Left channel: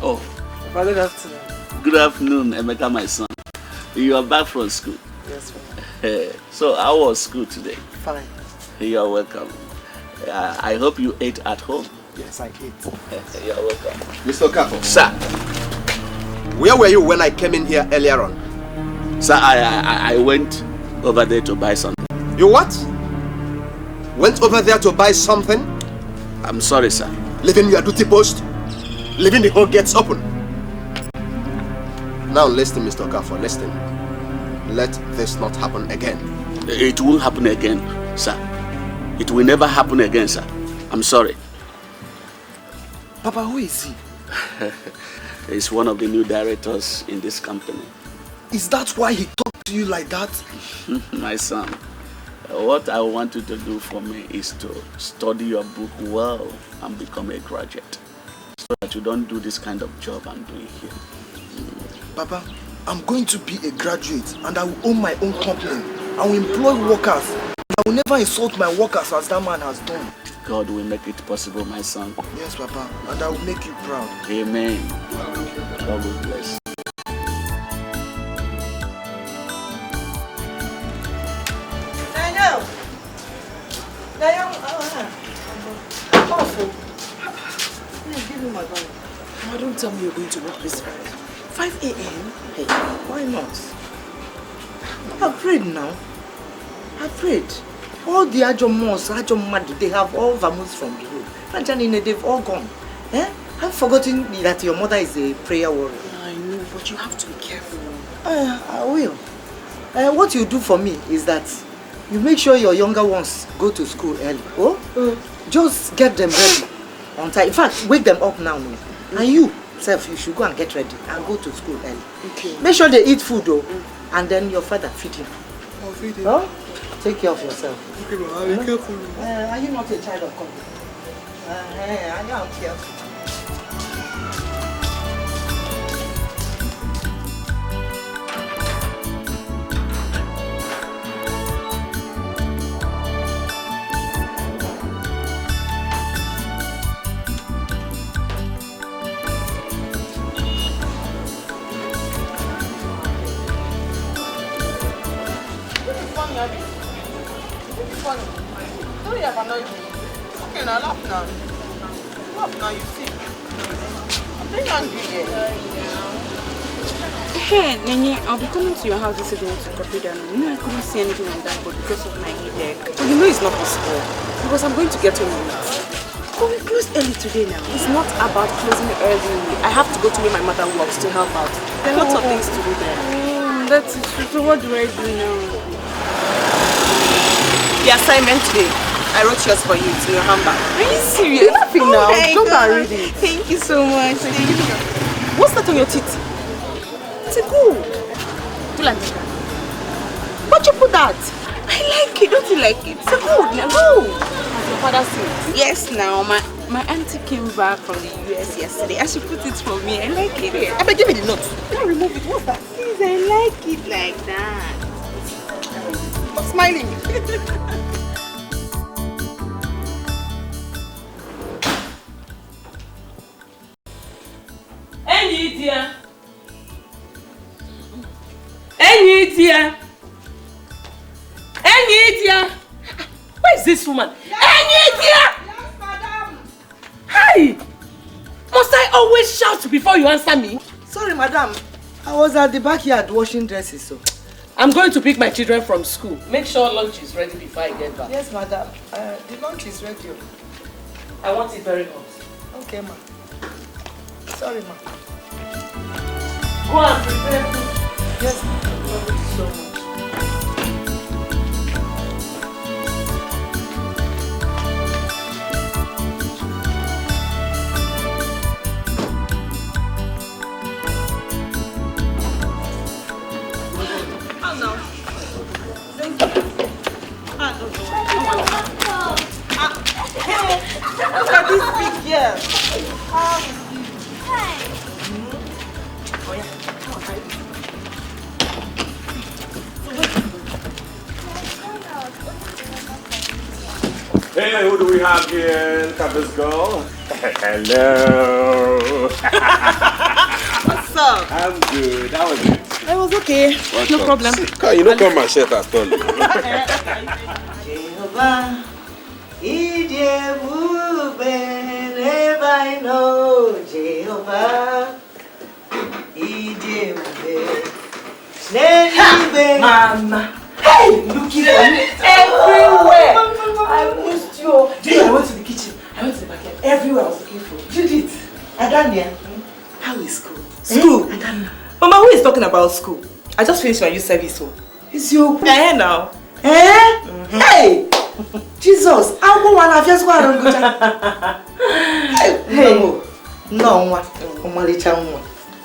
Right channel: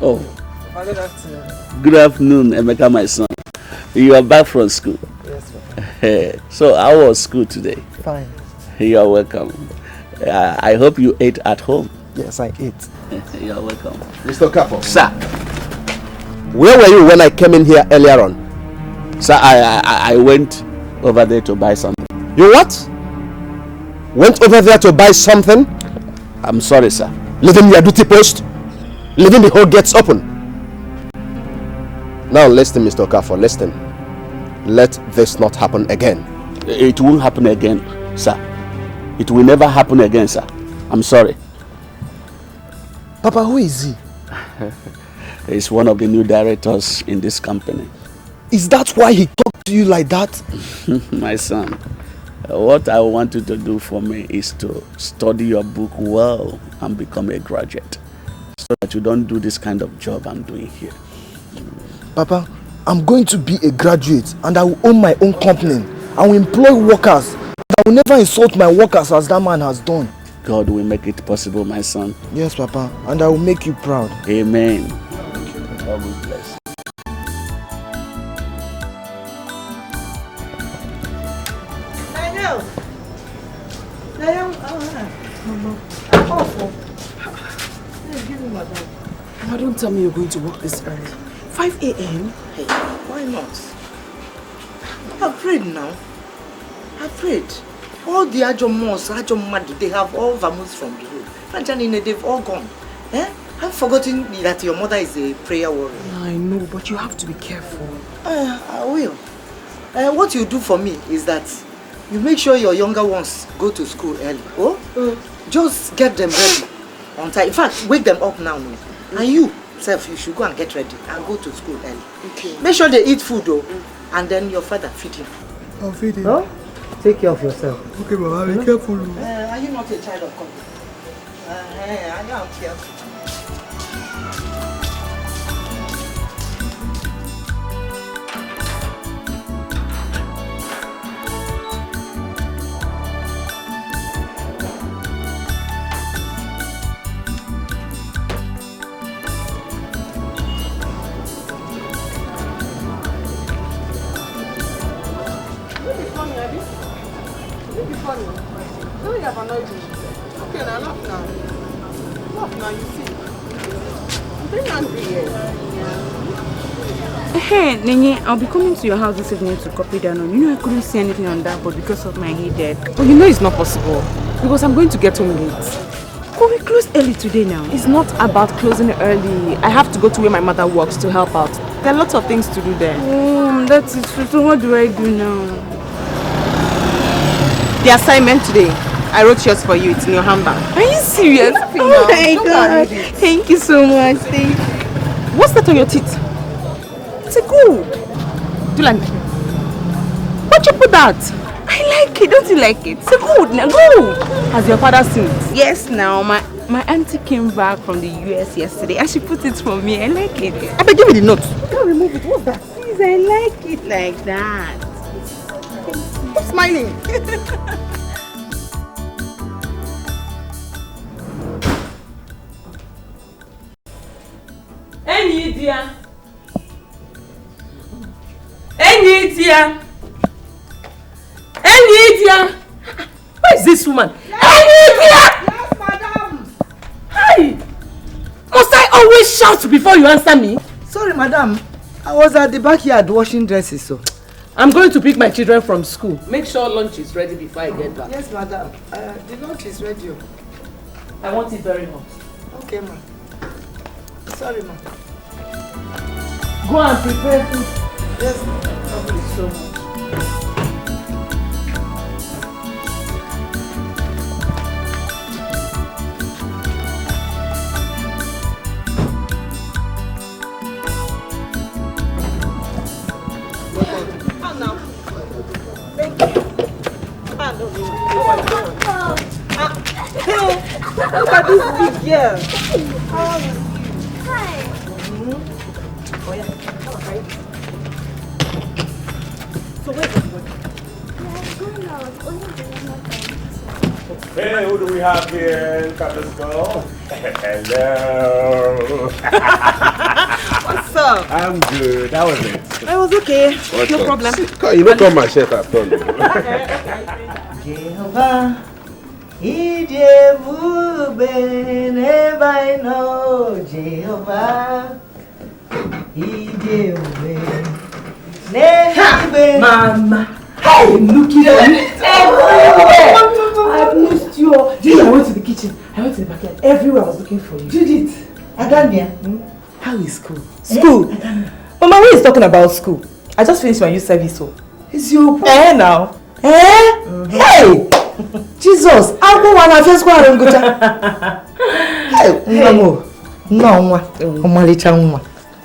Oh. Good afternoon. Good afternoon, Emeka, my son. You are back from school. Yes, ma'am. So how was school today? Fine. You are welcome. I hope you ate at home. Yes, I ate. You are welcome. Mr. Okafor. Sir. Where were you when I came in here earlier on? Sir, I went over there to buy something. You what? Went over there to buy something? I'm sorry, sir. Leaving your duty post? Leaving the whole gates open? Now listen, Mr. Okafor, listen. Let this not happen again. It won't happen again, sir. It will never happen again, sir. I'm sorry. Papa, who is he? He's one of the new directors in this company. Is that why he talked to you like that? My son, what I want you to do for me is to study your book well and become a graduate, so that you don't do this kind of job I'm doing here. Papa, I'm going to be a graduate and I will own my own company. I will employ workers. I will never insult my workers as that man has done. God will make it possible, my son. Yes, Papa, and I will make you proud. Amen. God will bless. Don't tell me you're going to work this early. 5 a.m.? Hey, why not? I've prayed now. I've prayed. All the Ajomos, Ajomadu, they have all vamoosed from the road. Franjanine, they've all gone. Eh? I've forgotten that your mother is a prayer warrior. Yeah, I know, but you have to be careful. I will. What you do for me is that you make sure your younger ones go to school early. Oh? Just get them ready on time. In fact, wake them up now. And you, self, you should go and get ready and go to school early. Okay. Make sure they eat food though. And then your father feed him. I'll feed him. Huh? Take care of yourself. Okay, Mama, I'll be careful. Are you not a child of God? I am careful. Okay, now laugh now. Laugh now, you see. I'm very angry here. Hey, Nene, I'll be coming to your house this evening to copy down on. You know I couldn't see anything on that, but because of my headache. But you know it's not possible. Because I'm going to get home late. But we close early today now. It's not about closing early. I have to go to where my mother works to help out. There are lots of things to do there. Oh, that's it. So what do I do now? The assignment today. I wrote yours for you. It's in your handbag. Are you serious? Oh my God. Thank you so much. What's that on your teeth? It's a gold. Do you like it? Why'd you put that? I like it. Don't you like it? It's a gold now. Go. Has your father seen it? Yes, now my auntie came back from the US yesterday and she put it for me. I like it. I beg, give me the note. Don't remove it. What's that? Please, I like it like that. Stop smiling. Enyidia! Enyidia! Enyidia! Where is this woman? Yes. Enyidia! Yes, madam! Hi! Must I always shout before you answer me? Sorry, madam. I was at the backyard washing dresses, so. I'm going to pick my children from school. Make sure lunch is ready before I get back. Yes, madam. The lunch is ready. I want it very hot. Okay, ma'am. Sorry, ma'am. Go and prepare food. Yes, ma'am. Thank you so much. Look at this big girl. Hi. Oh, yeah. So where are you going? Hey, who do we have here? Look at this girl. Hello. What's up? I'm good. How was it? I was okay. No problem. You don't come and shirt at all. Jehovah, Idebube, never I know. Jehovah, Idebube, never. Mama, I'm looking for you everywhere. I've missed you. Judith, I went to the kitchen. I went to the backyard. Everywhere I was looking for you. Judith, Adania, how is school? School? Mama, who is talking about school? I just finished my youth service, so. It's your Now. Hey! Jesus! I'm going to first go and go to. Hey! No,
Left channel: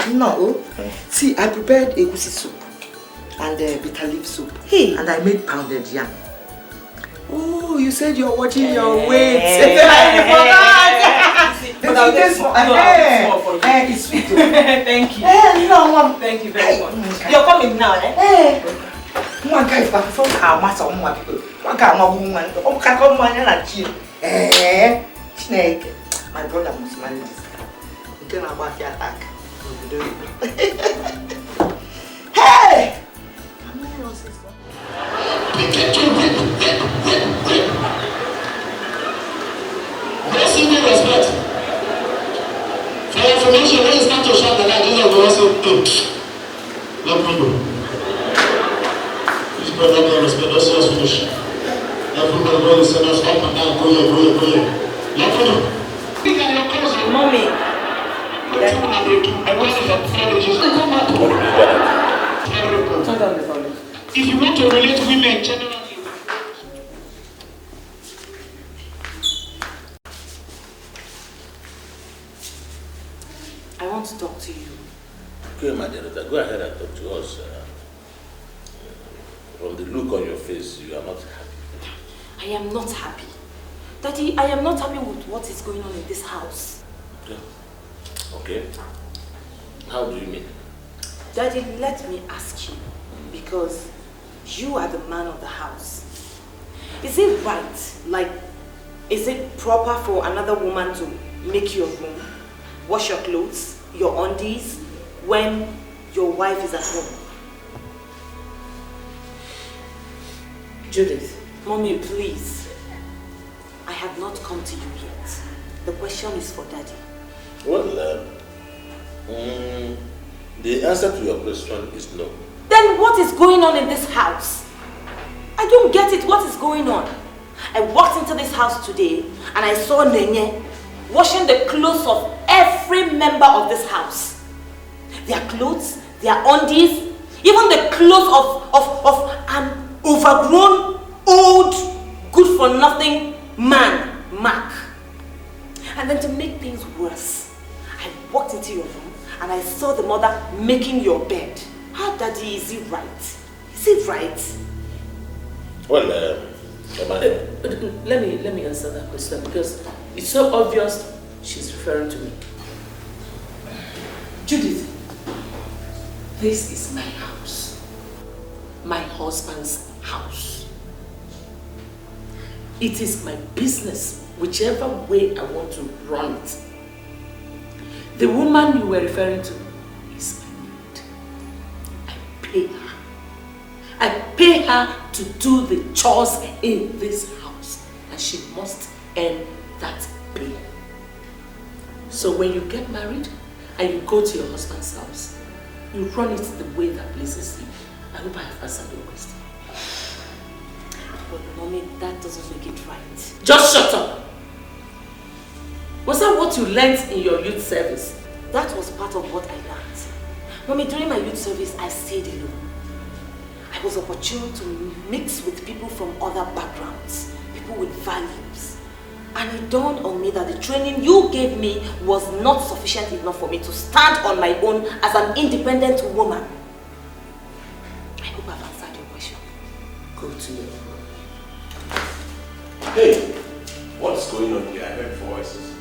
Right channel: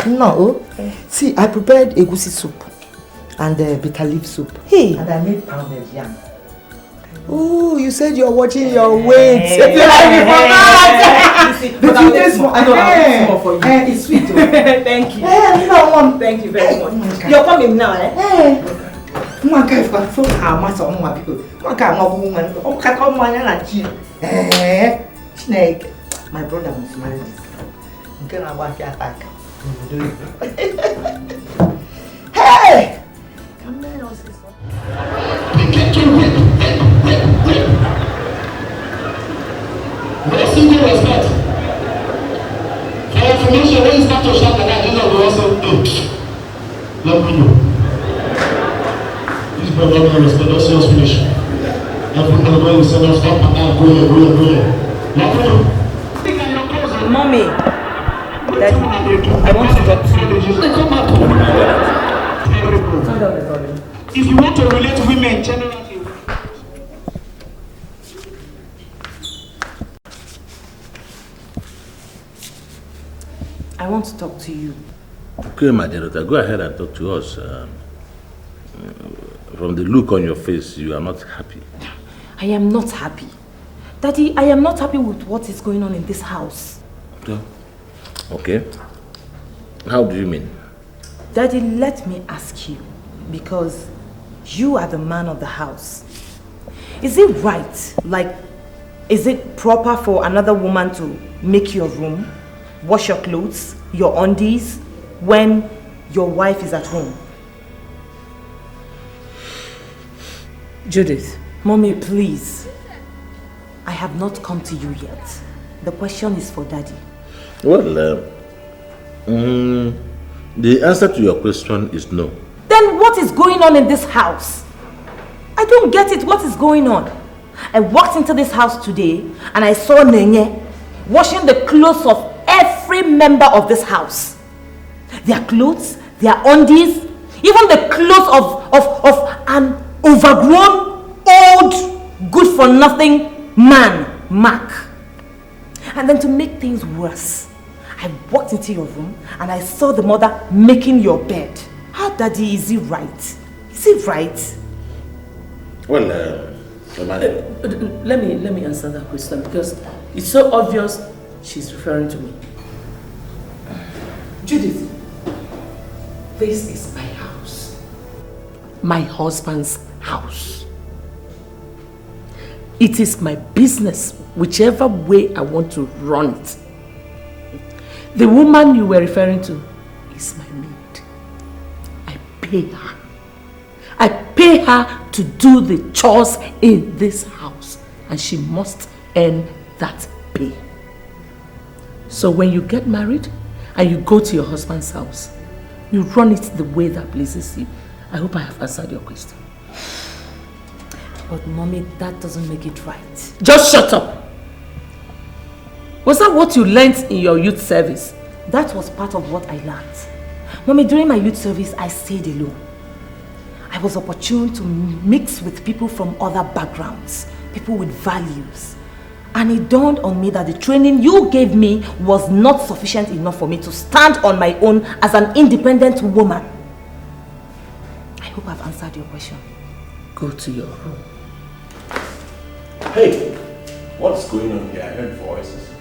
no. See, I prepared egusi soup and bitter leaf soup. Hey! And I made pounded yam. Oh, you said you're watching your weight. It's sweet. Thank you. Thank you very much. You're coming now, eh? One guy for so how much of my people. One guy, my woman, oh, come on, and snake. My brother must marry this. You can about the attack. Hey! With a single respect. For information, when you start to shout the light, you have to also let me know. This brother no respect, let's just finish. Everybody go and send us up and down, go here. Let me know. Mommy, Daddy, I want to talk to you. If you want to relate to women generally, I want to talk to you. Okay, my dear daughter, go ahead and talk to us. From the look on your face, you are not happy. I am not happy. Daddy, I am not happy with what is going on in this house. Okay. How do you mean? Daddy, let me ask you, because you are the man of the house. Is it right, is it proper for another woman to make your room, wash your clothes, your undies, when your wife is at home? Judith, Mommy, please. I have not come to you yet. The question is for Daddy. Well, the answer to your question is no. Then what is going on in this house? I don't get it. What is going on? I walked into this house today and I saw Nenye washing the clothes of every member of this house. Their clothes, their undies, even the clothes of an overgrown, old, good-for-nothing man, Mark. And then to make things worse, I walked into your room and I saw the mother making your bed. How, Daddy, is it right? Is it right? Well, let me answer that question because it's so obvious she's referring to me. Judith, this is my house. My husband's house. It is my business, whichever way I want to run it. The woman you were referring to is my maid. I pay her. I pay her to do the chores in this house, and she must earn that pay. So when you get married and you go to your husband's house, you run it the way that pleases you. I hope I have answered your question. But Mommy, that doesn't make it right. Just shut up! Was that what you learnt in your youth service? That was part of what I learned. Mommy, during my youth service, I stayed alone. I was opportune to mix with people from other backgrounds, people with values. And it dawned on me that the training you gave me was not sufficient enough for me to stand on my own as an independent woman. I hope I've answered your question. Go to your room. Hey, what's going on here? I heard voices.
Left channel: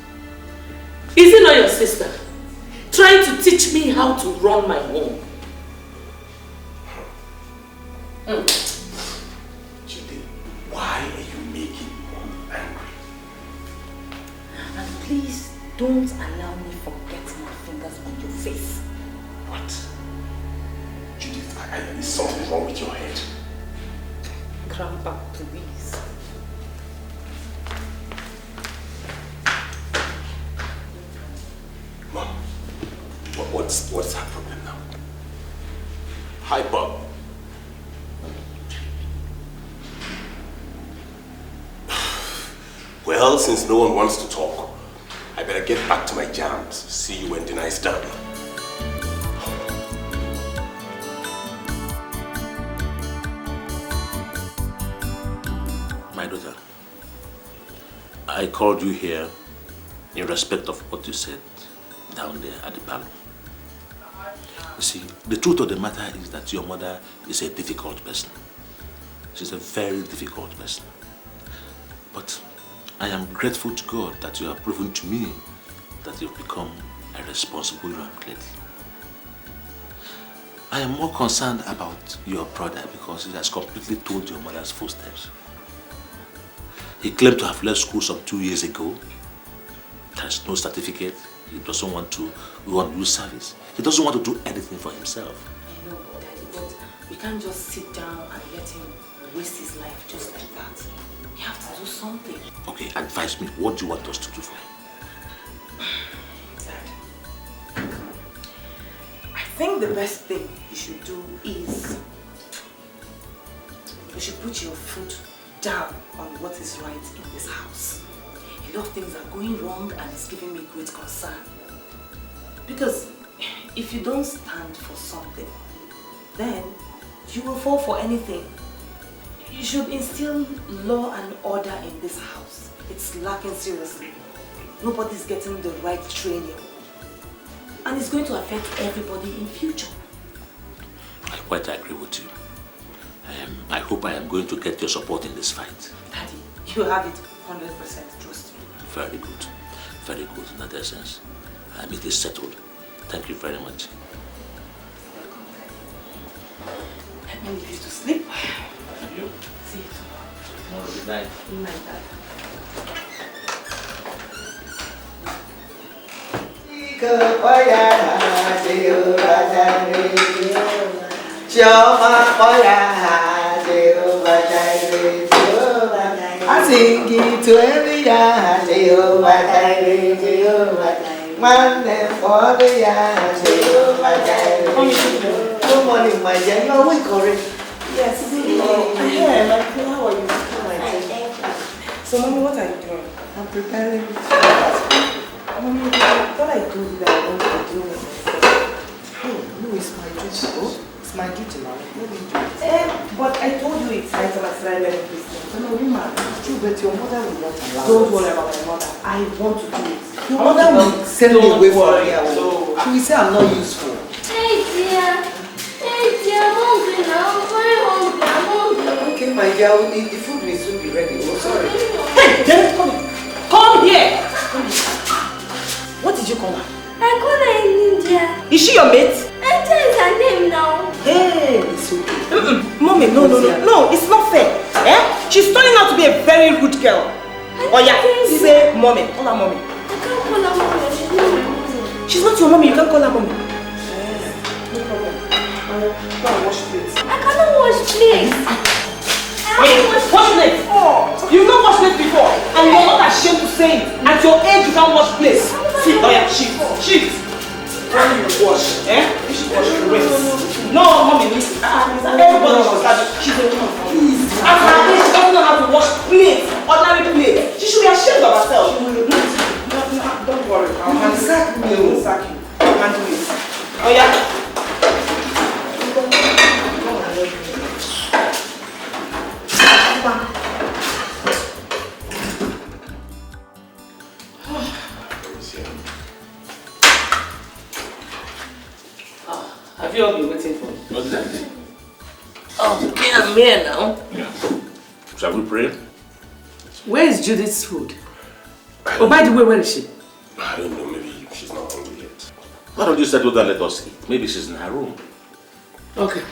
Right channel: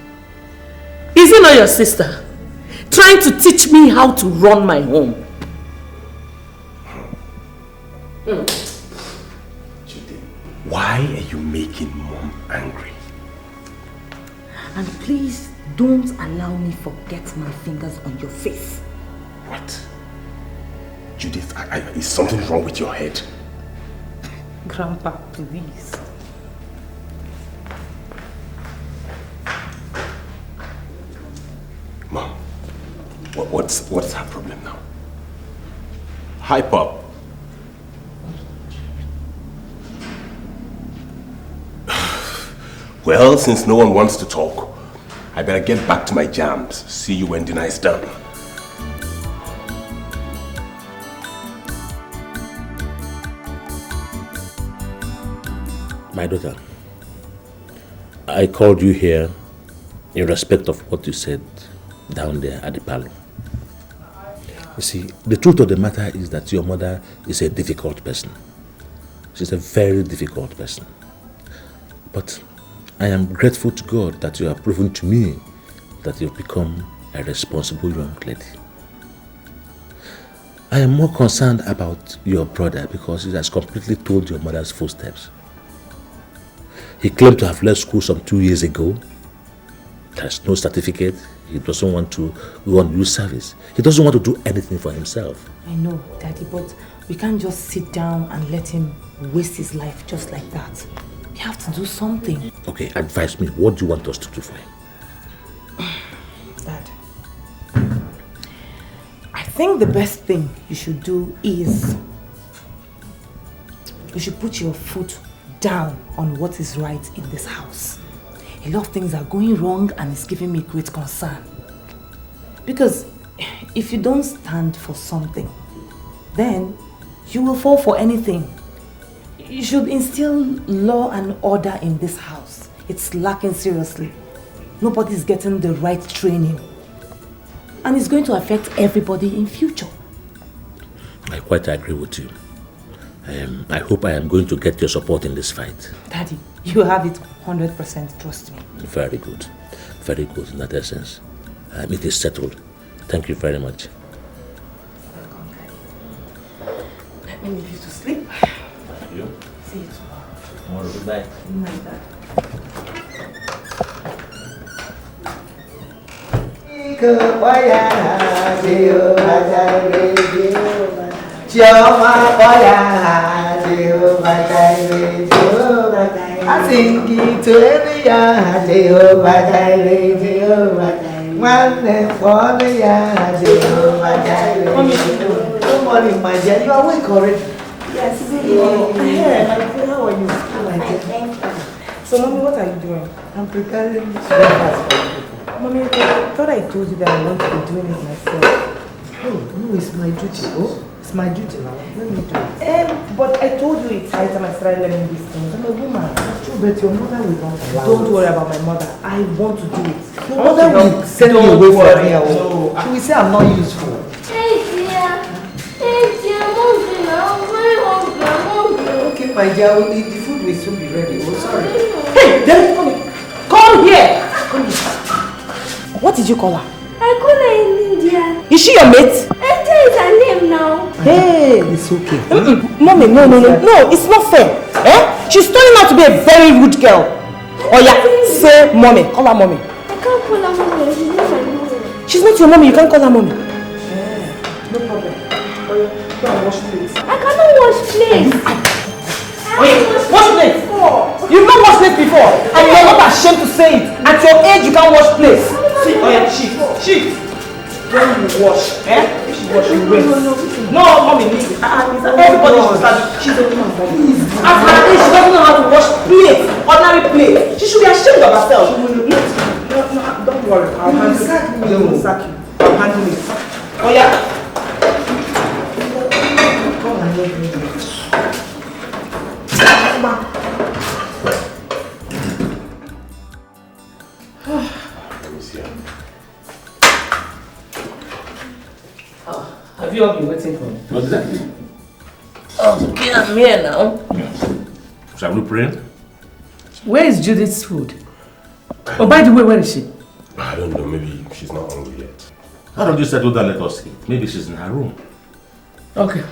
Is it not your sister trying to teach me how to run my home? Judith, why are you making Mom angry? And please don't don't allow me forget my fingers on your face. What? Judith, is something wrong with your head? Grandpa, please. Mom, what's her problem now? Hi, Pop. Well, since no one wants to talk, I better get back to my jams. See you when dinner is done. My daughter, I called you here in respect of what you said down there at the parlor. You see, the truth of the matter is that your mother is a difficult person. She's a very difficult person. But I am grateful to God that you have proven to me that you've become a responsible young lady. I am more concerned about your brother because he has completely told your mother's footsteps. He claimed to have left school some 2 years ago. There's no certificate. He doesn't want to go on youth service. He doesn't want to do anything for himself. I know, Daddy, but we can't just sit down and let him waste his life just like that. We have to do something. Okay, advise me. What do you want us to do for him? Dad, I think the best thing you should do is you should put your foot down on what is right in this house. A lot of things are going wrong and it's giving me great concern. Because if you don't stand for something, then you will fall for anything. You should instill law and order in this house. It's lacking seriously. Nobody's getting the right training. And it's going to affect everybody in future. I quite agree with you. I hope I am going to get your support in this fight. Daddy, you have it 100%, trust me. Very good. Very good in that essence. It is settled. Thank you very much. Let me leave you to sleep. Thank you. See you tomorrow. Good night. Good night, Dad. I sing it to every Jehovah Jireh, Jehovah Jireh. One name for the Jehovah Jireh. Good morning, my dear. You are awake already? Yes. I heard. How are you? So, Mommy, what are you doing? I'm preparing breakfast. Mommy, I thought I told you that I want to be doing it myself. Oh, no, it's my duty. Oh, it's my duty now. Let me do it. But I told you it's high time I started learning these things. I'm a woman. That's true, but your mother will not allow Don't it. worry about my mother. I want to do it. Your mother will send you away from me. No. She will say I'm not useful. Hey dear, I'm hungry now. I'm very hungry. I'm hungry. Okay, my dear, the food will soon be ready. Oh, sorry. Hey, Judith, come here. Come here. Come here. What did you call her? I call her Enyidia. Is she your mate? Enyidia is her name now. Hey. It's okay. Mommy, no, it's not fair. She's turning out to be a very rude girl. Oh yeah, say mommy. Call her mommy. I can't call her mommy. She's not my mommy. She's not your mommy. You can't call her mommy. No problem. Go and wash plates. I cannot wash plates. Wash plates. You've not washed plates before, and you're not ashamed to say it. At your age, you can't wash plates. See, oh yeah, shift. When you wash, you should wash your waist. No, mommy needs it. Everybody should start. She's a woman. At her age, she doesn't know how to wash plates, ordinary plates. She should be ashamed of herself. No, don't worry. I'll handle it. They will sack you. I'll handle it. Oh yeah. Have you all been waiting for me? Exactly. Oh, yeah, I'm here now. Yeah. Shall we pray? Where is Judith's food? Oh, by the way, where is she? I don't know, maybe she's not hungry yet. Why don't you settle down, let us eat? Maybe she's in her room. Okay.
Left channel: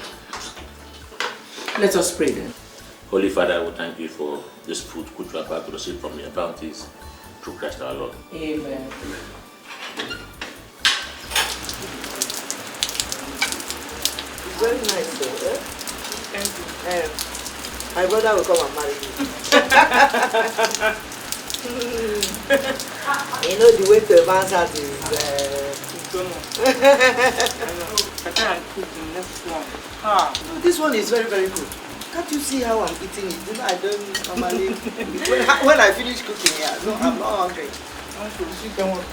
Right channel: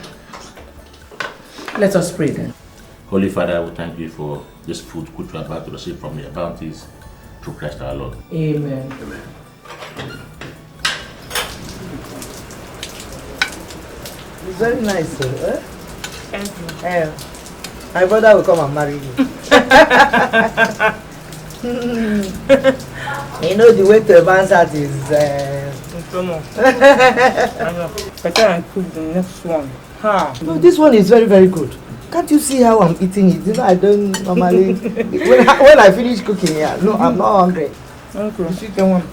Let us pray then. Holy Father, we thank you for this food which we are about to receive from your bounties through Christ our Lord. Amen. Very nice, eh? My brother will come and marry you. You know the way to advance that is come on. I know. Better and cook the next one. Ha. No, this one is very, very good. Can't you see how I'm eating it? You know, I don't normally when I finish cooking here, no, I'm not hungry. Okay, come on.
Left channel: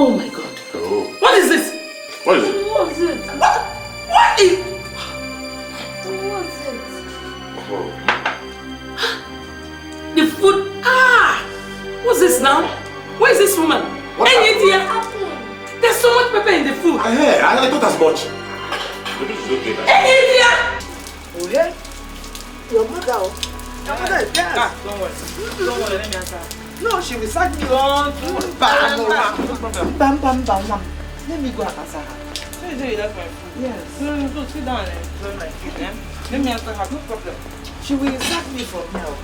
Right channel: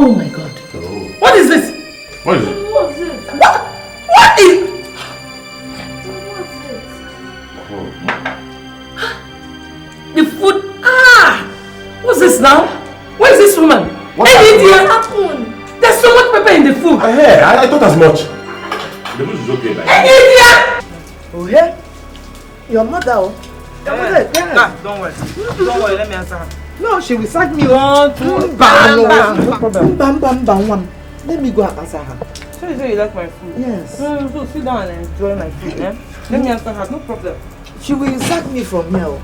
Oh my God. Oh. What is this? What is it? What is it? What is... The food... Ah! What's this now? Where is this woman? What happened? There's so much pepper in the food. I thought as much. The food is okay. Enyidia! Oh yeah? Your mother, Your mother is there. Don't worry. Don't worry, let me answer her. No, she will sack me. 1, 2, bam, bam. No problem. Bam, bam, bam, bam. Let me go and answer her. So you say you like my food? Yes. So sit down and enjoy my food, eh? Let me answer her, no problem. She will sack me from here.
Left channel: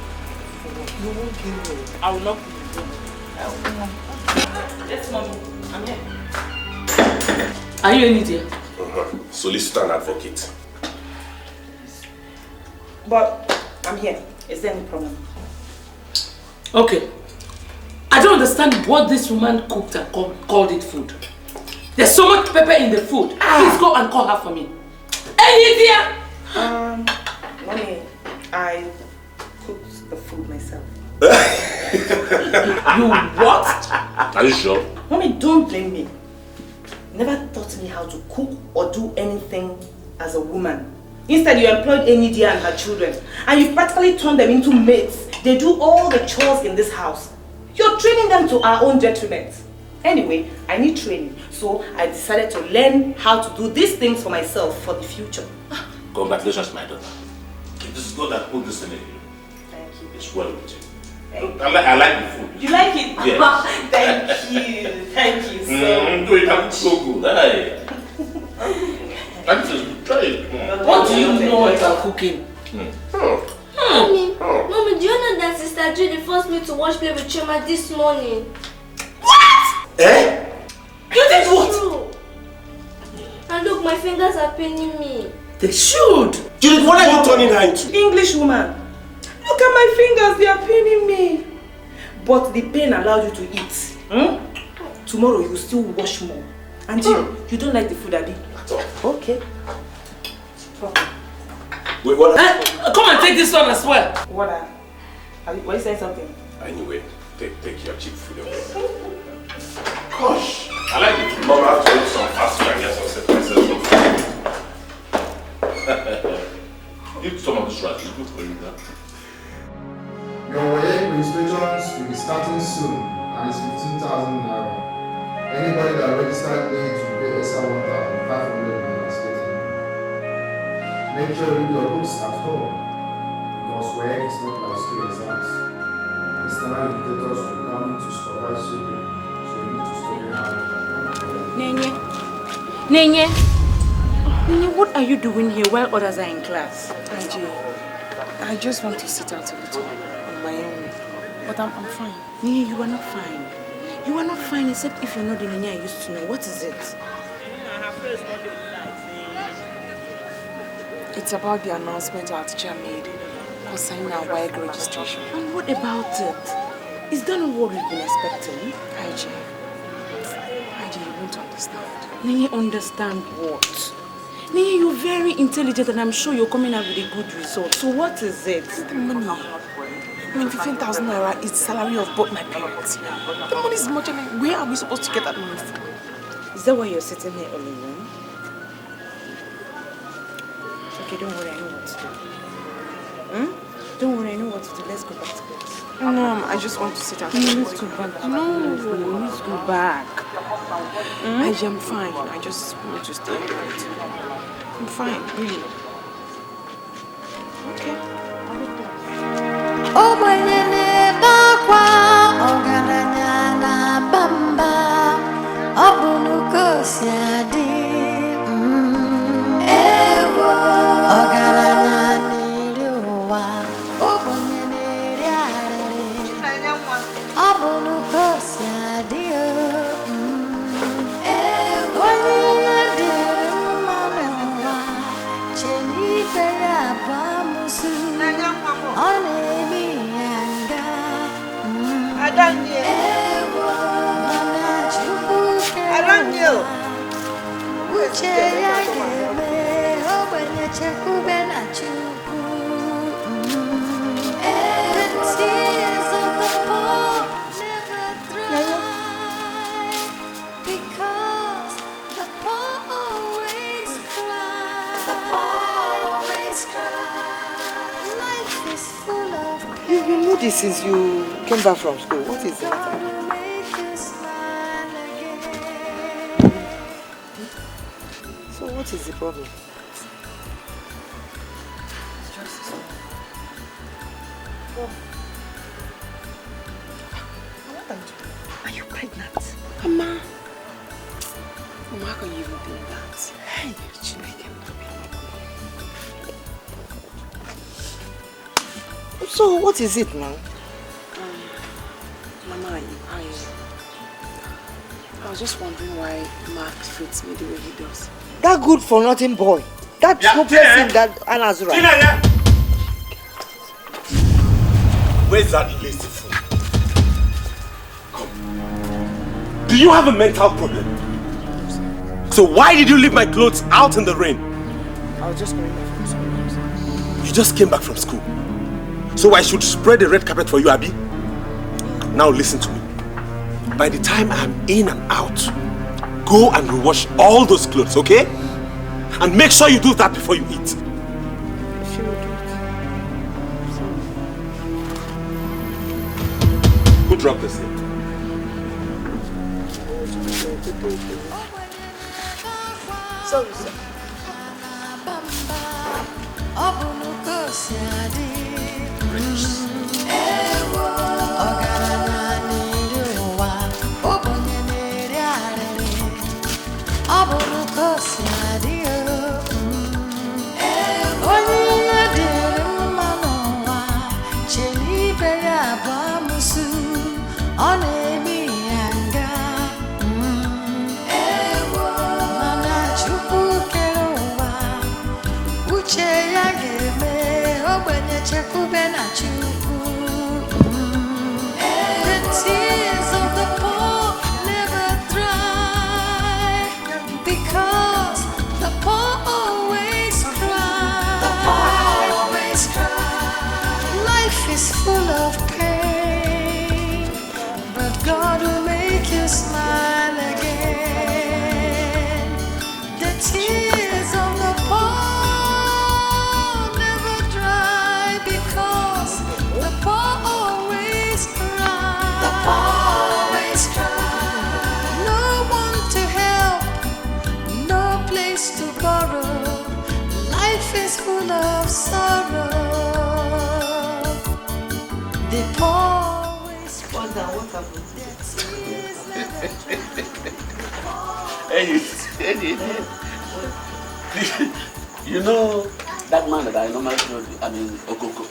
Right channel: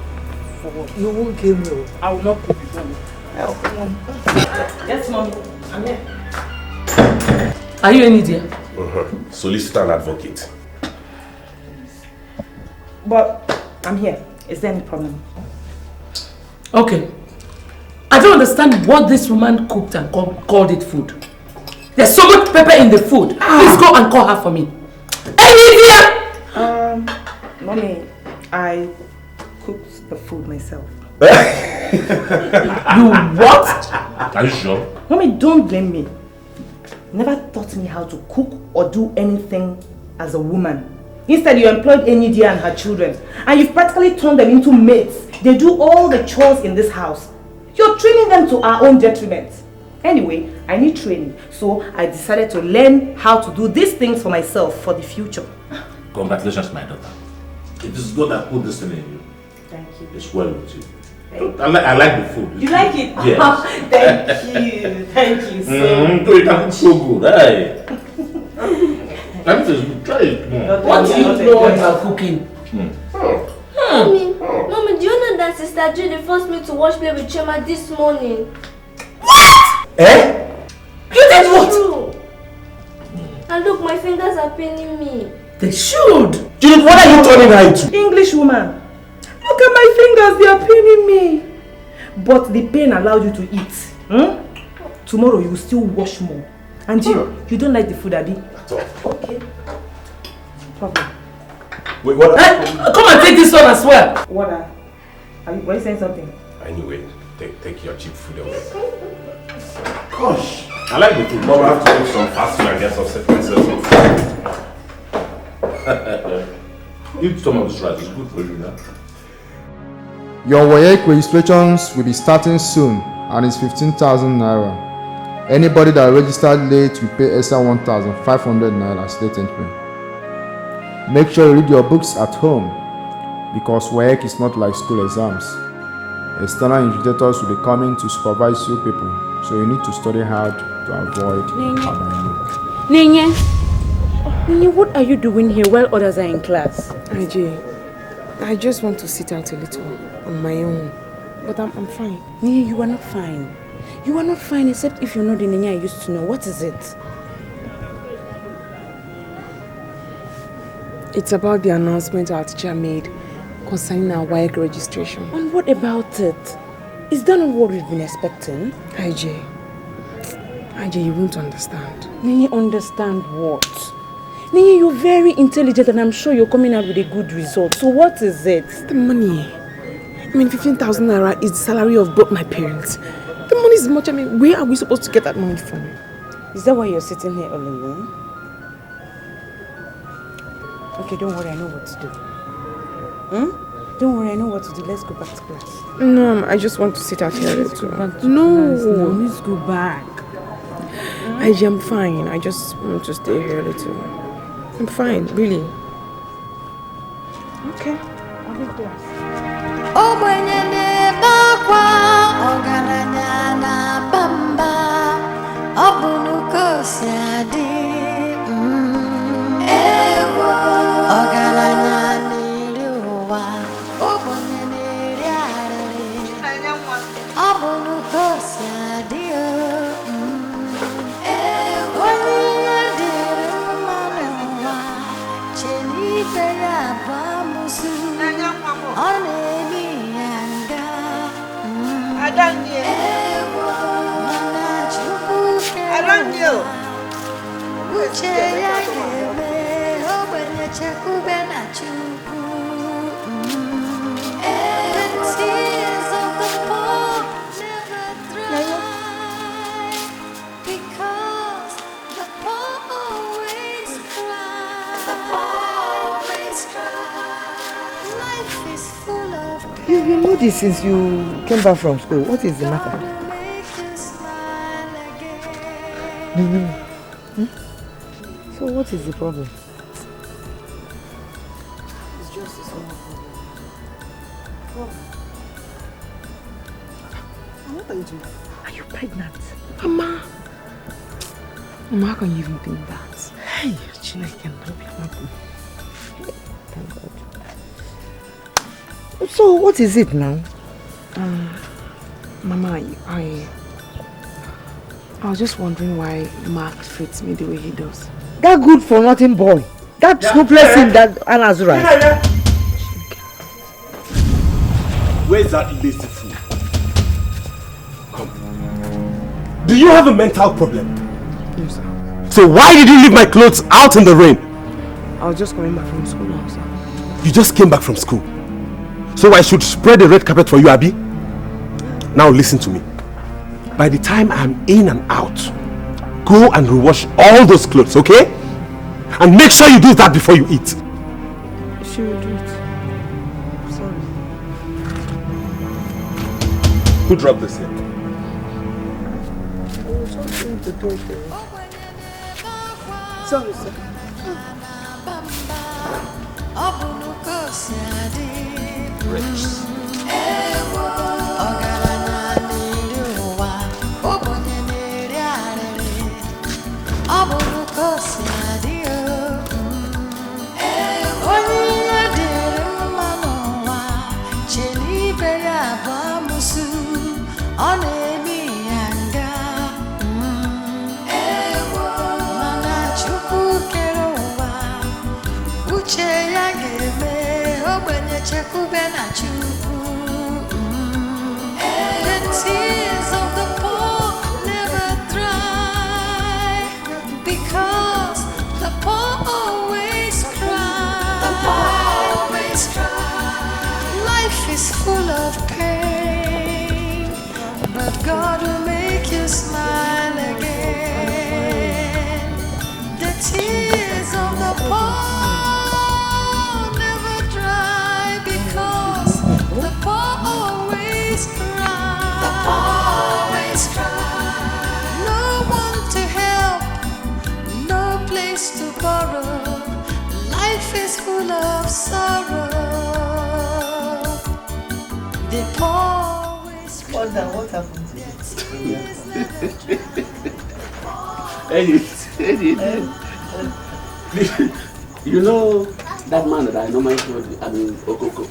For what? You won't kill me. I will not cook for you. Yes, mommy. I'm here. Are you Enyidia? Solicitor and advocate. But I'm here. Is there any problem? Okay. I don't understand what this woman cooked and called it food. There's so much pepper in the food. Please go and call her for me. Enyidia! Mommy, I cooked the food myself. You what? Are you sure? Mommy, don't blame me. Never taught me how to cook or do anything as a woman. Instead, you employed Enyidia and her children, and you've practically turned them into maids. They do all the chores in this house. You're training them to our own detriment. Anyway, I need training, so I decided to learn how to do these things for myself for the future. Congratulations, my daughter. It is God that put this in you. Thank you. It's well with you. Thank I like the food. You like it? Yes. Thank you so much. It's so good. Hey. That is good. Try it. What do you know about cooking? Mommy, do you know that Sister Judith forced me to watch Play with Chema this morning? What? Eh? You did what? True. And look, my fingers are paining me. They should. Judith, what are you turning her into? English woman. Look at my fingers, they are paining me. But the pain allowed you to eat. Tomorrow you will still wash more. And you don't like the food, Abi? At all. Okay. Problem. Wait, what? Come and take this one as well. What? Were you saying something? Anyway, take your cheap food away. Gosh, I like the food. Mom, I have to eat some fast food and get some myself. Eat some of this rice, it's good for you now. Your WAEC registrations will be starting soon and it's 15,000 naira. Anybody that registered late will pay extra 1,500 naira state entry. Make sure you read your books at home because WAEC is not like school exams. External invigilators will be coming to supervise you people, so you need to study hard to avoid. Nenye, what are you doing here while others are in class? I just want to sit out a little on my own. But I'm fine. Nenye, you are not fine. You are not fine except if you're not the Nenye I used to know. What is it? It's about the announcement our teacher made concerning our WAEC registration. And what about it? Is that not what we've been expecting? IJ, you won't understand. Nenye, understand what? Nenye, you're very intelligent and I'm sure you're coming up with a good result. So what is it? It's the money. 15,000 naira is the salary of both my parents. The money is much. Where are we supposed to get that money from? Is that why you're sitting here all alone? Okay, don't worry, I know what to do. Don't worry, I know what to do. Let's go back to class. No, I just want to sit out here. No, let's go back. I'm fine. I just want to stay here a little. I'm fine, really. Okay. Oh, my nene, bakwa, ogaranya na bamba, obunuko siadi. Ewo, ogaranya niliwa, obunye niliare, You know this since you came back from school. What is the matter? So what is the problem? It's just this one. What are you doing? Are you pregnant? Mama, how can you even think that? Hey, Chinwe can help you. So what is it now? Mama, I was just wondering why Mark treats me the way he does. That good for nothing boy. That hopeless thing that Anna's right. Where's that lazy fool? Come. Do you have a mental problem? No, sir. So why did you leave my clothes out in the rain? I was just coming back from school, sir. You just came back from school. So I should spread the red carpet for you, Abi? Now listen to me. By the time I'm in and out, go and rewash all those clothes, okay? And make sure you do that before you eat. She will do it. Who dropped this thing? The tears of the poor never dry, because the poor always cry. The poor always cry. Life is full of pain, but God will make you smile again. The tears of the poor always cry. No one to help, no place to borrow. Life is full of sorrow. The poor always cry. What happened? You know that man that I normally told you, Okoh.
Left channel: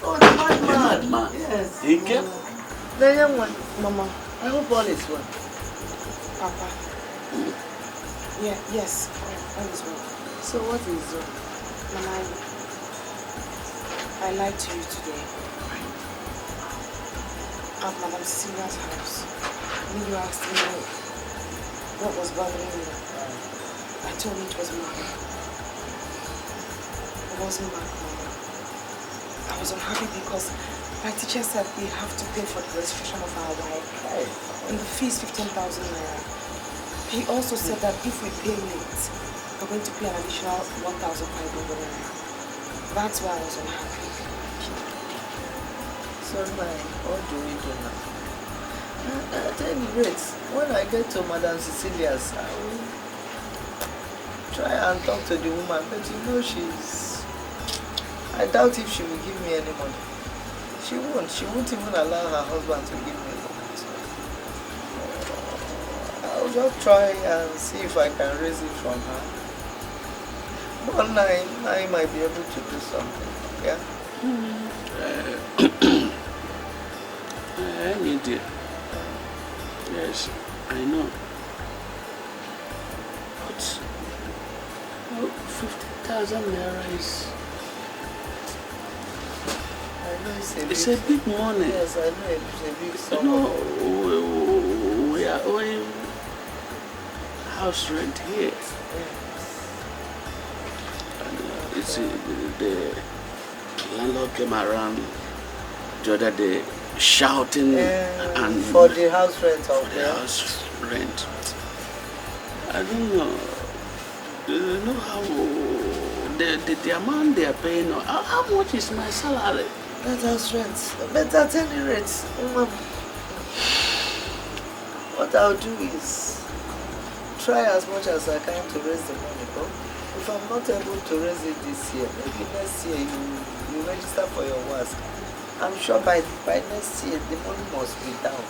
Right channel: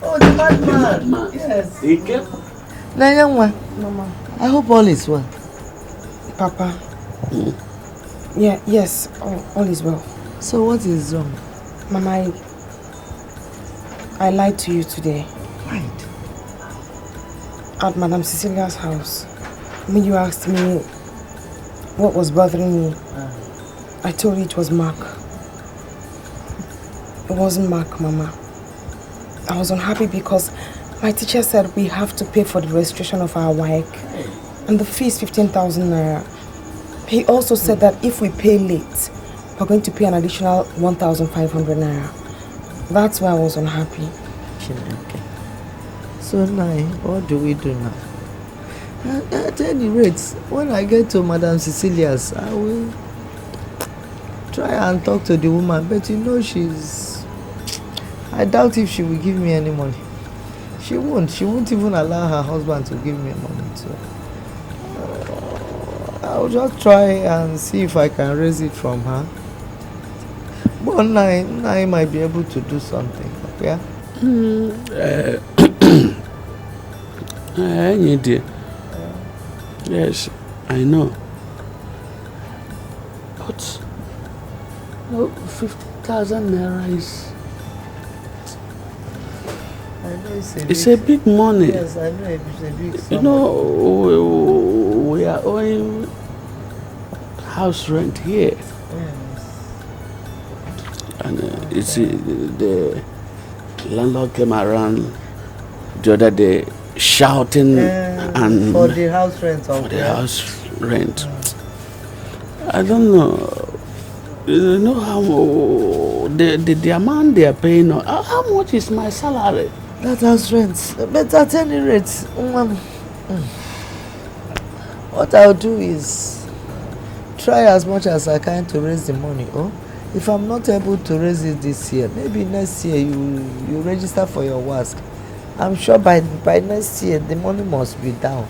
Oh, the madman. The madman. Yes. He came. The young one. Mama. I hope all is well. Papa. Yeah, yes, all is well. So what is wrong? Mama, I lied to you today. Right. At Madam Cecilia's house. When you asked me what was bothering me, I told you it was Mark. It wasn't Mark, Mama. I was unhappy because my teacher said we have to pay for the registration of our WAEC. And the fee is 15,000 naira. He also said that if we pay late, we're going to pay an additional 1,500 naira. That's why I was unhappy. So now, what do we do now? At any rate, when I get to Madam Cecilia's, I will try and talk to the woman, but you know I doubt if she will give me any money. She won't even allow her husband to give me money. So I'll just try and see if I can raise it from her. But now I might be able to do something, yeah? Enyidia. Yes, I know. But 50,000 naira is... It's a big money. Yes, I know it's a big sum. You know, we are owing house rent here. Yes. And You see, the landlord came around the other day shouting and for the house rent. For the house rent. I don't know. You know how the amount they are paying. How much is my salary? That house rent. But at any rate, what I'll do is try as much as I can to raise the money. Oh? If I'm not able to raise it this year, maybe next year you register for your WASC. I'm sure by next year the money must be down.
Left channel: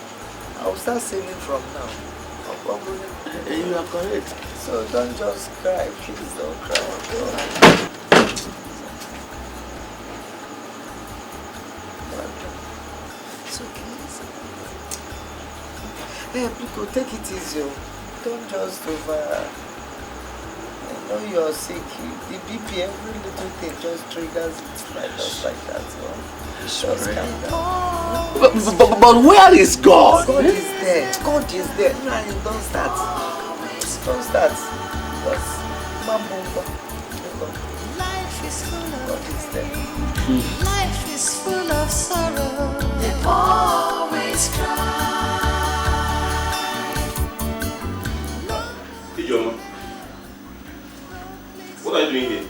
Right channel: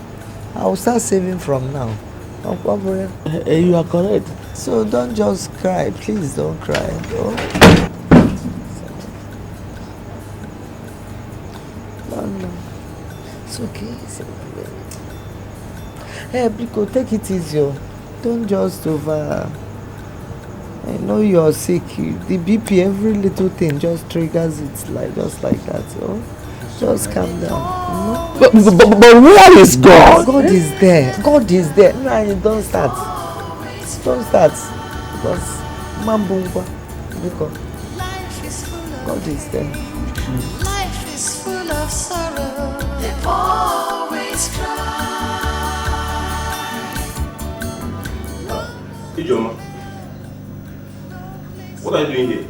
I'll start saving from now. You are correct. So don't just cry. Please don't cry. Oh? No. It's okay. It's okay. Hey, Biko, take it easy. Don't just over. I know you're sick. The BP, every little thing just triggers it just like that. Oh? Just calm down. But where is God? God is there. God is there. No, don't start. Don't start. Because Mambungo. Life is full of God is there. Life is full of sorrow. They always cry. Ijoma, what are you doing here?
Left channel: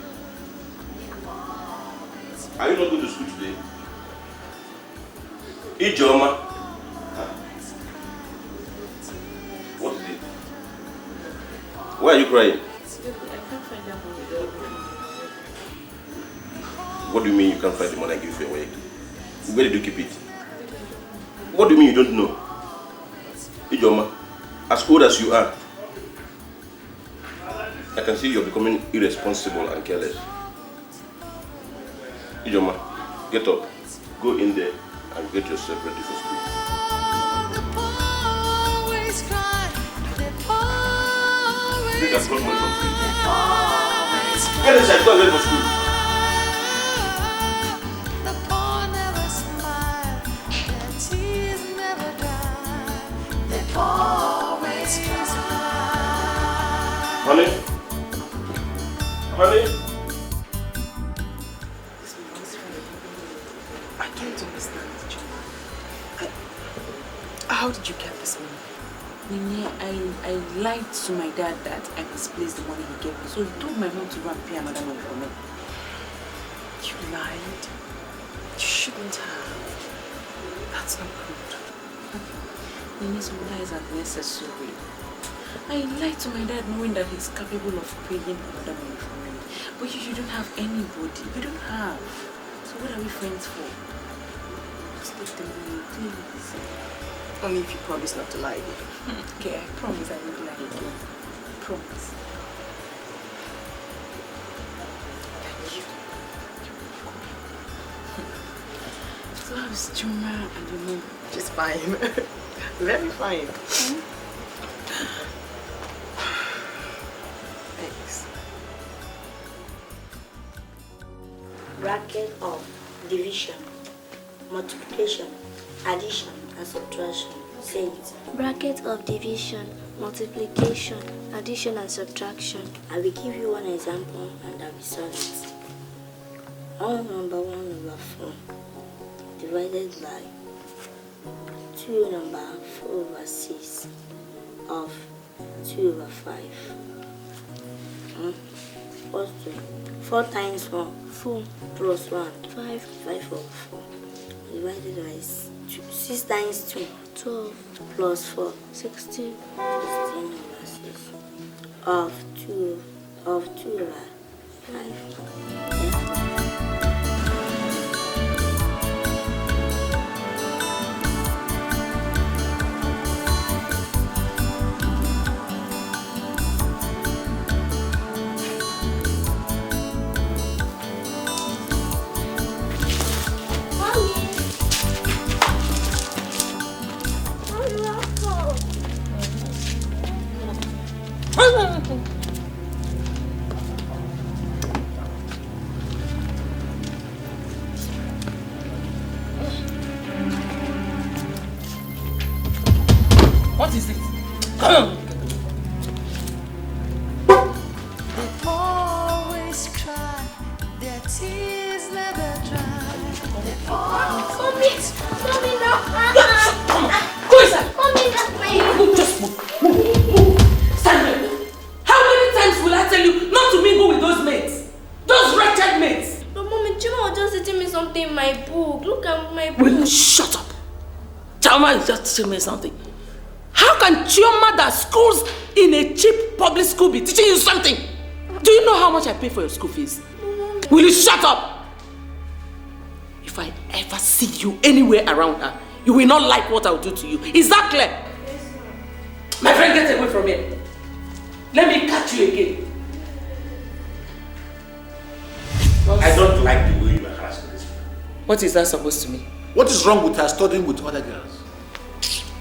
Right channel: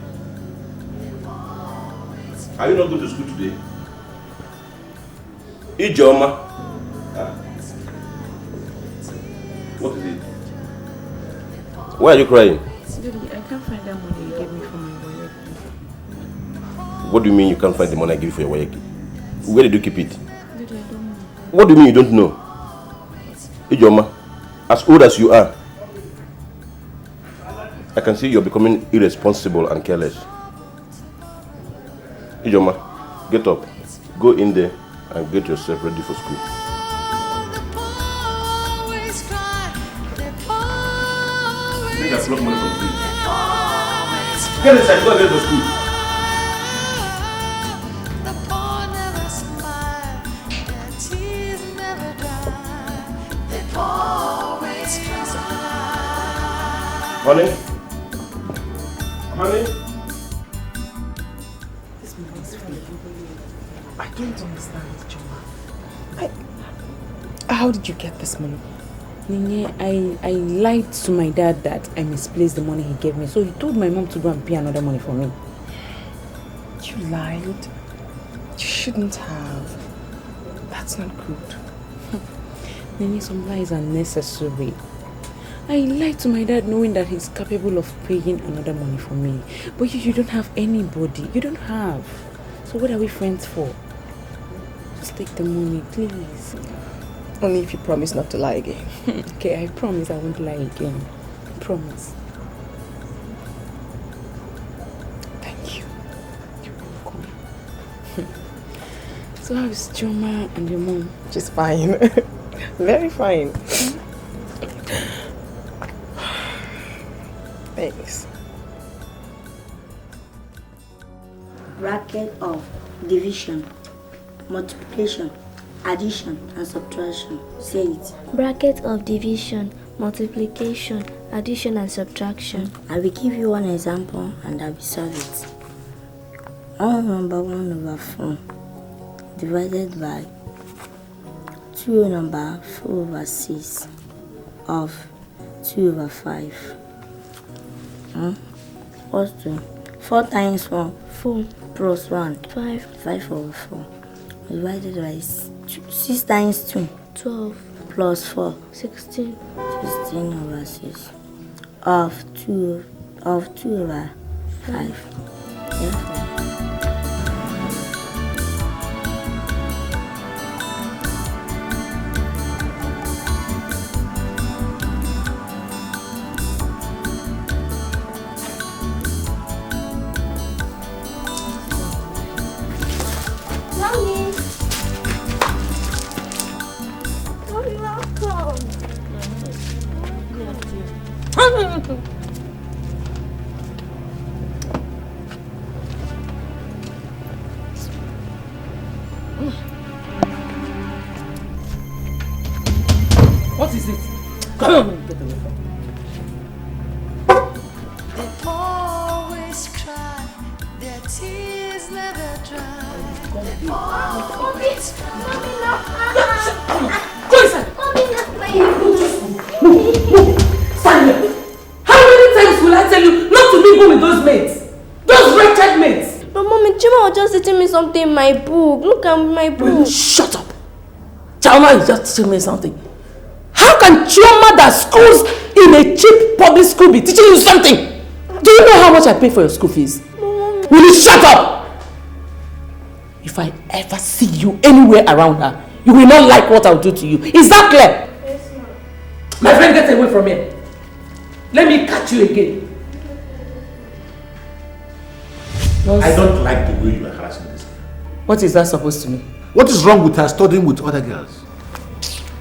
Are you not going to school today? Ijoma. What is it? Why are you crying? I can't find that money you gave me for my wife. What do you mean you can't find the money I give you for your wife? Where did you keep it? What do you mean you don't know? Ijoma, as old as you are, I can see you're becoming irresponsible and careless. Ijoma, get up. Go in there and get yourself ready for school. Always cry. They always That's not money for free. always cry. Get inside, go get to school. The poor never smile. Their tears never dry. They always cry. Honey? Honey? This money is free. I don't understand, John. How did you get this money? Nene, I lied to my dad that I misplaced the money he gave me. So he told my mom to go and pay another money for me. You lied? You shouldn't have. That's not good. Nene, some lies are necessary. I lied to my dad knowing that he's capable of paying another money for me. But you don't have anybody. You don't have. So what are we friends for? Just take the money, please. Only if you promise not to lie again. Okay, I promise I won't lie again. Promise. Thank you. So how's Choma and your mom? She's fine. Very fine. Thanks. Bracket of division, multiplication, addition and subtraction. Say it. Bracket of division, multiplication, addition and subtraction. I will give you one example and I will solve it. 1/1/4 divided by 2/4/6 of 2/5. What's 2? 4 times 1, 4 plus 1, 5, 5/4. Divided by 6 times 2, 12 plus 4, 16 16/6 of 2/5. What is it? Come on. They always cry. Mommy, no. Go inside. Mommy, no. Stand here. How many times will I tell you not to mingle with those mates? Those wretched mates. But Mommy, Chima was just teaching me something in my book. Look at my book. Will you shut up? Chama is just teaching me something. How can Chioma that schools in a cheap public school be teaching you something? Do you know how much I pay for your school fees? Mommy. Will you shut up? If I ever see you anywhere around her, you will not like what I'll do to you. Is that clear? Yes, ma'am. My friend, get away from here. Let me catch you again. I don't like the way you are harassing this. What is that supposed to mean? What is wrong with her studying with other girls?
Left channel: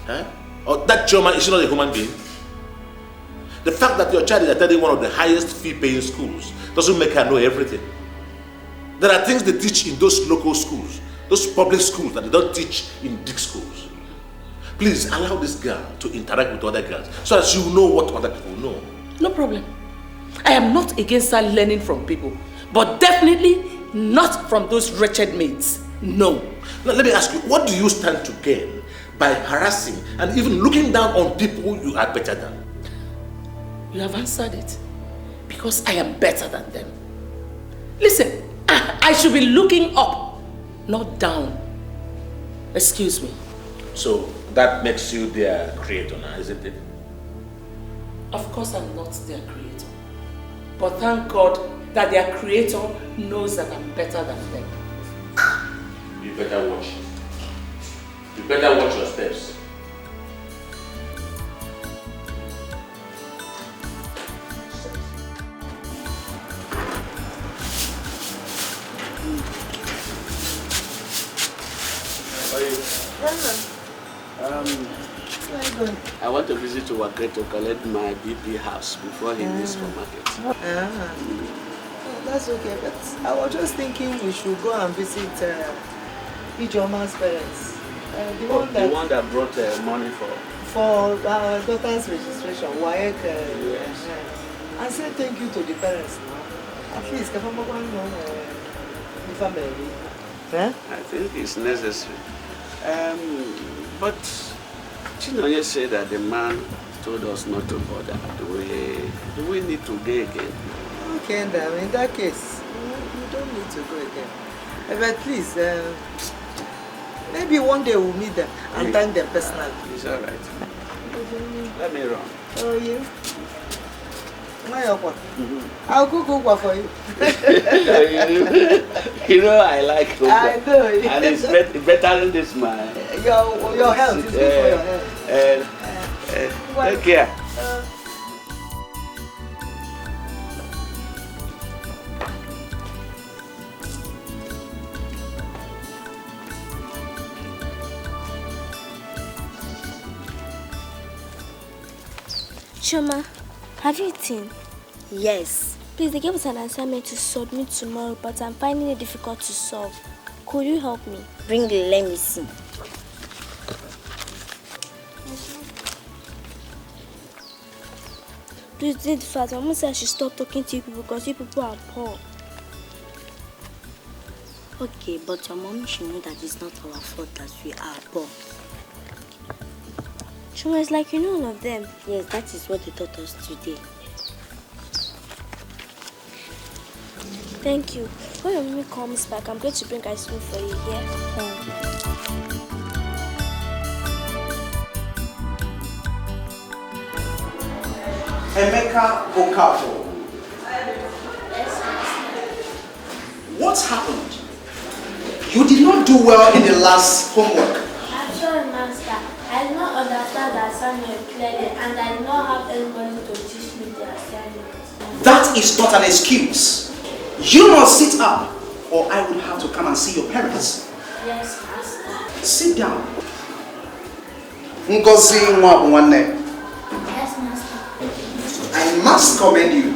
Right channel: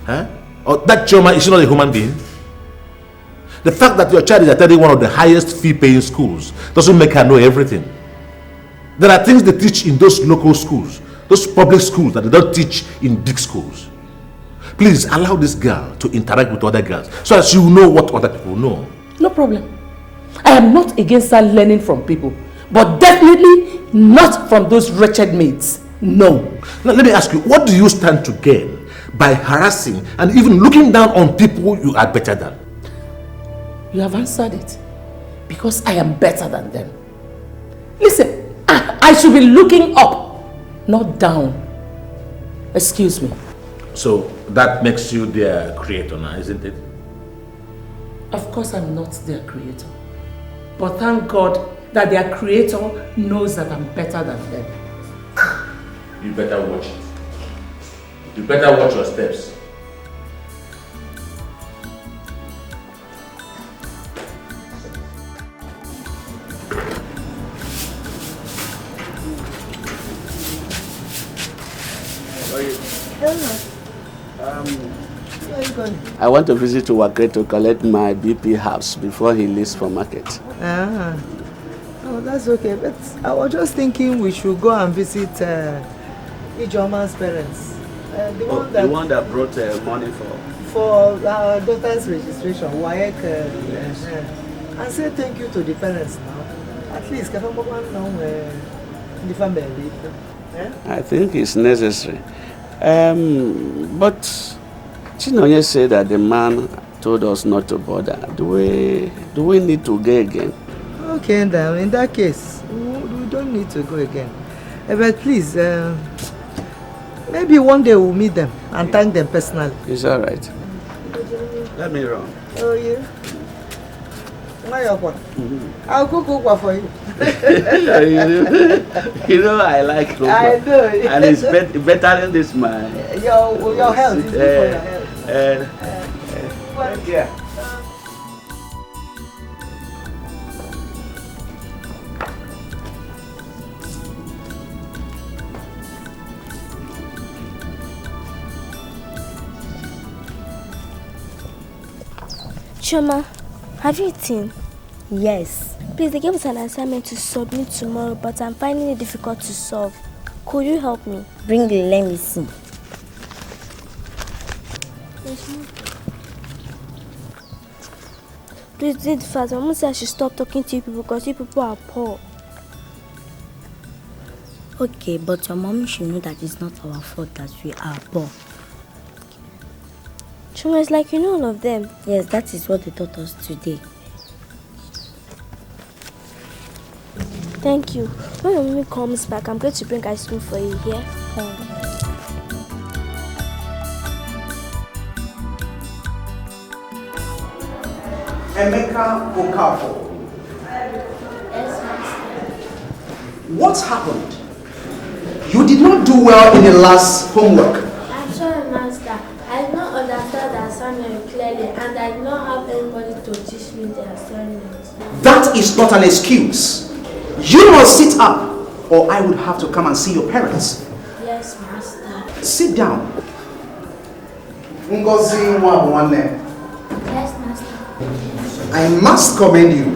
Huh? Or that Chioma, is she not a human being? The fact that your child is attending one of the highest fee-paying schools doesn't make her know everything. There are things they teach in those local schools, those public schools that they don't teach in big schools. Please allow this girl to interact with other girls so that she will know what other people know. No problem. I am not against her learning from people, but definitely not from those wretched maids. No. Now let me ask you, what do you stand to gain by harassing and even looking down on people you are better than? You have answered it. Because I am better than them. Listen, I should be looking up, not down. Excuse me. So that makes you their creator now, isn't it? Of course I'm not their creator. But thank God that their creator knows that I'm better than them. You better watch. You better watch your steps. I want to visit Uwakwe to collect my BP house before he leaves for market. Ah, oh, that's okay. But I was just thinking we should go and visit Ijoma's parents. The one that brought money for our daughter's registration, Uwakwe. I say thank you to the parents now. At least, the family. Yeah? I think it's necessary. But Chinwe said that the man told us not to bother. Do we need to go again? Okay, then in that case, we don't need to go again. But please, maybe one day we'll meet them and thank them personally. It's all right. Let me run. Oh, yeah. I'll cook for you. You know I like cocoa. I know. And it's better than this man. Your health is good for your health. Take care. Chioma, have you eaten? Yes. Please, they gave us an assignment to submit tomorrow, but I'm finding it difficult to solve. Could you help me? Bring it, let me see. Please do it fast. Mama said I should stop talking to you people because you people are poor. Okay, but your mommy should know that it's not our fault that we are poor. Chuma, it's like you know all of them. Yes, that is what they taught us today. Thank you. When your mommy comes back, I'm going to bring ice cream for you here. Emeka Okafor. What happened? You did not do well in the last homework. I'm sorry, Master. I did not understand the assignment clearly and I did not have anybody to teach me the assignment. That is not an excuse. You must sit up or I would have to come and see your parents. Yes, Master. Sit down. Ngozi Ezeonu. Yes, Master. I must commend you.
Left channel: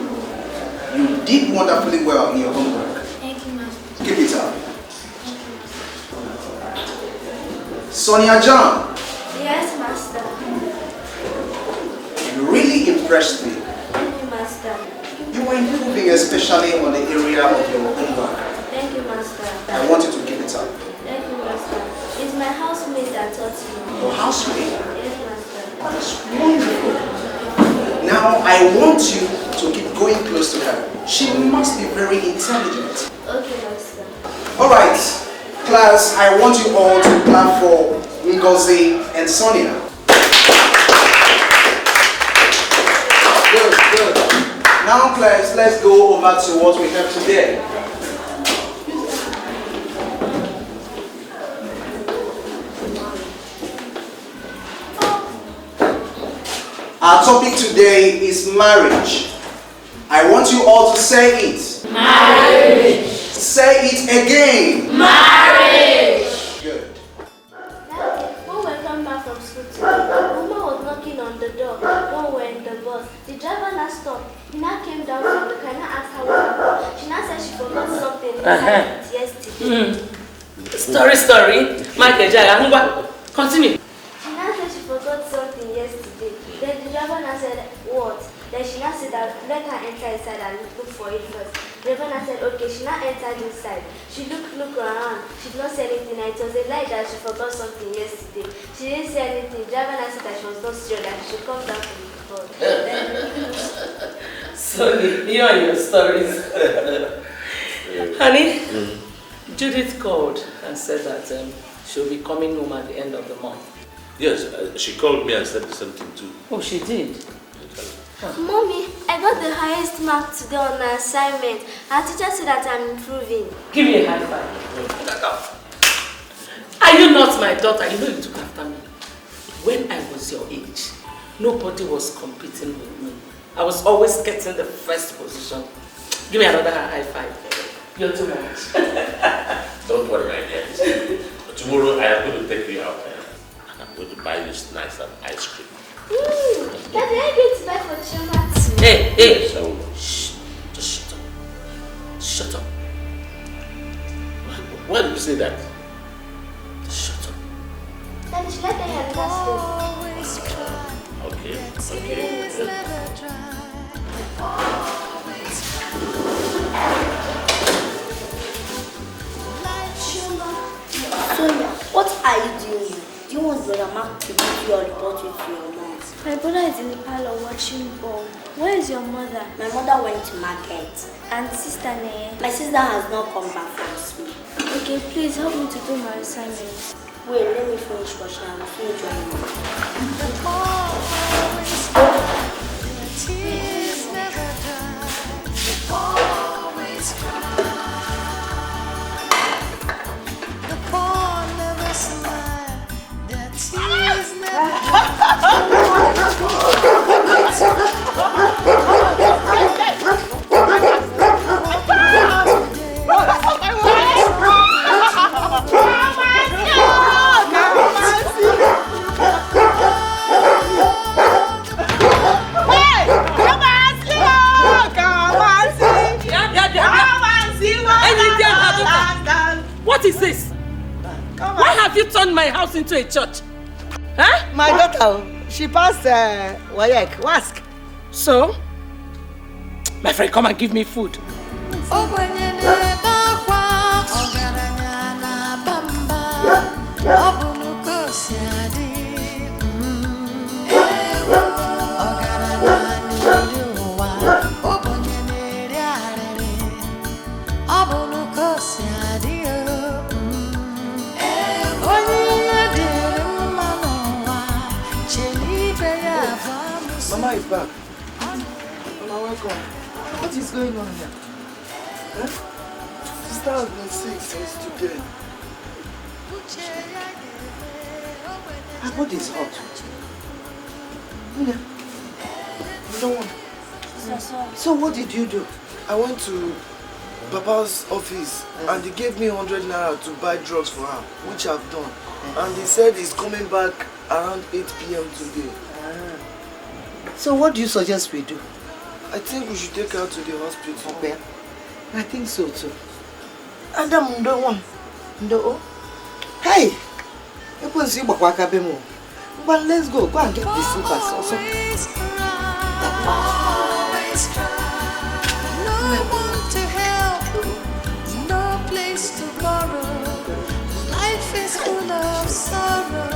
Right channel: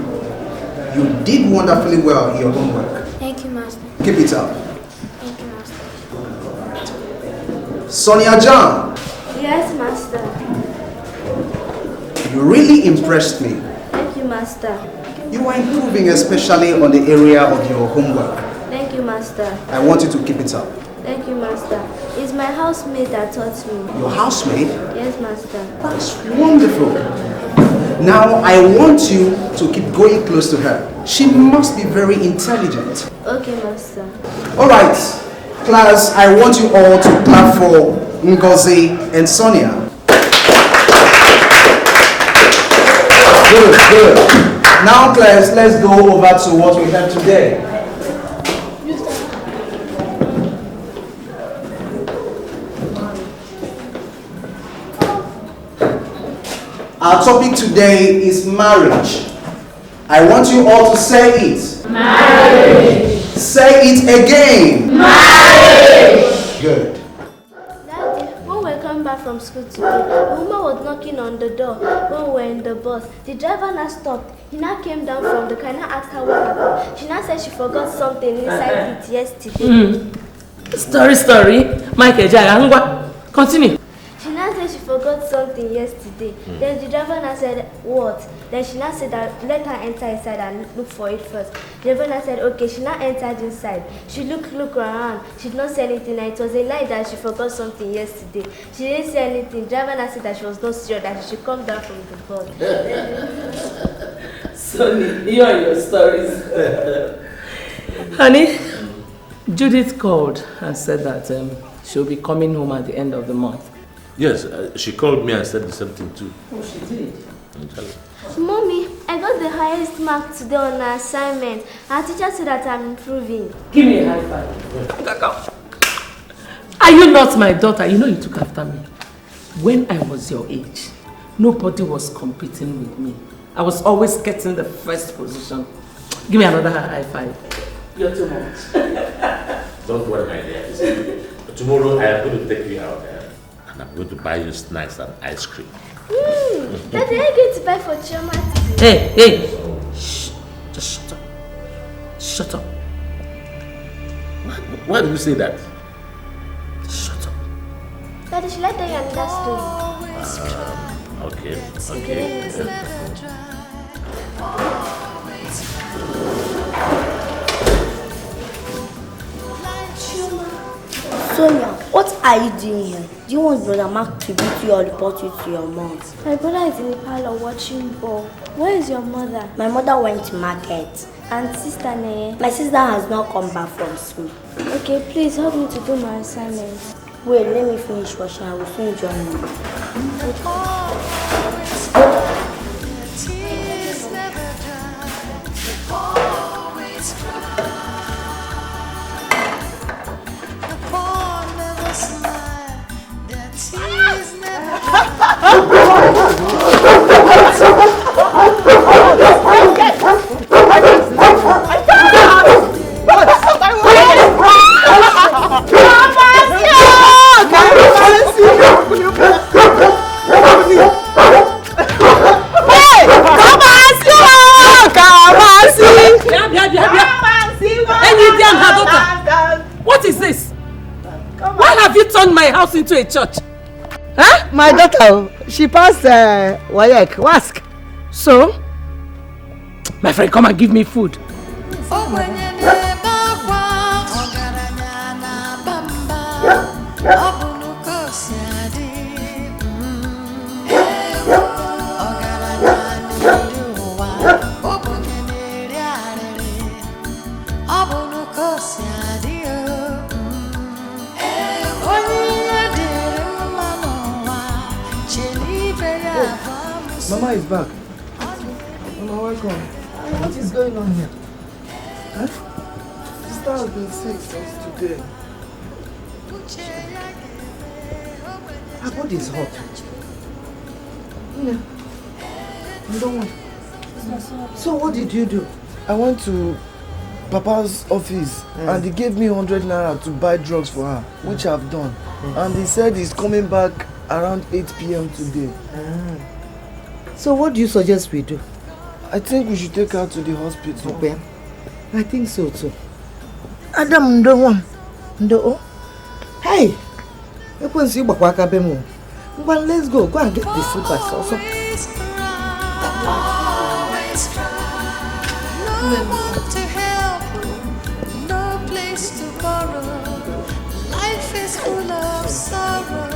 You did wonderfully well in your homework. Thank you, Master. Keep it up. Sonia John. Yes, Master. You really impressed me. Thank you, Master. You are improving, especially on the area of your homework. Thank you, Master. I want you to keep it up. Thank housemaid that taught me. Your housemaid? Yes, master. That's wonderful. Now I want you to keep going close to her. She must be very intelligent. Okay, master. Alright, class, I want you all to clap for Ngozi and Sonia. Good, good. Now class, let's go over to what we have today. Our topic today is marriage. I want you all to say it. Marriage. Say it again. Marriage. Good. When we came back from school today, the woman was knocking on the door when we were in the bus. The driver now stopped. He now came down from the car and asked her what happened. She now said she forgot something inside it yesterday. Story. Michael, continue. She now said she forgot something yesterday. Then the driver now said, what? Then she now said that let her enter inside and look for it first. The driver now said, okay. She now entered inside. She looked around. She did not see anything, and it was a lie that she forgot something yesterday. She didn't see anything. The driver now said that she was not sure that she should come down from the bus. Sonny, you and your stories. Honey, Judith called and said that she'll be coming home at the end of the month. Yes, she called me and said the same thing too. Oh, she did? Mommy, I got the highest mark today on my assignment. Our teacher said that I'm improving. Give me a high five. Are you not my daughter? You know you took after me. When I was your age, nobody was competing with me. I was always getting the first position. Give me another high five. You're too much. Don't worry, my dear. Tomorrow I am going to take you out there and I'm going to buy you snacks and ice cream. Daddy, are you going to buy for Chioma too? Hey! Shh! Just shut up. Shut up. Why did you say that? Shut up. Daddy, should I tell you at last? Okay. Sonia, what are you doing here? Do you want Brother Mark to beat you or report you to your mom? My brother is in the parlor watching ball. Where is your mother? My mother went to market. And sister Ne? My sister has not come back from school. Okay, please help me to do my assignments. Wait, let me finish washing. I will soon join you. Tears never dry. Always cry. The poor never smile. Their tears never What is this? Why have you turned my house into a church? Huh? My daughter, she passed WAEC. Ask. So? My friend, come and give me food. Mama is back. What is going on here? Huh? Sister has been sick since today. Her body is hot. You don't want. So what did you do? I went to Papa's office and he gave me 100 naira to buy drugs for her, which I've done. And he said he's coming back around 8 p.m. today. So what do you suggest we do? I think we should take her to the hospital. Okay. I think so too. Adam Ndo. Hey! Ekwenze Uwakwe bemo. Well, let's go. Go and get the slippers also. Always cry. No one to help. No place to borrow. Life is is full of sorrow.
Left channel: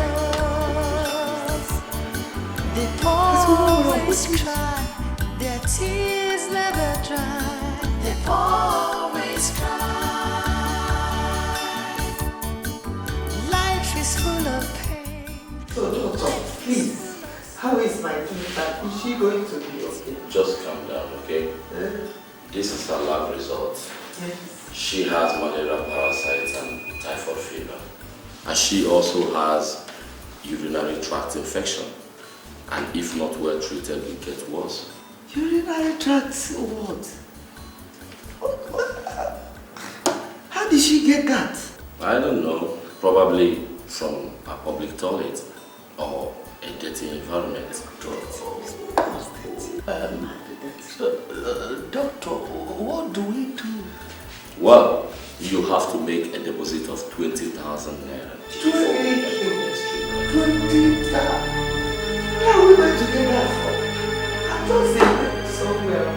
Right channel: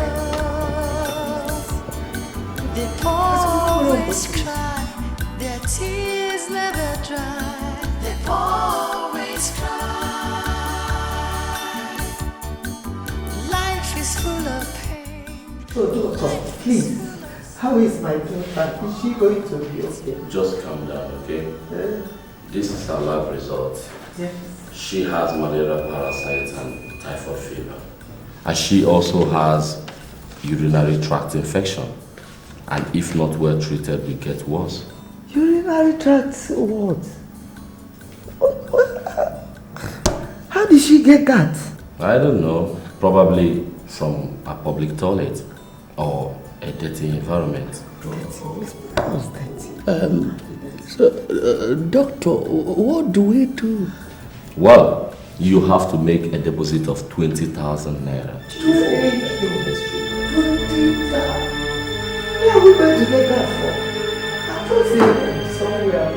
They always cry, their tears never dry. They always cry. Life is full of pain. So, doctor, please, how is my daughter? Is she going to be okay? Just calm down, okay? This is her lab result. Yes. She has malaria parasites and typhoid fever. And she also has urinary tract infection. And if not well treated, it gets worse. Urinary tract what? How did she get that? I don't know. Probably from a public toilet or a dirty environment. Doctor, what do we do? Well, you have to make a deposit of 20,000 naira. Where are we going to get that from? I thought they were somewhere.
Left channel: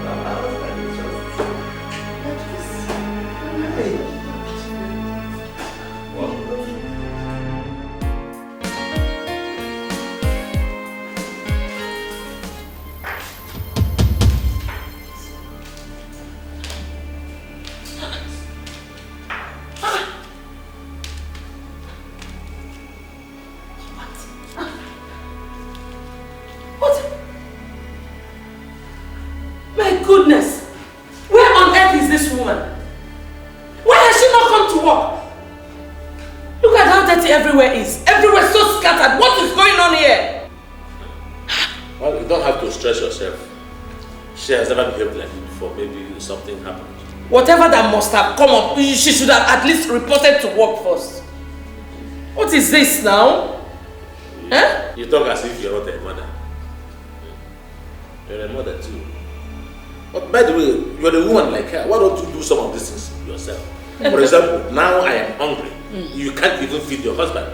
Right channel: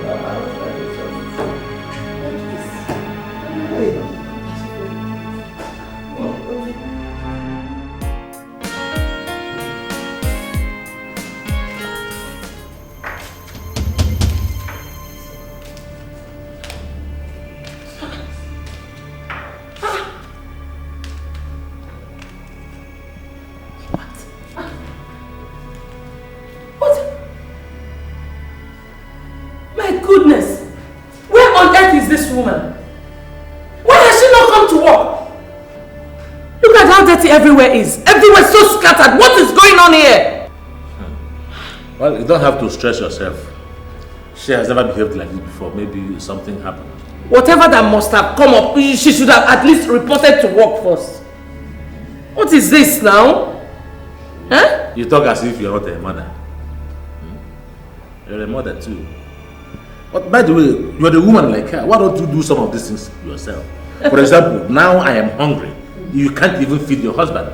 Everywhere is. Everywhere so scattered. What is going on here? Well, you don't have to stress yourself. She has never behaved like this before. Maybe something happened. Whatever that must have come up, she should have at least reported to work first. What is this now? Huh? You talk as if you're not a mother. You're a mother too. But by the way, you're the woman like her. Why don't you do some of these things yourself? For example, now I am hungry. You can't even feed your husband.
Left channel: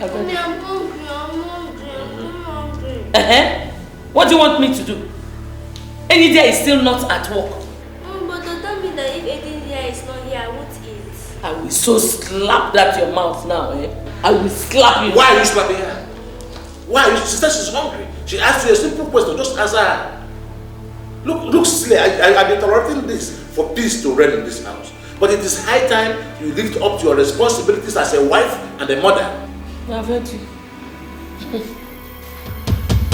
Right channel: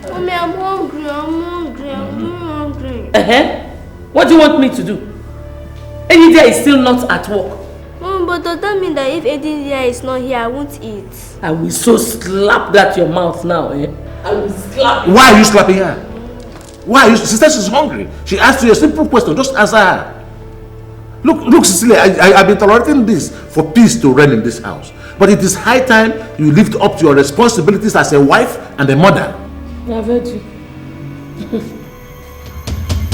Mommy, I'm hungry, I'm hungry. What do you want me to do? Enyidia is still not at work. Mom, but does that mean that if Enyidia is not here, I won't eat? I will so slap that your mouth now, eh? I will slap you. Why are you slapping her? Why are you? She said she's hungry. She asked you a simple question. Just answer her. Look, Cecilia, I've been tolerating this for peace to reign in this house. But it is high time you lived up to your responsibilities as a wife and a mother. I've heard you.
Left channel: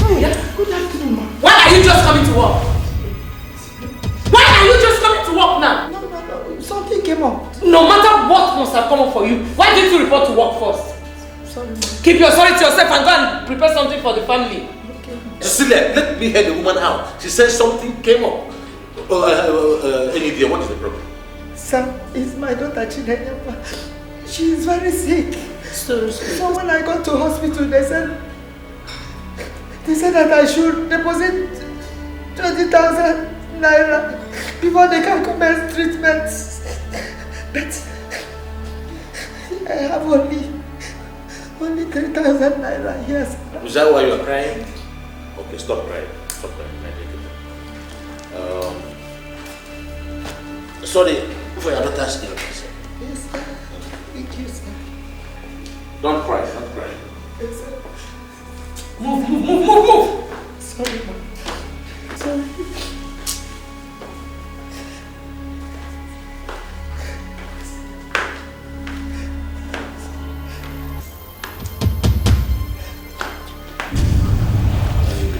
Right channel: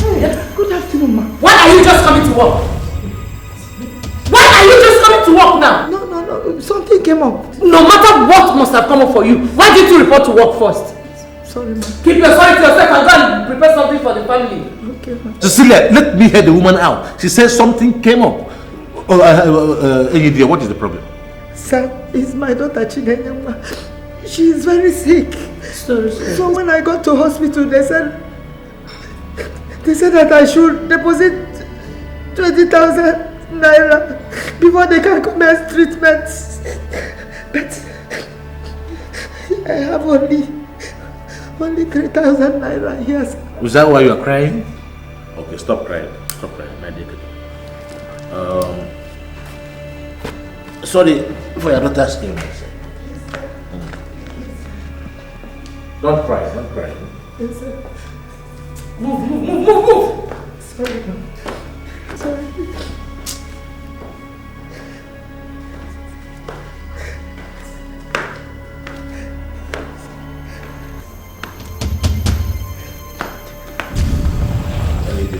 Good afternoon, ma. Why are you just coming to work? Why are you just coming to work now? No. Something came up. No matter what must have come up for you, why didn't you report to work first? Sorry, ma. Keep your sorry to yourself and go and prepare something for the family. Okay. Cecilia, let me hear the woman out. She said something came up. Enyidia, what is the problem? Sir, it's my daughter Chinwe. She is very sick. So when I got to hospital, they said that I should deposit 20,000 naira before they can commence treatment. But I have only 3,000 naira here. Yes. Is that why you are crying? Okay, stop crying. Stop crying. Sorry for your daughter's illness. Yes, sir. Thank you, sir. Don't cry, don't cry. Yes, sir. Move. Sorry, ma'am. Sorry.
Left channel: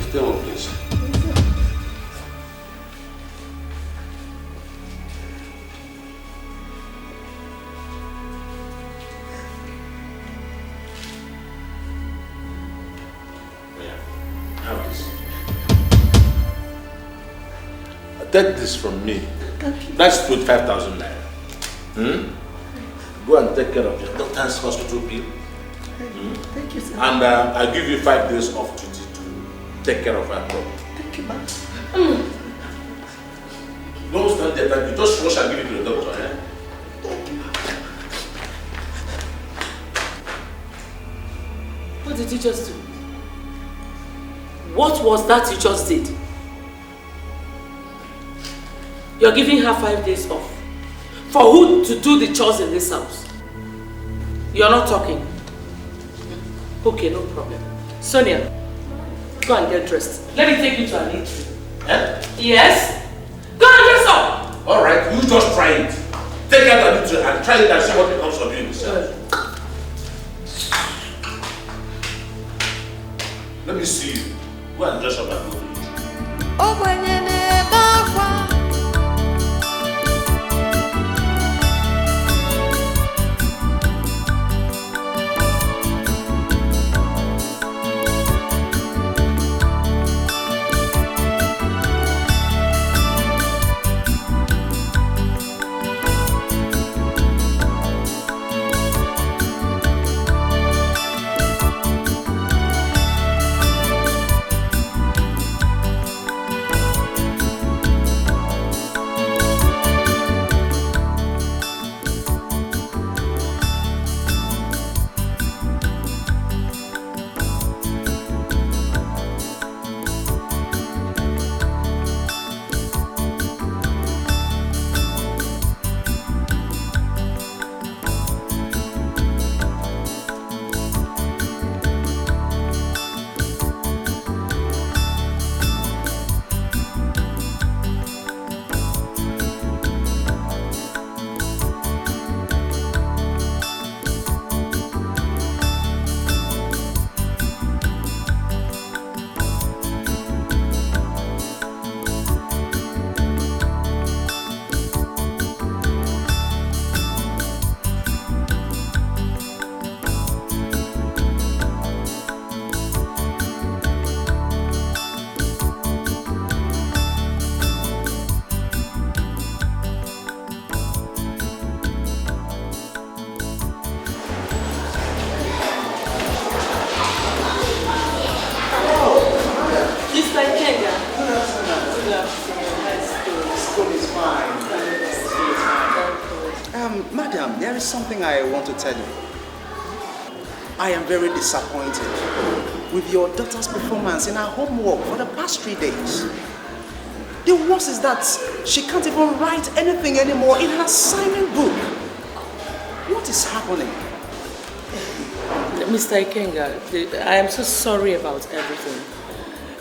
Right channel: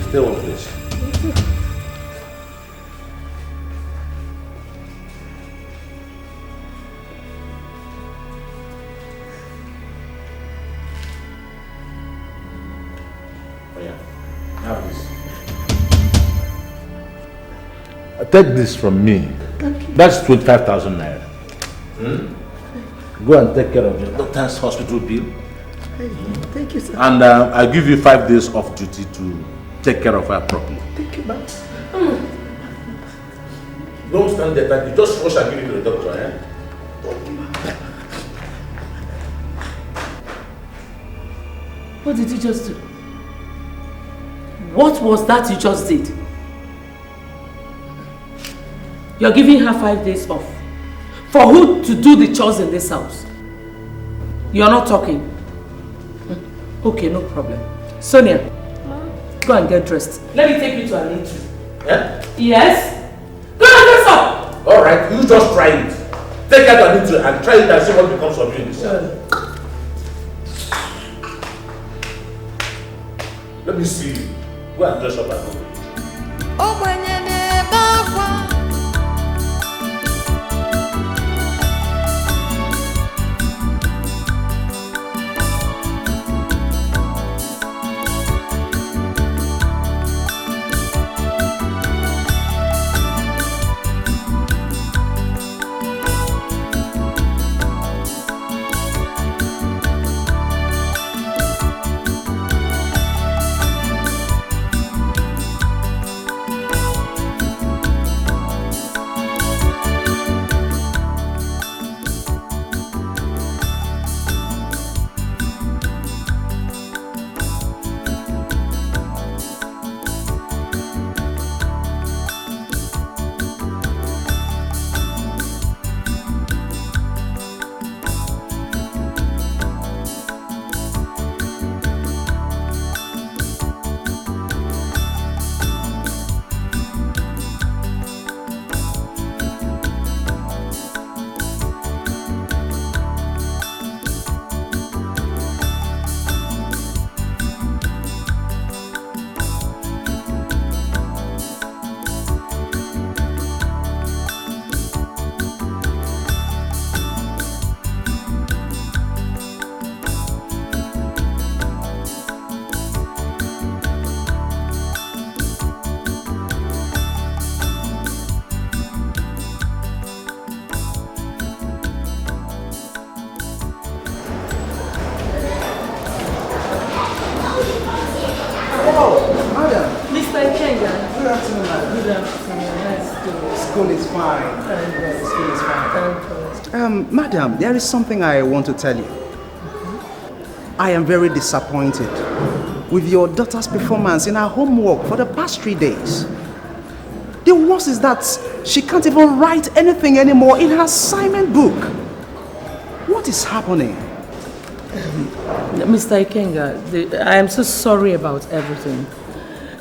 Stay one place. Take this from me. That's 25,000 naira. Go and take care of your daughter's hospital bill. Thank you, sir. And I'll give you 5 days off duty to take care of her properly. Thank you, ma'am. Don't stand there, baby. Just rush and give it to the doctor, eh? Thank you, ma'am. What did you just do? What was that you just did? You're giving her 5 days off. For who to do the chores in this house? You're not talking? Okay, no problem. Sonia, go and get dressed. Let me take you to an eatery. Eh? Yes? Go and dress up! Alright, you just try it. Take out an eatery and try it and see what becomes of you in this house. Let me see you. Go and dress up and go. Madam, there is something I want to tell you. I am very disappointed with your daughter's performance in her homework for the past 3 days. The worst is that she can't even write anything anymore in her assignment book. What is happening? Mr. Ikenga, I am so sorry about everything.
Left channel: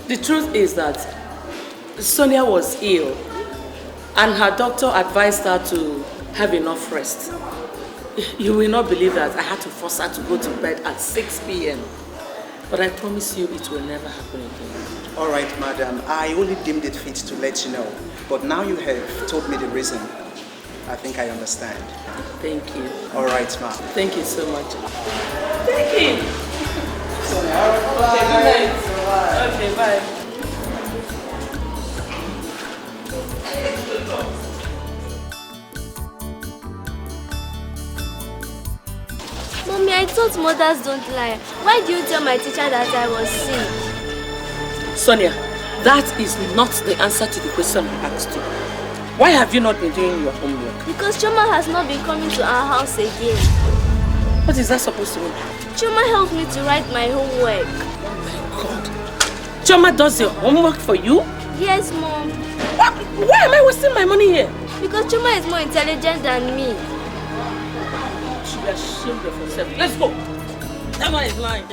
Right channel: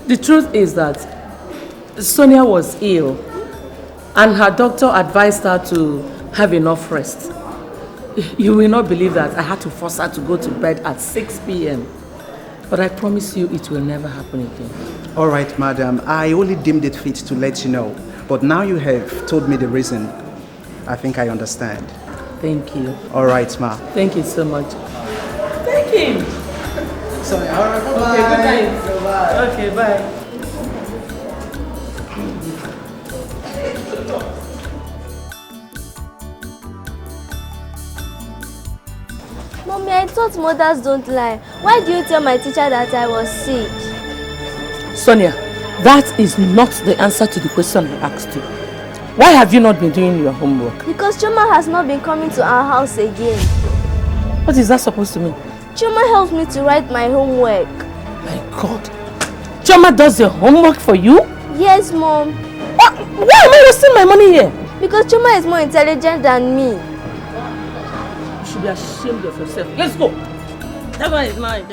The truth is that Sonia was ill and her doctor advised her to have enough rest. You will not believe that I had to force her to go to bed at 6 p.m. But I promise you it will never happen again. All right, madam. I only deemed it fit to let you know. But now you have told me the reason. I think I understand. Thank you. All right, ma. Thank you so much. Thank you. Sorry. Okay, good night. Okay, bye. Mommy, I thought mothers don't lie. Why do you tell my teacher that I was sick? Sonia, that is not the answer to the question I asked you. Why have you not been doing your homework? Because Choma has not been coming to our house again. What is that supposed to mean? Choma helps me to write my homework. My God. Choma does your homework for you? Yes, Mom. Why am I wasting my money here? Because Choma is more intelligent than me. You should be ashamed of yourself. Let's go. That guy is lying.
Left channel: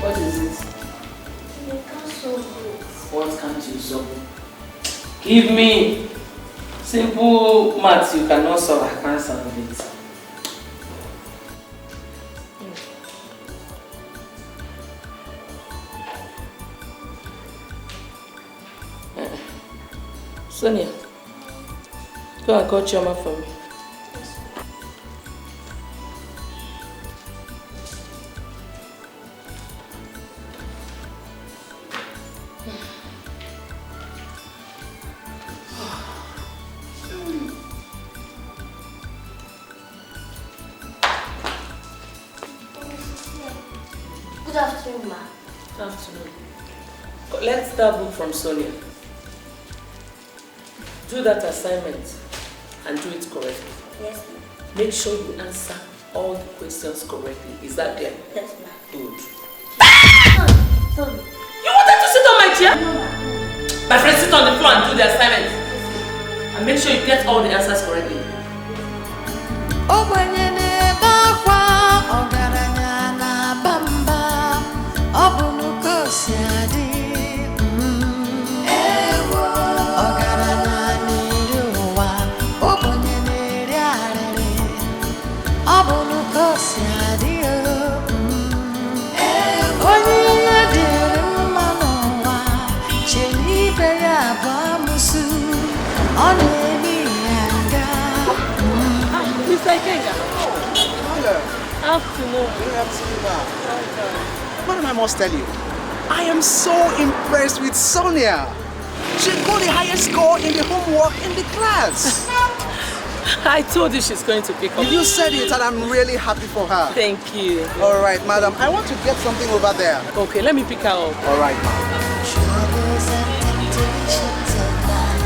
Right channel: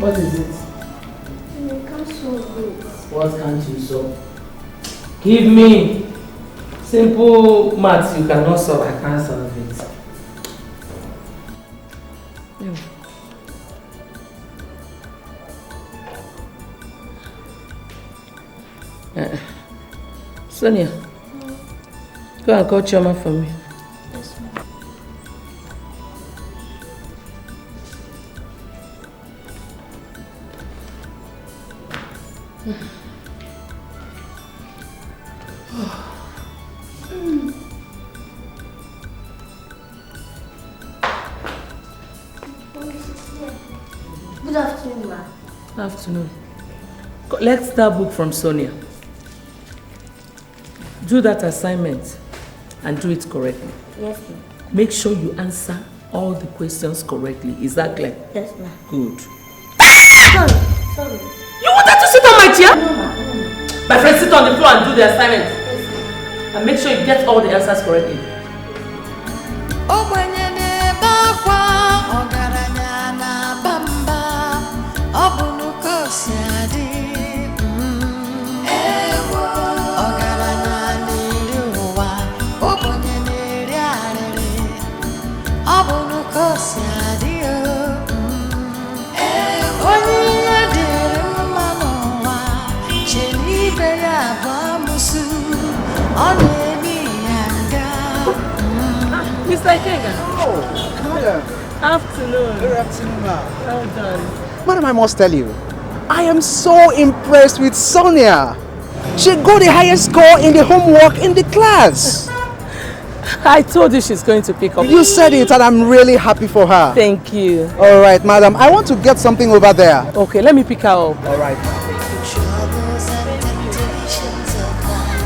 What is it? I can't solve it. What can't you solve? Give me. Simple maths you cannot solve, I can't solve it. Sonia, go and call Choma for me. Good afternoon, ma. Good afternoon. Let's start book from Sonia. Do that assignment and do it correctly. Yes, ma'am. Make sure you answer all the questions correctly. Is that clear? Yes, ma'am. Good. Sorry. You wanted to sit on my chair? My friend, sit on the floor and do the assignment. And make sure you get all the answers correctly. Mr. Kenya. Oh, afternoon. Good afternoon, ma'am. Madam, I must tell you, I am so impressed with Sonia. She got the highest score in the homework in the class. I told you she's going to pick up. You said it and I'm really happy for her. Thank you. All right, madam, I want to get something over there. Okay, let me pick her up. All right. Troubles and temptations of life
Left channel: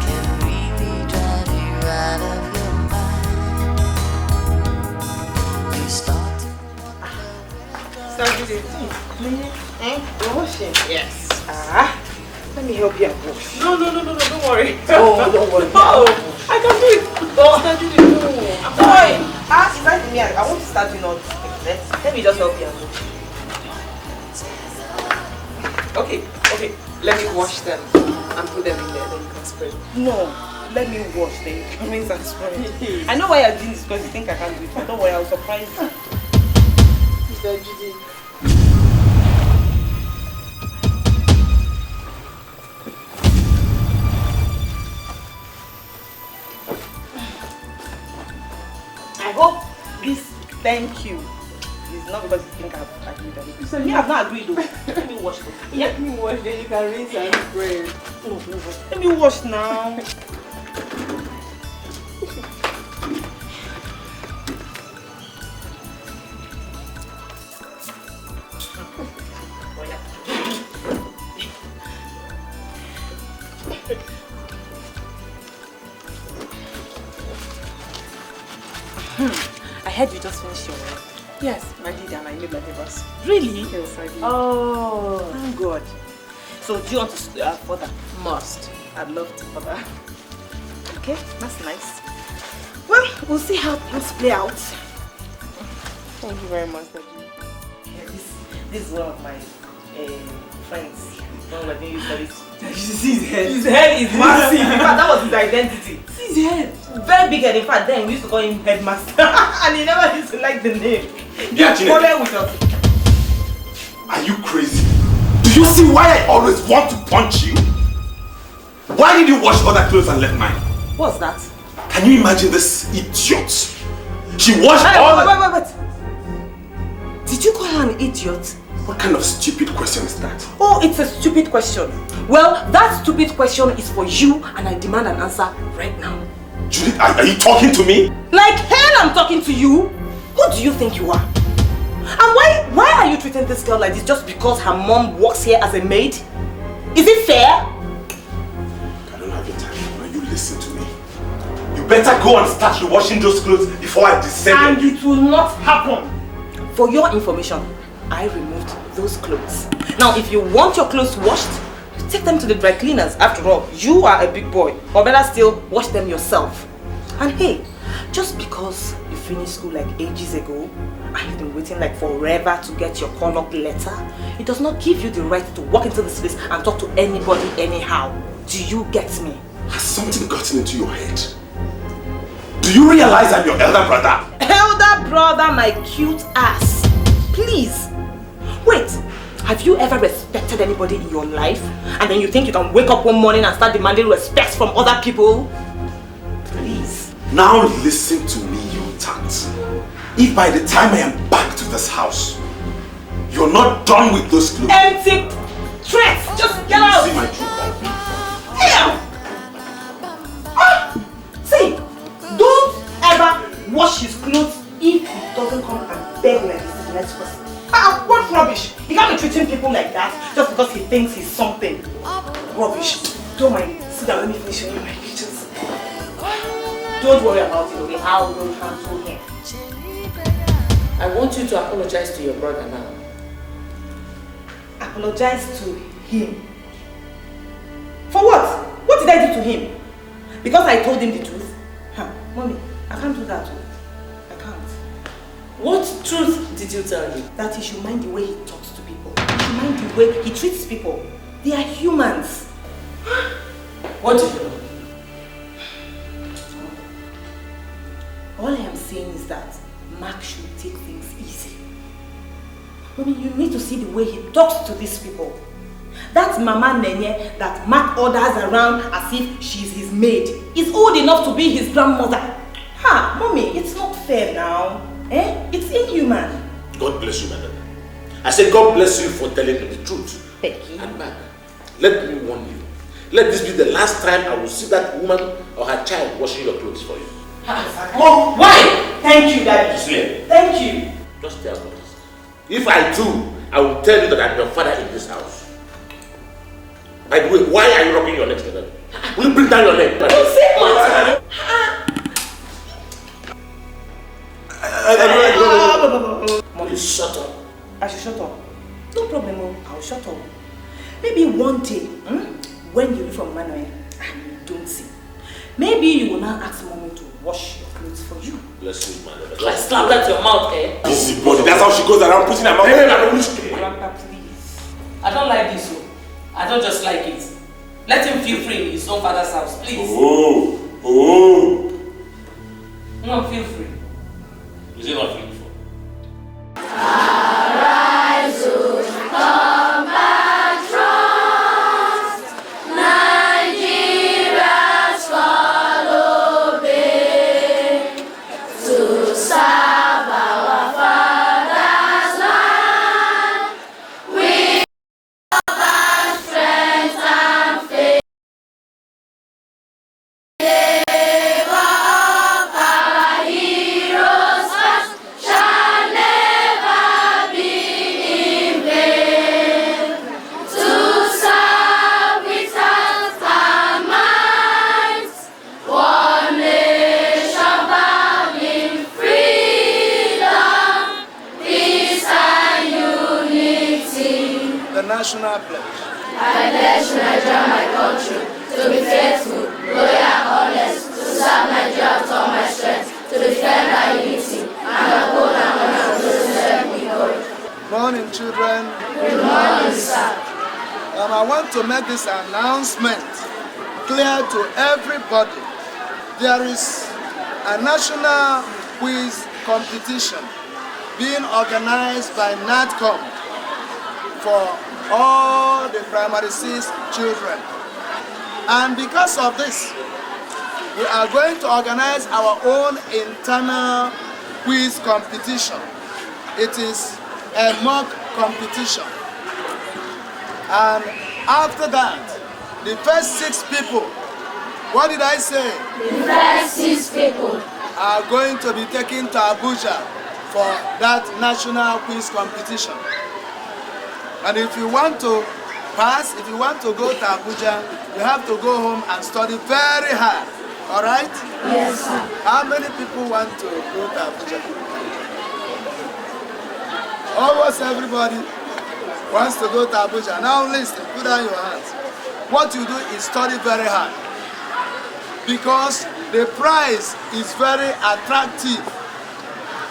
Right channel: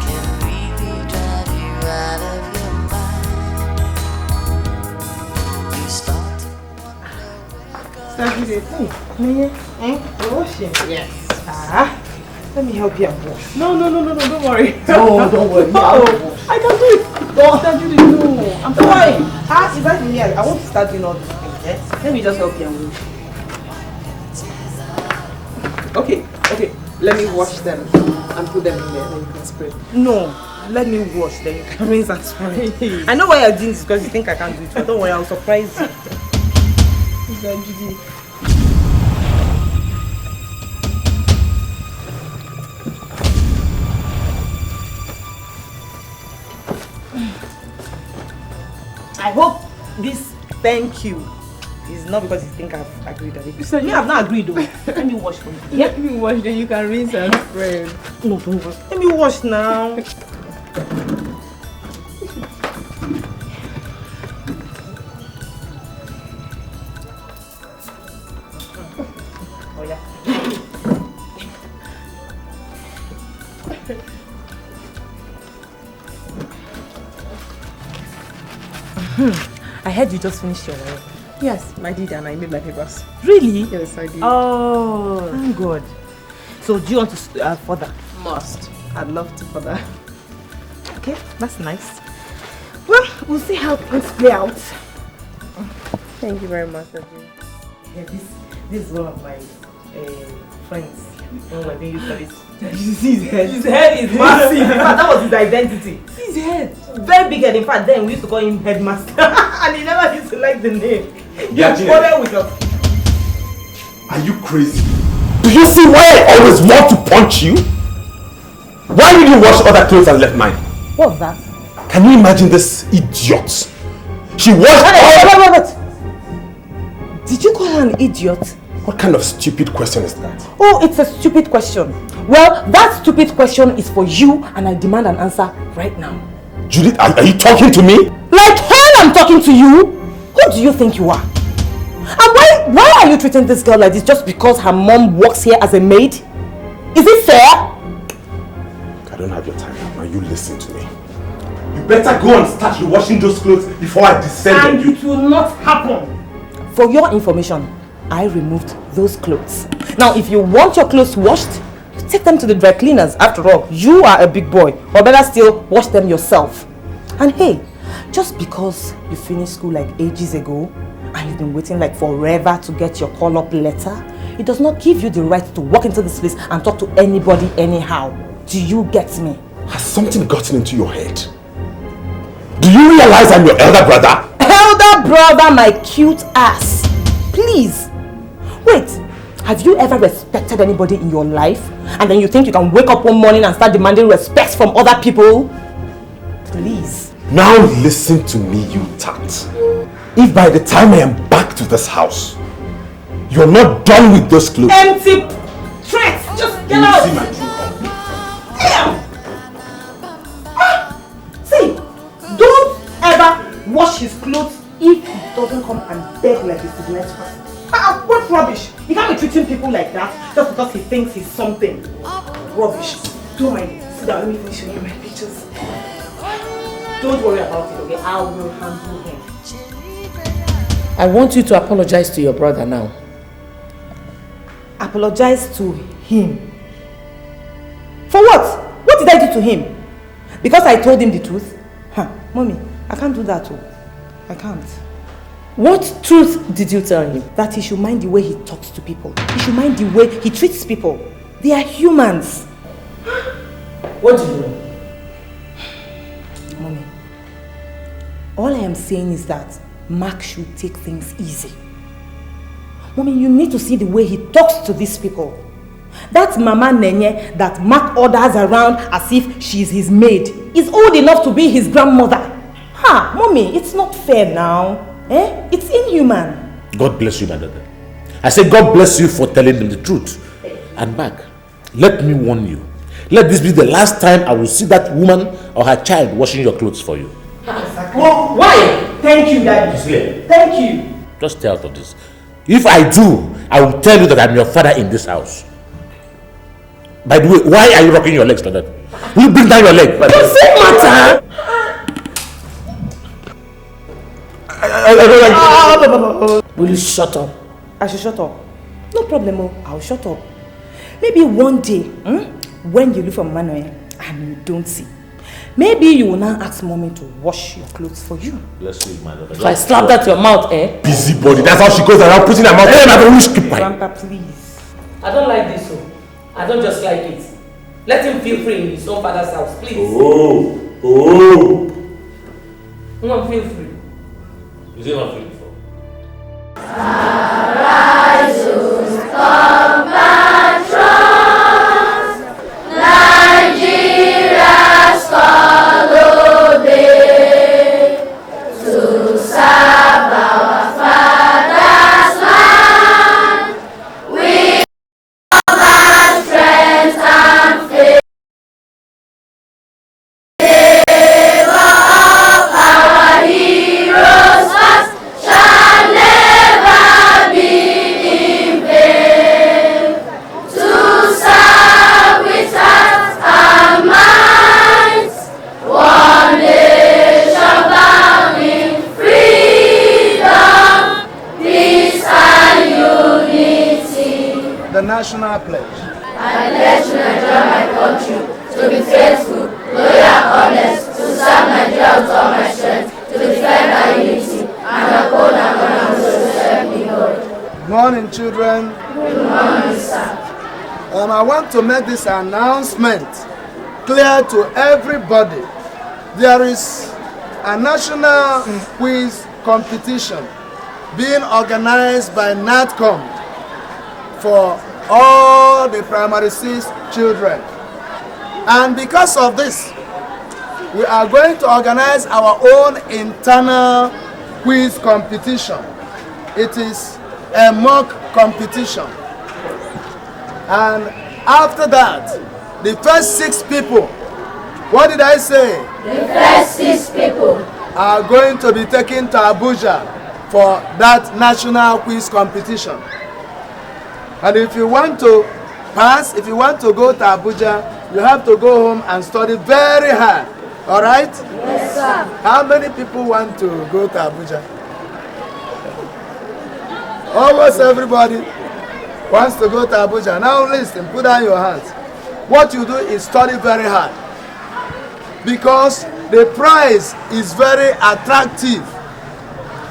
can really drive you out of your mind. You start to wonder where You're washing? Yes. Let me help you wash. No, don't worry. No, don't worry. No, I can do it. No, Judith, no. I'm fine. Is that me? I want to start doing all this. Okay? Let me just help you wash. Okay. Let me wash them and put them in there, then you can spray. No, let me wash them. You can rinse and spray. I know why you're doing this because you think I can't do it, but don't worry, I'll surprise you. Judith. I hope this thank you is not because you think I've agreed on it. So yeah, I've not agreed though. Let me wash them. Yeah? Let me wash them, you can rinse and spray. No, don't wash. Let me wash now. Oh yeah. I heard you just finished your work. Yes, I did, and I made my papers. Really? Yes, I did. Oh, thank God. So, do you want to further? Must. I'd love to further. Okay, that's nice. Well, we'll see how things play out. Thank you very much, Regina. Yeah, this is one of my friends. One of my baby studies. You see his head? His head is massive. In fact, that was his identity. His head. Very big head. In fact, then we used to call him Headmaster. And he never used to like the name. With us. Are you crazy? Do you see why I always want to punch you? Why did you wash other clothes and left mine? What's that? Can you imagine this idiot? She washed all... Wait. Did you call her an idiot? What kind of stupid question is that? Oh, it's a stupid question. Well, that stupid question is for you and I demand an answer right now. Judith, are you talking to me? Like hell I'm talking to you? Who do you think you are? And why are you treating this girl like this just because her mom works here as a maid? Is it fair? I don't have your time now. You listen to me. You better go and start washing those clothes before I descend on you. And it will not happen. For your information, I removed those clothes. Now, if you want your clothes washed, take them to the dry cleaners. After all, you are a big boy. Or better still, wash them yourself. And hey, just because you finished school like ages ago and you've been waiting like forever to get your call-up letter, it does not give you the right to walk into this place and talk to anybody anyhow. Do you get me? Has something gotten into your head? Do you realize I'm your elder brother? Elder brother, my cute ass. Please. Wait, have you ever respected anybody in your life? And then you think you can wake up one morning and start demanding respect from other people? Please. Now listen to me, you tart. If by the time I am back to this house, you're not done with those clothes. Empty threats! Just get out! Damn! See, don't ever wash his clothes if he doesn't come and beg like a civilized person. What rubbish! He can't be treating people like that just because he thinks he's something. Rubbish. Don't mind. Sit down, let me finish in my kitchen. Don't worry about it, okay? I will handle him. I want you to apologize to your brother now. Apologize to him? For what? What did I do to him? Because I told him the truth? Huh, Mommy, I can't do that too. I can't. What truth did you tell him? That he should mind the way he talks to people. He should mind the way he treats people. They are humans. What do you know? Mommy, all I am saying is that Mark should take things easy. Mommy, you need to see the way he talks to these people. That Mama Nenye that Mark orders around as if she's his maid is old enough to be his grandmother. Ha, Mommy, it's not fair now. It's inhuman. God bless you, my daughter. I say God bless you for telling them the truth. And Mark, let me warn you. Let this be the last time I will see that woman or her child washing your clothes for you. Oh, why? Thank you, Daddy. Cecilia. Thank you. Just stay out of this. If I do, I will tell you that I'm your father in this house. By the way, why are you rocking your legs like that? Will you bring down your leg? Don't say matter. Will you shut up? I should shut up. No problem, I'll shut up. Maybe one day, when you leave from Manuel and you don't see, maybe you will now ask Mommy to wash your clothes for you. Bless you, my daughter. So I slapped at your mouth, Busybody. That's how she goes around putting her mouth. Grandpa, please. I don't like this, so I don't just like it. Let him feel free in his own father's house, please. Oh. No, feel free. Is it not free for? Arise, compatriots, Nigeria's follow thee to serve our father's land with all our strength and faith. Favor of our heroes past shall never be in vain. To serve with hearts and minds, one nation bound in freedom, peace and unity. The national pledge. I pledge to Nigeria, my country, to be faithful, loyal, and honest, to serve Nigeria with all my strength, to defend our unity, and uphold and honor those who serve me, God. Good morning, children. Good morning, sir. I want to make this announcement clear to everybody. There is a national quiz competition being organized by NATCOM for all the primary 6 children. And because of this, we are going to organize our own internal quiz competition. It is a mock competition. And after that, the first 6 people, what did I say? The first 6 people are going to be taken to Abuja for that national quiz competition. And if you want to pass, if you want to go to Abuja, you have to go home and study very hard. All right? Yes, sir. How many people want to go to Abuja? Almost everybody wants to go to Abuja. Now listen, put down your hands. What you do is study very hard, because the prize is very attractive.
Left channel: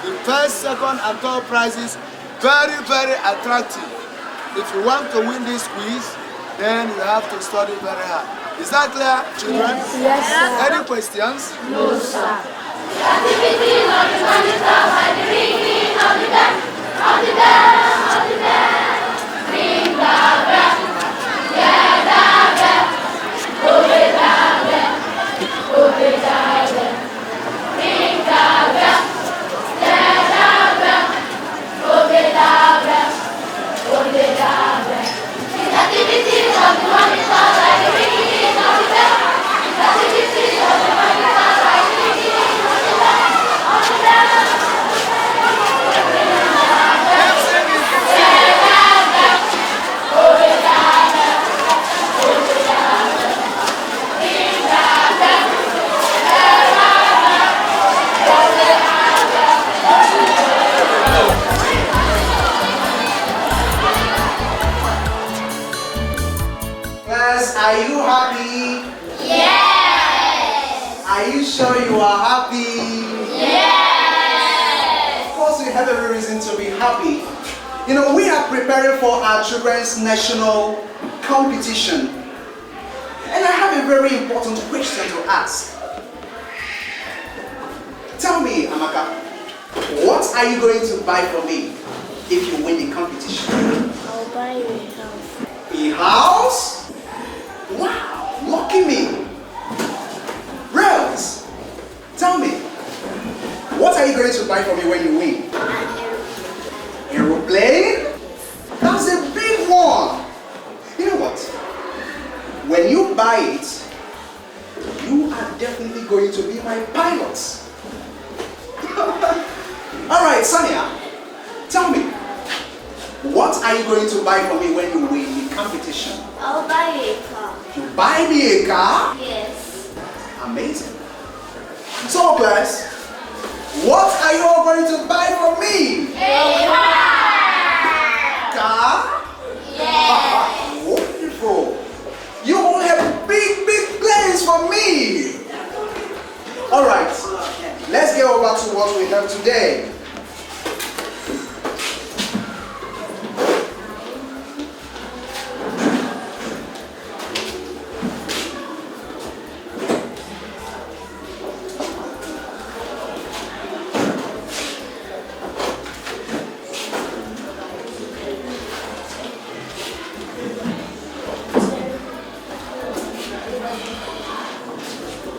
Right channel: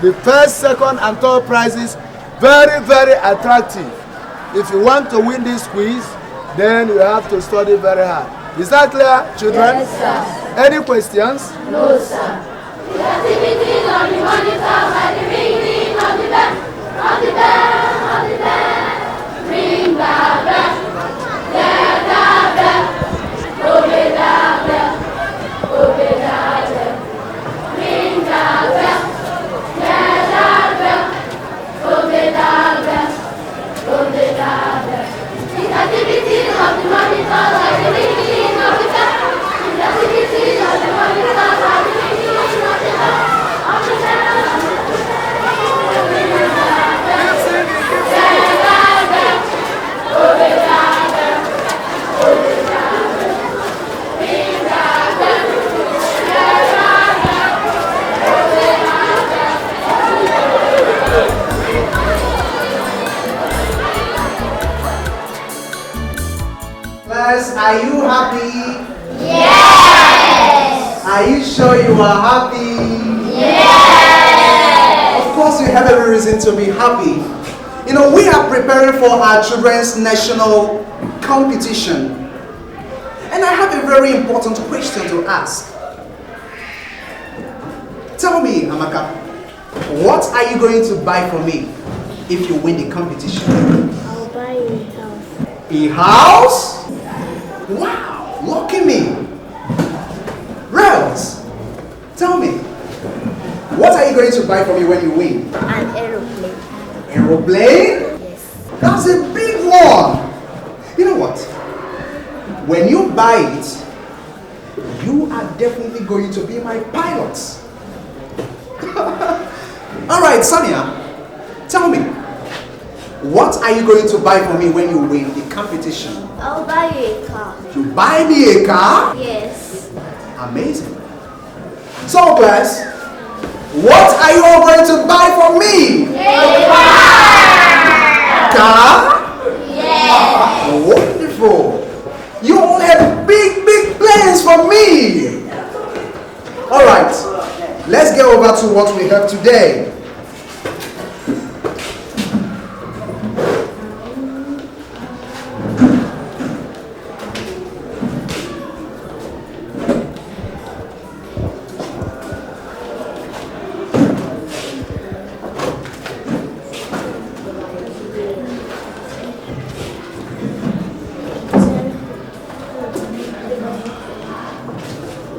The first, second, and third prizes very, very attractive. If you want to win this quiz, then you have to study very hard. Is that clear, children? Yes, sir. Any questions? No, sir. The activities of the monitor by the ringing of the bell, of the bell, of the bell. Ring the bell, yeah, the bell, obey the bell, obey the bell. Ring the bell, yeah, the bell, obey the bell, obey the bell. The activities of the monitor by the ringing of the bell, the activities of the monitor by the ringing of the bell, of the bell. Obey Are you sure you are happy? Yes! Of course, we have every reason to be happy. You know, we are preparing for our children's national competition. And I have a very important question to ask. Tell me, Amaka, what are you going to buy for me if you win the competition? I'll buy you a house. A house? Wow, lucky me. Rels, tell me, what are you going to buy for me when you win? An aeroplane. Aeroplane? Yes. That's a big one. You know what? When you buy it, you are definitely going to be my pilot. Alright, Sonia, tell me, what are you going to buy for me when you win the competition? I'll buy you a car. You buy me a car? Yes. Amazing. So, class, what are you all going to buy for me? A car? Yes. Wonderful. You all have big, big plans for me. All right, let's get over to what we have today.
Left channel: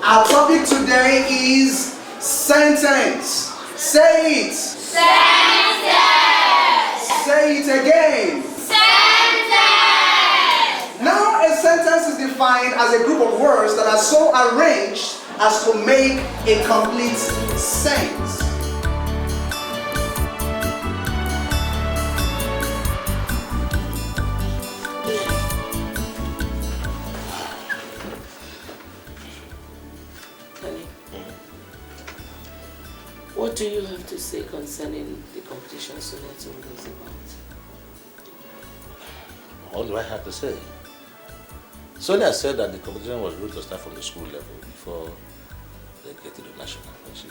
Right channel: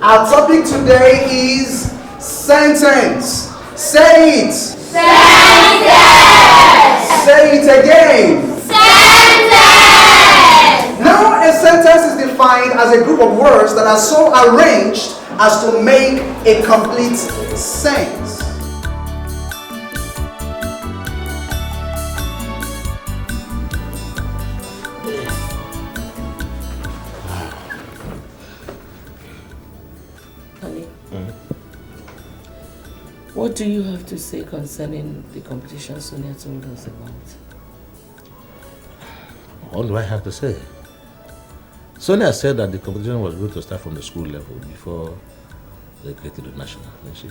Our topic today is sentence. Say it. Sentence. Say it again. Sentence. Now a sentence is defined as a group of words that are so arranged as to make a complete sense. What do you have to say concerning the competition Sonia told us about? What do I have to say? Sonia said that the competition was going to start from the school level before they get to the national, didn't she?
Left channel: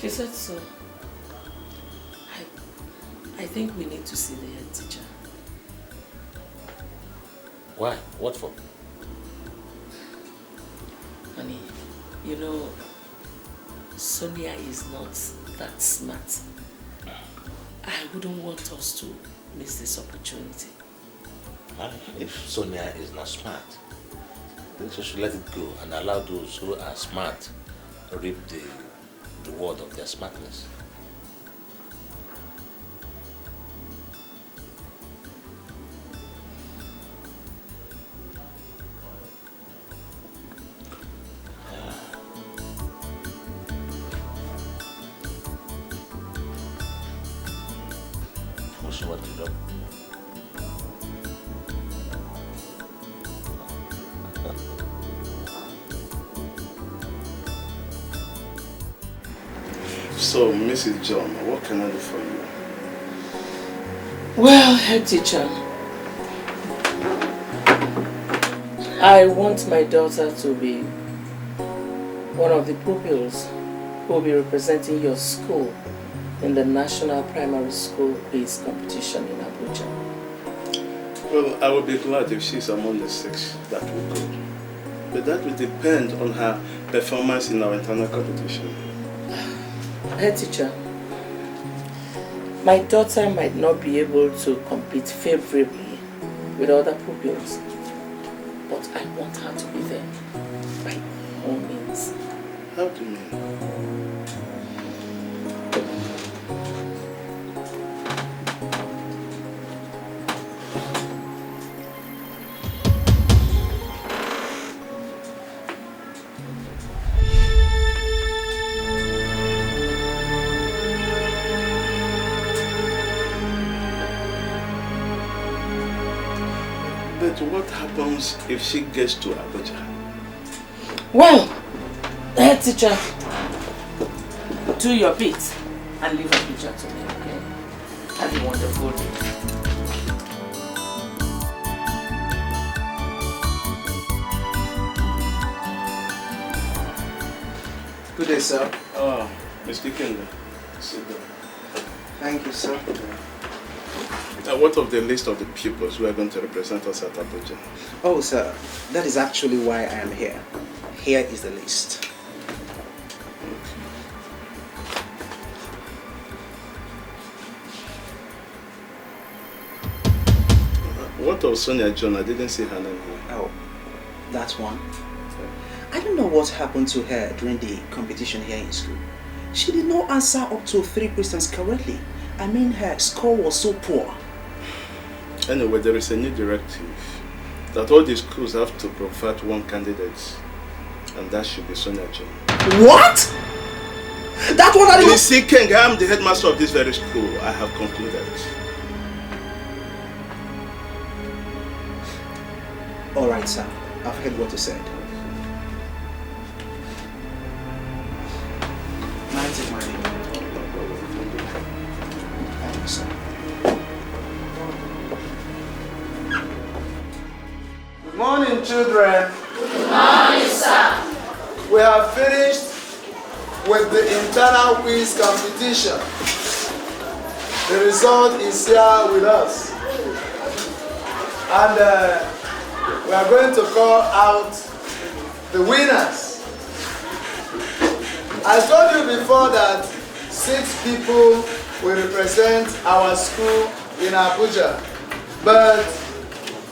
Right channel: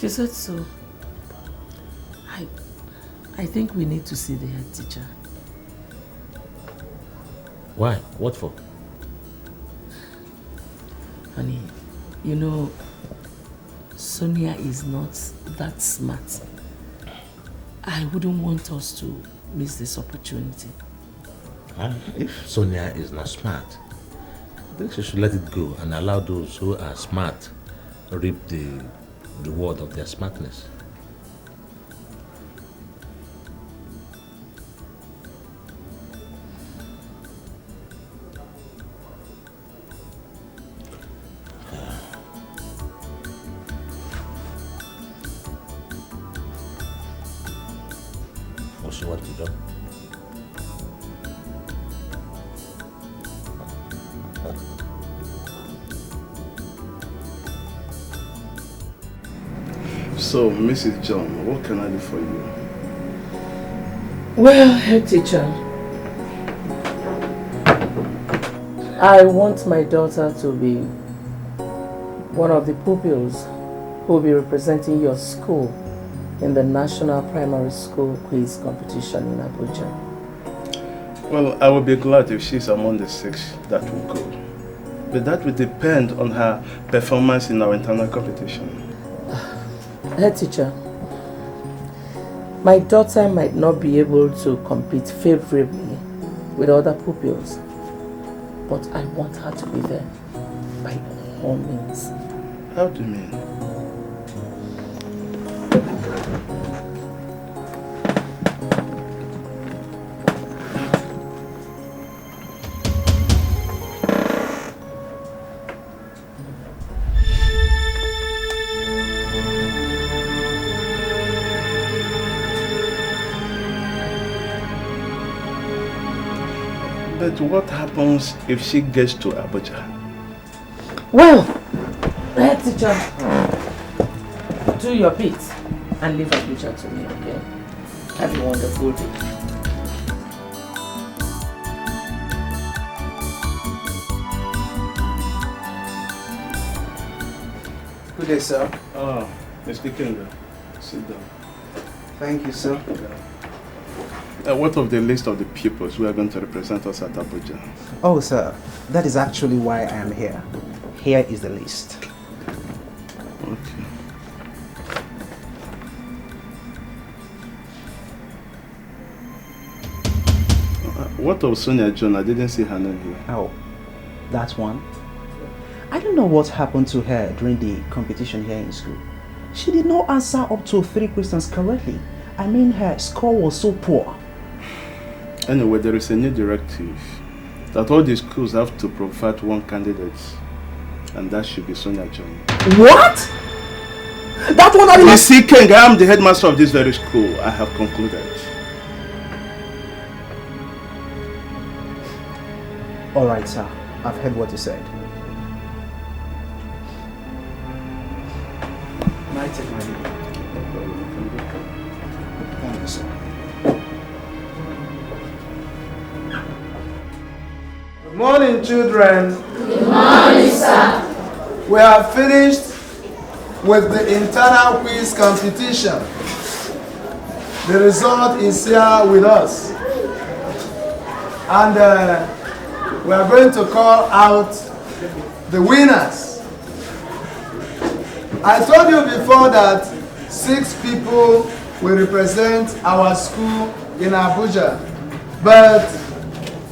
She said so. I think we need to see the head teacher. Why? What for? Honey, you know, Sonia is not that smart. I wouldn't want us to miss this opportunity. If Sonia is not smart, I think she should let it go and allow those who are smart reap the reward of their smartness. So, Mrs. John, what can I do for you? Well, head teacher, I want my daughter to be one of the pupils who will be representing your school in the National Primary School Quiz Competition in Abuja. Well, I will be glad if she's among the 6 that will go. But that will depend on her performance in our internal competition. Head teacher, my daughter might not be able to compete favorably with other pupils, but I want her to be there by all means. How do you mean? But what happens if she gets to Abuja? Well, head teacher, do your bit and leave Abuja to me, okay? Have a wonderful day. Good day, sir. Oh, Mr. King, sit down. Thank you, sir. What of the list of the pupils who are going to represent us at Abuja? Oh, sir, that is actually why I am here. Here is the list. Okay. What of Sonia John? I didn't see her name here. Oh, that one? I don't know what happened to her during the competition here in school. She did not answer up to 3 questions correctly. I mean, her score was so poor. Anyway, there is a new directive that all the schools have to provide one candidate, and that should be Sonia John. What? That one I You see, King, I am the headmaster of this very school. I have concluded. Alright, sir. I've heard what you said. Thank you, sir. Good morning, children. Good morning, sir. We have finished with the internal quiz competition. The result is here with us. And we are going to call out the winners. I told you before that 6 people will represent our school in Abuja, but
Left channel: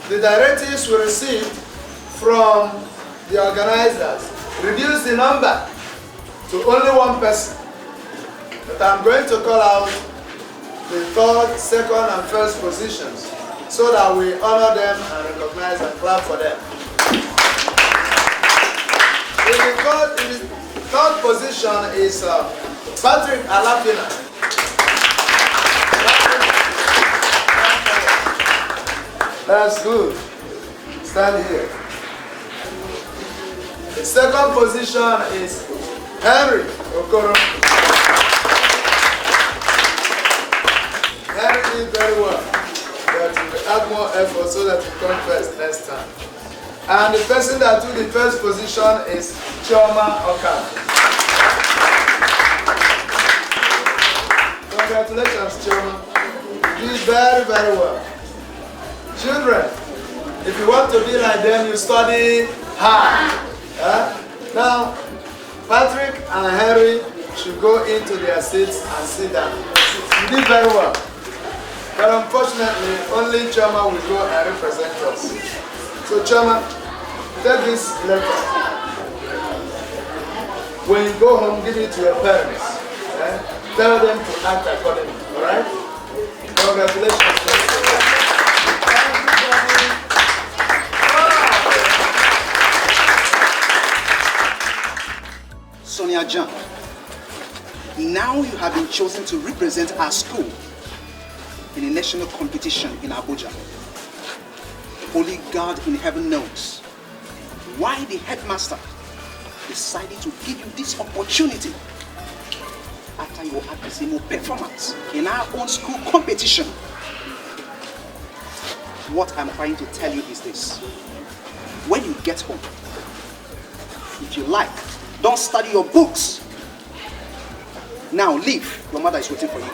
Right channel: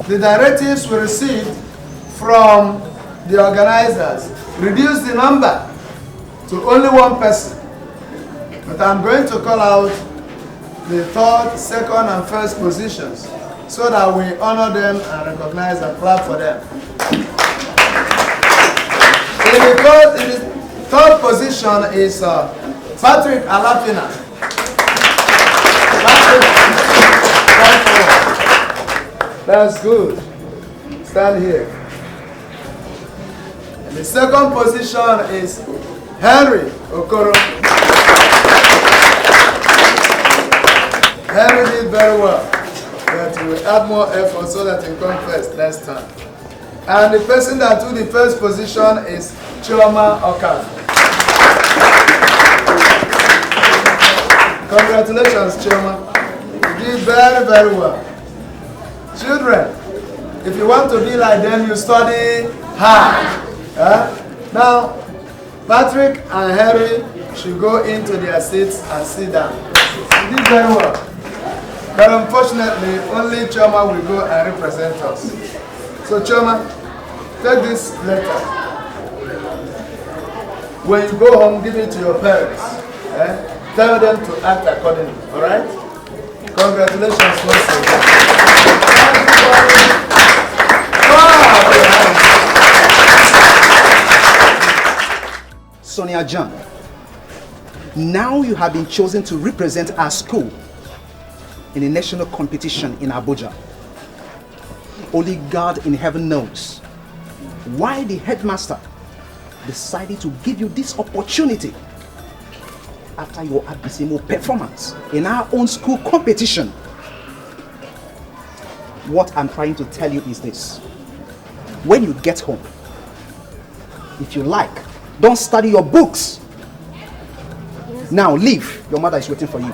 the directives we received from the organizers reduced the number to only 1 person. But I'm going to call out the 3rd, 2nd, and 1st positions so that we honor them and recognize and clap for them. In the 3rd position is Patrick Alapina. That's good. Stand here. And the 2nd position is Henry Okoro. Henry did very well. But we will add more effort so that we come first next time. And the person that took the 1st position is Chioma Okada. Congratulations, Chioma. You did very, very well. Children, if you want to be like them, you study hard. Now, Patrick and Harry should go into their seats and sit down. You did very well. But unfortunately, only Chioma will go and represent us. So Chioma, take this letter. When you go home, give it to your parents. Tell them to act accordingly, alright? Congratulations once again. Sonia John, now you have been chosen to represent our school in a national competition in Abuja. Only God in heaven knows why the headmaster decided to give you this opportunity after your abysmal performance in our own school competition. What I'm trying to tell you is this. When you get home, if you like, don't study your books. Now leave. Your mother is waiting for you.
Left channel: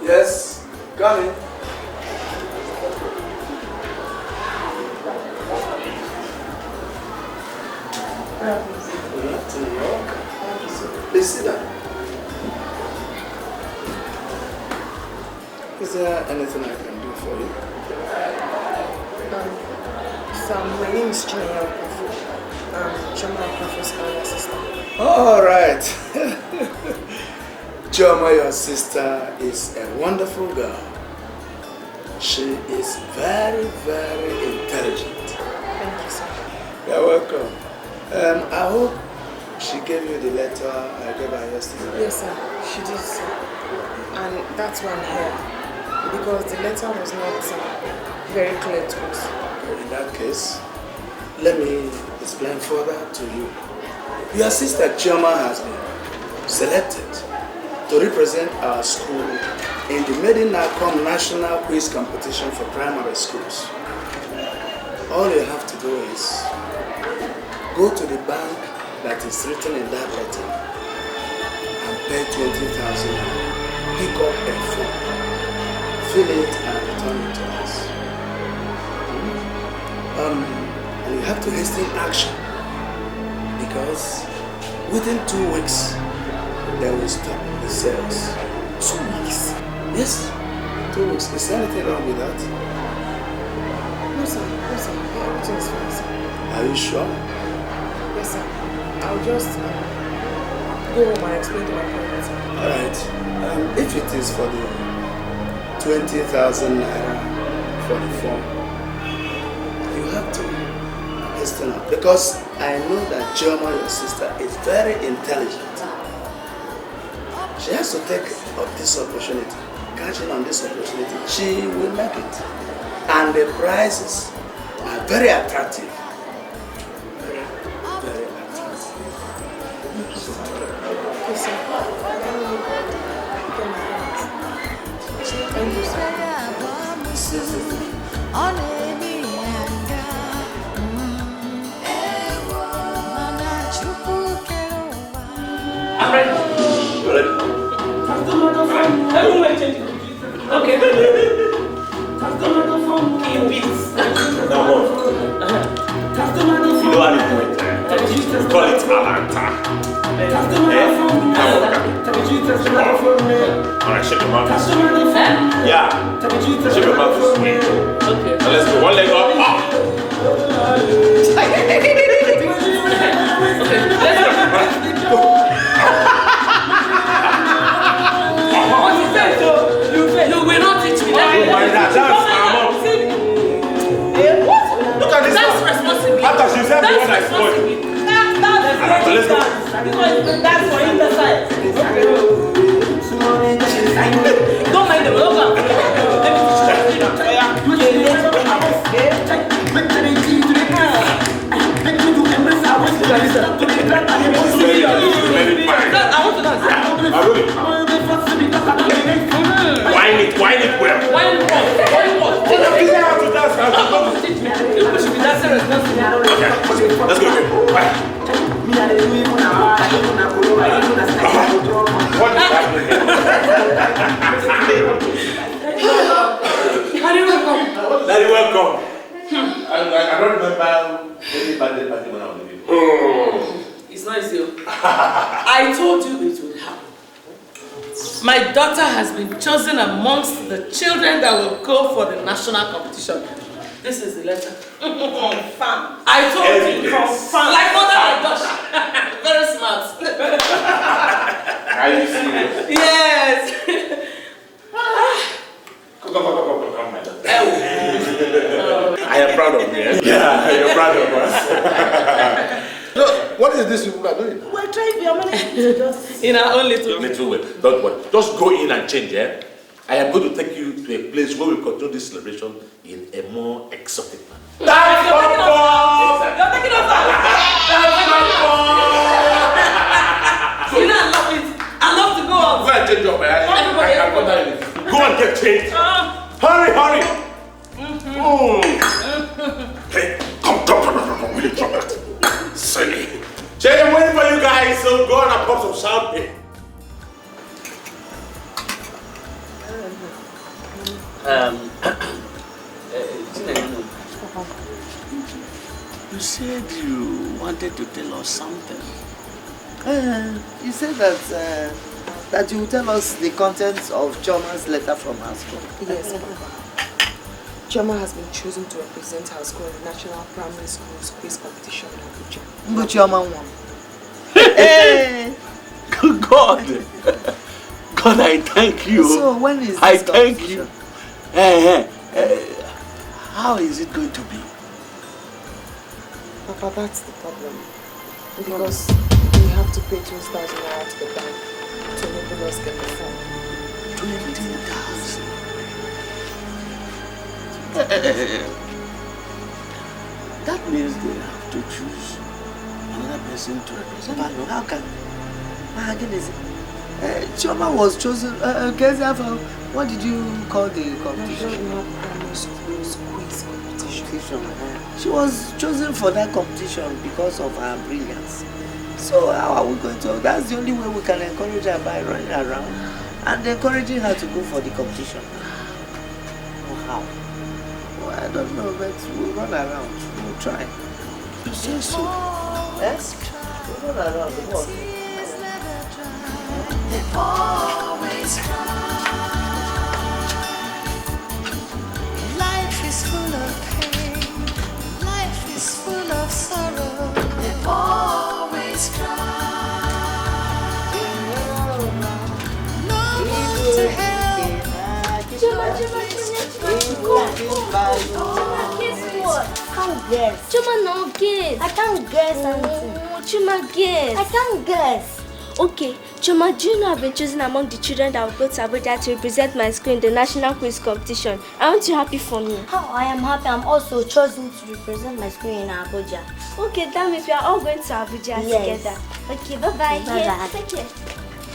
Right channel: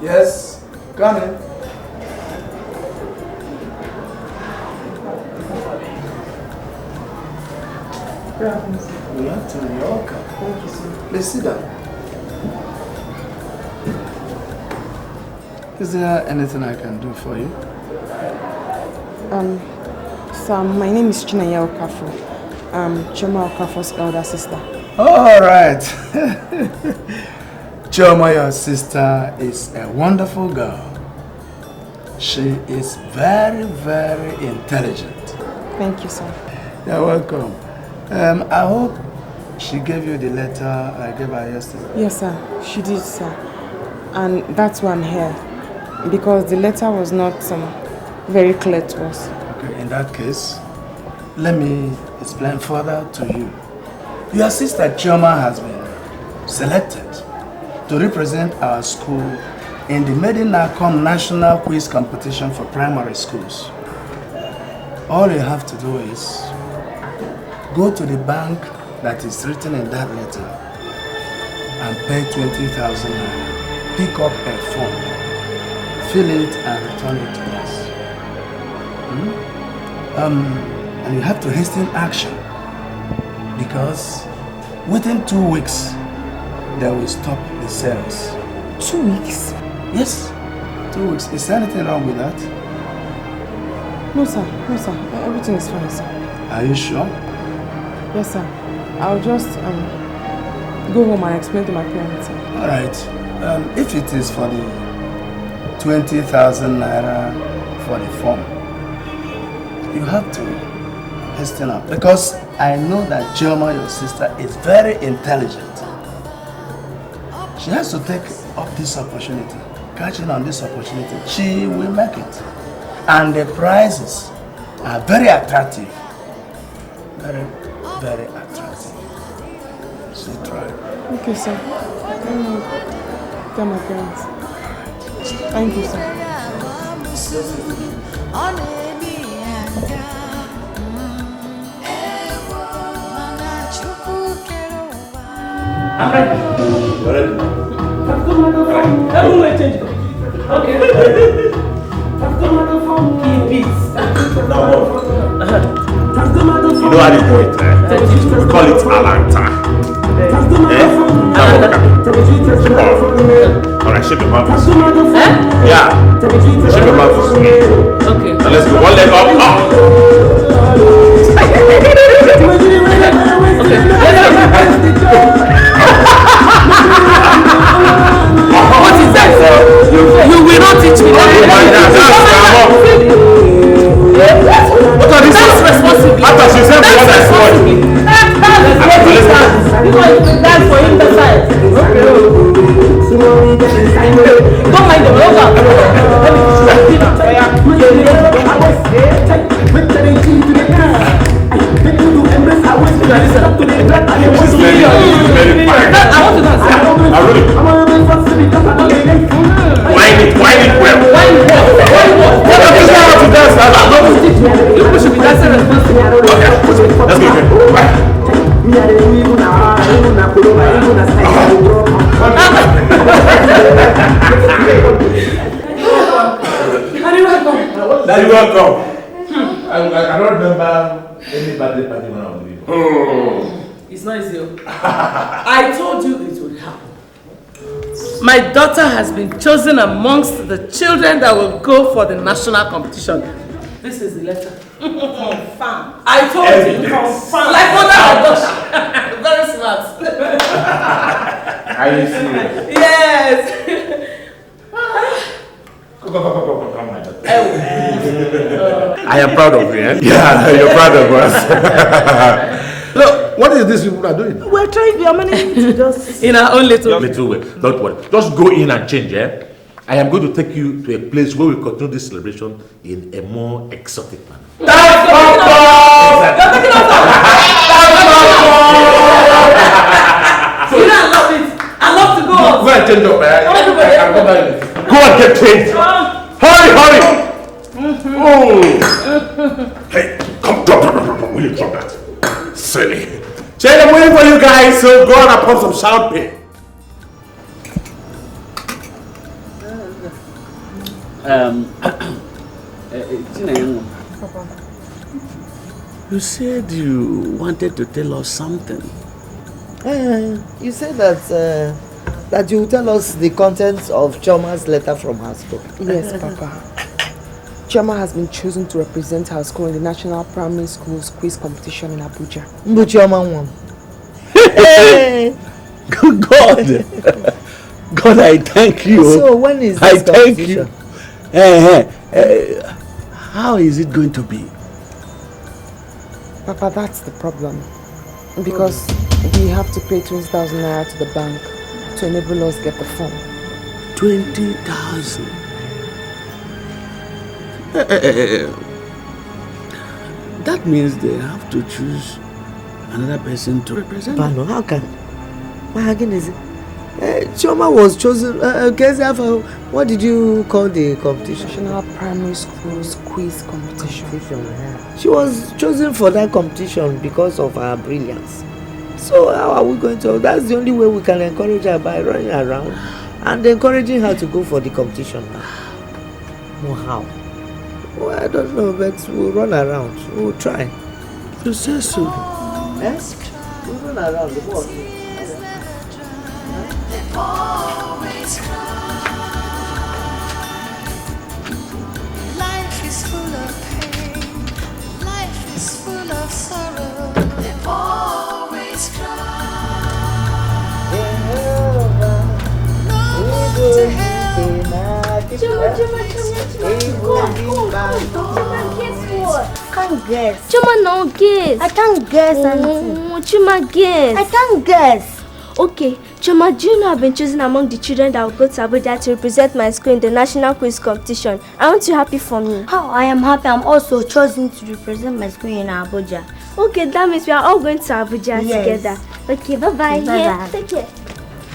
Yes, come in. Please sit down. Is there anything I can do for you? Sir, my name is Chinwe Owoh. I'm Chioma Okafor's elder sister. All right. Chioma, your sister, is a wonderful girl. She is very, very intelligent. Thank you, sir. You're welcome. I hope she gave you the letter I gave her yesterday. Yes, sir. She did, sir. And that's why I'm here. Because the letter was not very clear to us. Okay, in that case, let me explain further to you. Your sister Chioma has been selected to represent our school in the Medinacom National Quiz Competition for primary schools. All you have to do is go to the bank that is written in that letter and pay 20,000 naira. Pick up a form, fill it and return it to us. And you have to hasten action because within 2 weeks they will stop the sales. 2 weeks? Yes, 2 weeks. Is there anything wrong with that? No sir, everything is fine sir. Are you sure? Yes sir, I'll just go home and explain to my parents. Alright, if it is for the 20,000 naira for the form, you have to hasten up because I know that Chioma, your sister, is very intelligent. She has to take up this opportunity, catching on this opportunity. She will make it. And the prizes are very attractive. Very, very attractive. So, okay, sir. Tell my parents. Thank you, sir. I'm ready. You're ready? Okay. Keep it. Now what? You know how to do it. We call it Alanta. Alright, shake your hand. Yeah. Shake your hand for me. Okay. Now let's go. One leg up. What is that? You will not teach me. That's responsibility. After she said what I saw. That's for him to say. Don't mind them. Let me Wine it well. You should be dancing responsibly. Okay, let's go. Bye. Daddy, welcome. I don't remember any birthday party when I was living. It's not easy. I told you it would happen. My daughter has been chosen amongst the children that will go for the national competition. This is the letter. Confirm. I told you. Confirm. Like mother and daughter. Very smart. Are you serious? Yes. Come, my daughter. I am proud of you. Yeah, you're proud of us. Look, what is this people are doing? We're trying. We are managing to just in our own little way. Don't worry. Just go in and change, eh? I am going to take you to a place where we continue this celebration in a more exotic manner. That's You know, I love it. I love to go out. Go and change up. Go and get changed. Hurry. Hey, come, drop. Will you drop that? Silly. Jane, I'm waiting for you guys, so go on and put some champagne. You said you wanted to tell us something. You said that you will tell us the contents of Chioma's letter from her school. Yes, Papa. Chioma has been chosen to represent her school in the National Primary Schools Quiz Competition in Abuja. But Chioma won. God, I thank you. So when is this competition? How is it going to be? Papa, that's the problem. Because we have to pay 20,000 naira to the bank to enable us get the form. 20,000. That means they have to choose another person to represent. But no, how can? What again is it? Chioma was chosen. What did you call the competition? National Primary School's quiz competition. She was chosen for that competition because of her brilliance. So how are we going to? That's the only way we can encourage her, by running around and encouraging her to go for the competition. Wow. Well, I don't know, but we'll run around. We'll try. You say so. Yes? We'll run around. What? They always cry. Life is full of pain. Life is full of sorrow. They always cry. No one to help. Chuma, no guess. I can't guess anything. Chuma, guess. I can't guess. Okay, Chuma, do you know I've been chosen among the children that will go to Abuja to represent my school in the national quiz competition? Aren't you happy for me? How I am happy. I'm also chosen to represent my school in Abuja. Okay, that means we are all going to Abuja together. Okay, bye-bye. Bye-bye. Take care.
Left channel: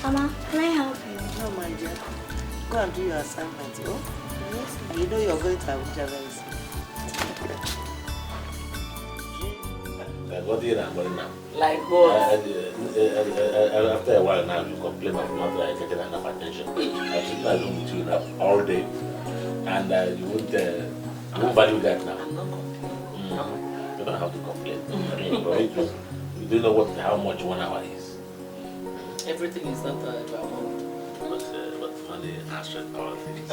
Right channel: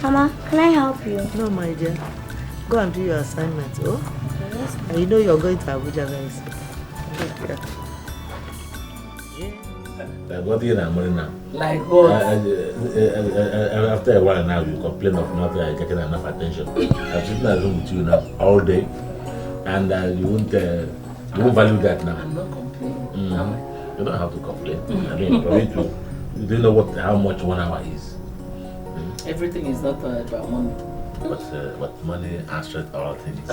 Mama, can I help you? No, my dear. Go and do your assignment, oh? Yes. And you know you're going to Abuja very soon. What do you know now? Like what? After a while now, you complain of not getting enough attention. I'm sitting alone with you now all day, and you won't value that now. I'm not complaining. You don't have to complain. I mean, for you don't know how much 1 hour is. Everything is not about money. But money answers all things.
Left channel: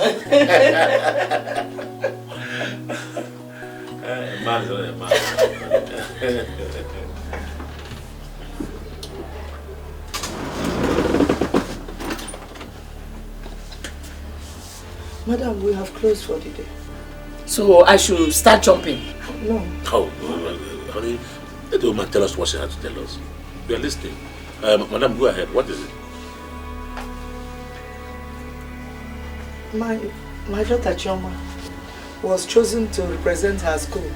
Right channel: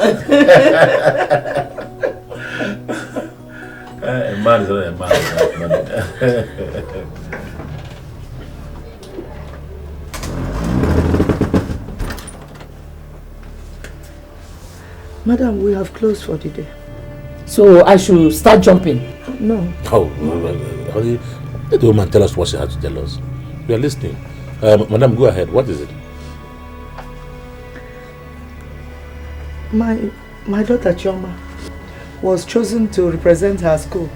A man is not a man without money. Madam, we have closed for the day. So I should start jumping? No. Oh, honey, let the woman tell us what she has to tell us. We are listening. Madam, go ahead. What is it? My daughter Chioma was chosen to represent her school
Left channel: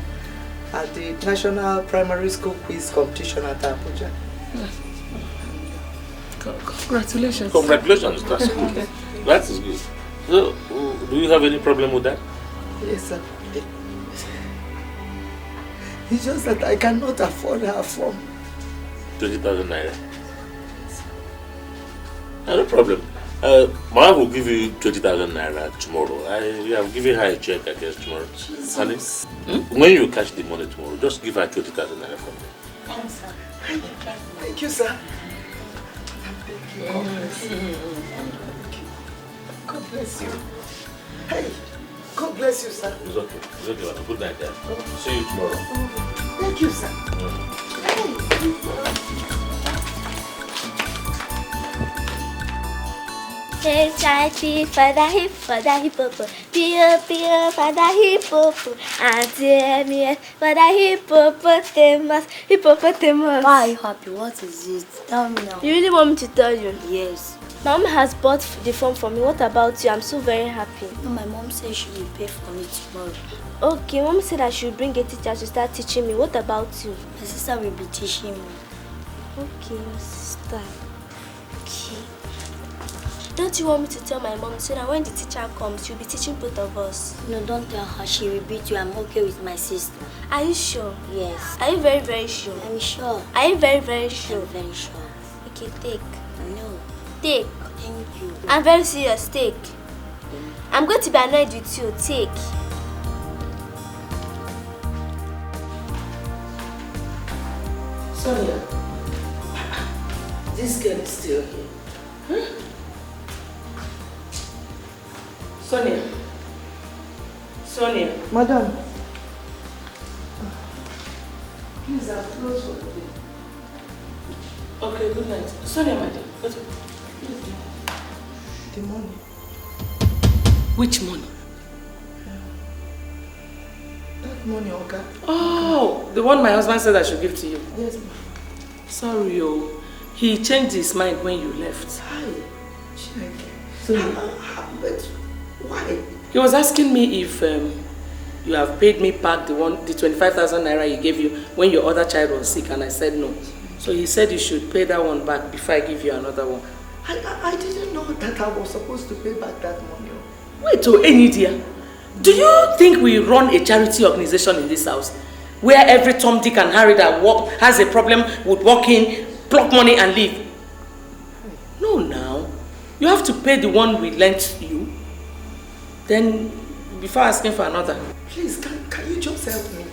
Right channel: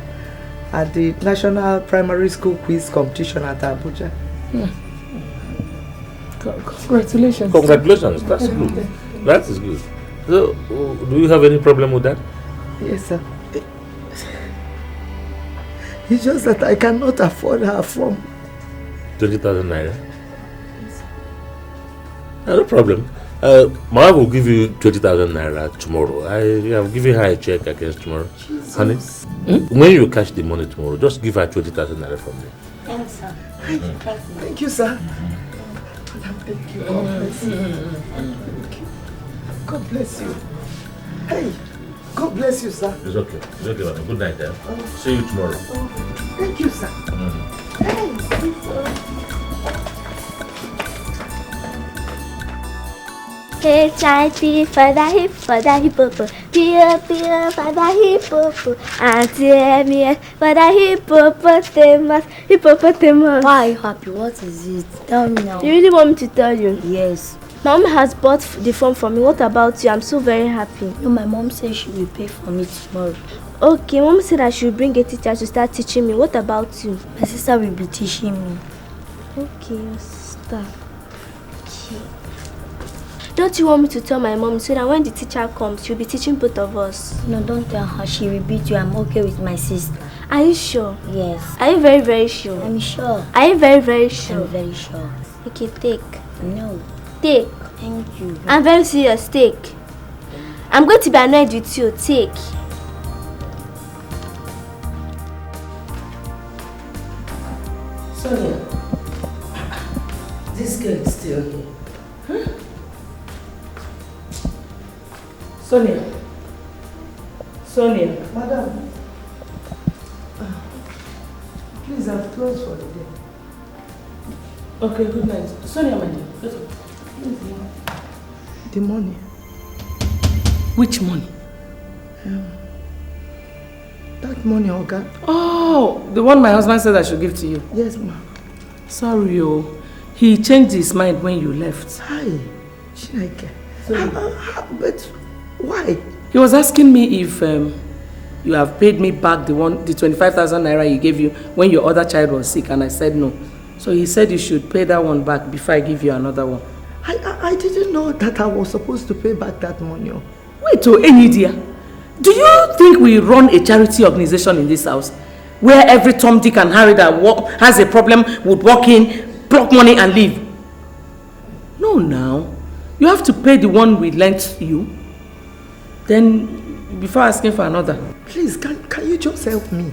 at the National Primary School Quiz Competition at Abuja. Congratulations. Congratulations. That's good. That is good. So, do you have any problem with that? Yes, sir. It's just that I cannot afford her form. 20,000 naira? Yes. No problem. My wife will give you 20,000 naira tomorrow. I have given her a check against tomorrow. Jesus. Honey, when you cash the money tomorrow, just give her 20,000 naira for me. Thanks, sir. Thank you, sir. Thank you. God bless you. God bless you. Hey, God bless you, sir. It's okay. It's okay, madam. Good night, then. See you tomorrow. Thank you, sir. Hey, Hey, Chachi, father hippopo, pio, father hippopo, auntie Emmy, father hippopotamus. Why are you happy? What is it? Tell me now. You really want me to tell you? Yes. Mom has bought the form for me. What about you? I'm so very happy. No, my mom said she will pay for me tomorrow. Okay, Mom said I should bring a teacher to start teaching me. What about you? My sister will be teaching me. Okay, your sister. Okay. Don't you want me to tell my mom so that when the teacher comes, she'll be teaching both of us? No, don't tell her. She will beat you. I'm okay with my sister. Are you sure? Yes. Are you very, very sure? I'm sure. Are you very, very sure? I'm very sure. Okay, take. No. Take. Thank you. I'm very serious. Take. I'm going to be annoyed with you. Take. Sonia, this girl is still here. Huh? Sonia. Madam. Please, I've closed for the day. Okay, good night. Sonia, my dear. The money. Which money? That money, Oga. Oh, the one my husband said I should give to you. Yes, ma'am. Sorry, oh. He changed his mind when you left. Hi, Chineke. But why? He was asking me if you have paid me back the 25,000 naira he gave you when your other child was sick, and I said no. So he said you should pay that one back before I give you another one. I didn't know that I was supposed to pay back that money. Wait, Enyidia, do you think we run a charity organization in this house where every Tom, Dick and Harry that has a problem would walk in, pluck money and leave? No, now. You have to pay the one we lent you. Then, before asking for another. Please, can you just help me?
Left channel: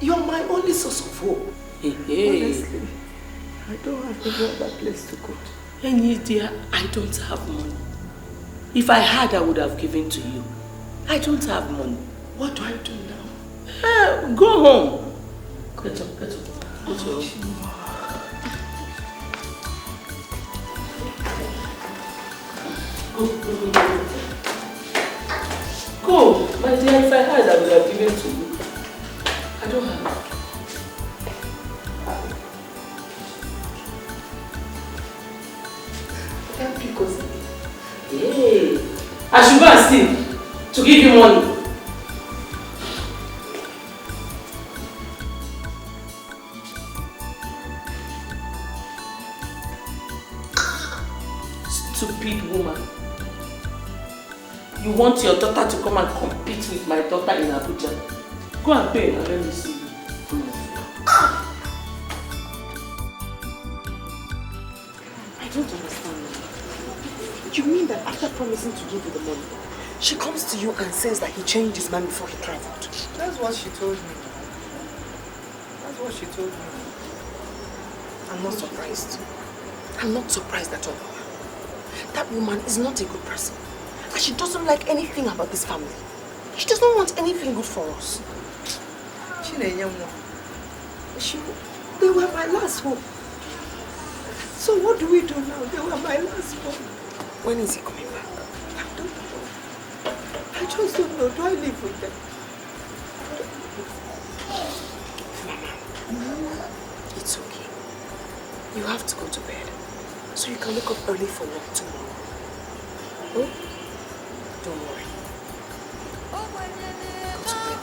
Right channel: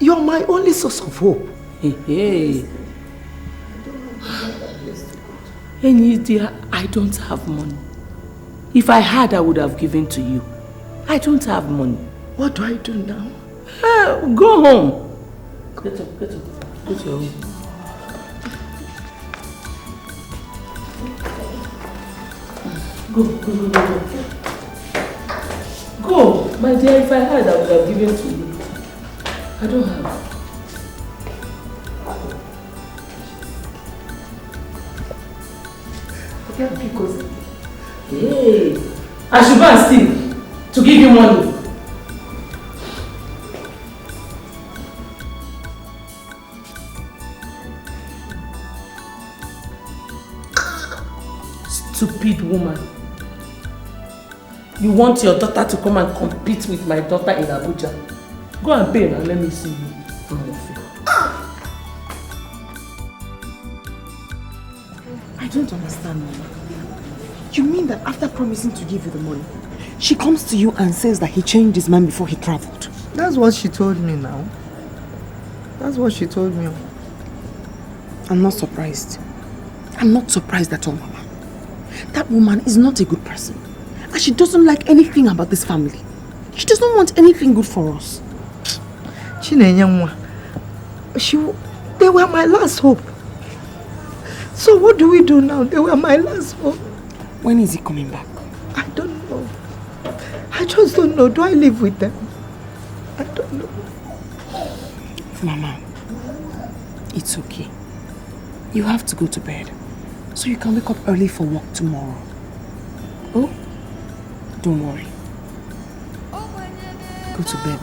You're my only source of hope. Hey. Honestly, I don't have another place to go to. Enyidia, I don't have money. If I had, I would have given to you. I don't have money. What do I do now? Go home. Get up. Go to your room. Go. Go. My dear, if I had, I would have given to you. I don't have. Hey, I should go and steal to give you money. Stupid woman. You want your daughter to come and compete with my daughter in Abuja? Go and pay and let me see you. I don't understand, Mama. You mean that after promising to give you the money, she comes to you and says that he changed his mind before he traveled? That's what she told me now. That's what she told me. I'm not surprised. I'm not surprised at all, Mama. That woman is not a good person. And she doesn't like anything about this family. She doesn't want anything good for us. They were my last hope. So what do we do now? They were my last hope. When is he coming back? I don't know. I just don't know. Do I live with them? I don't know. Mama, it's okay. You have to go to bed so you can wake up early for work tomorrow. Oh? Don't worry. Go to bed.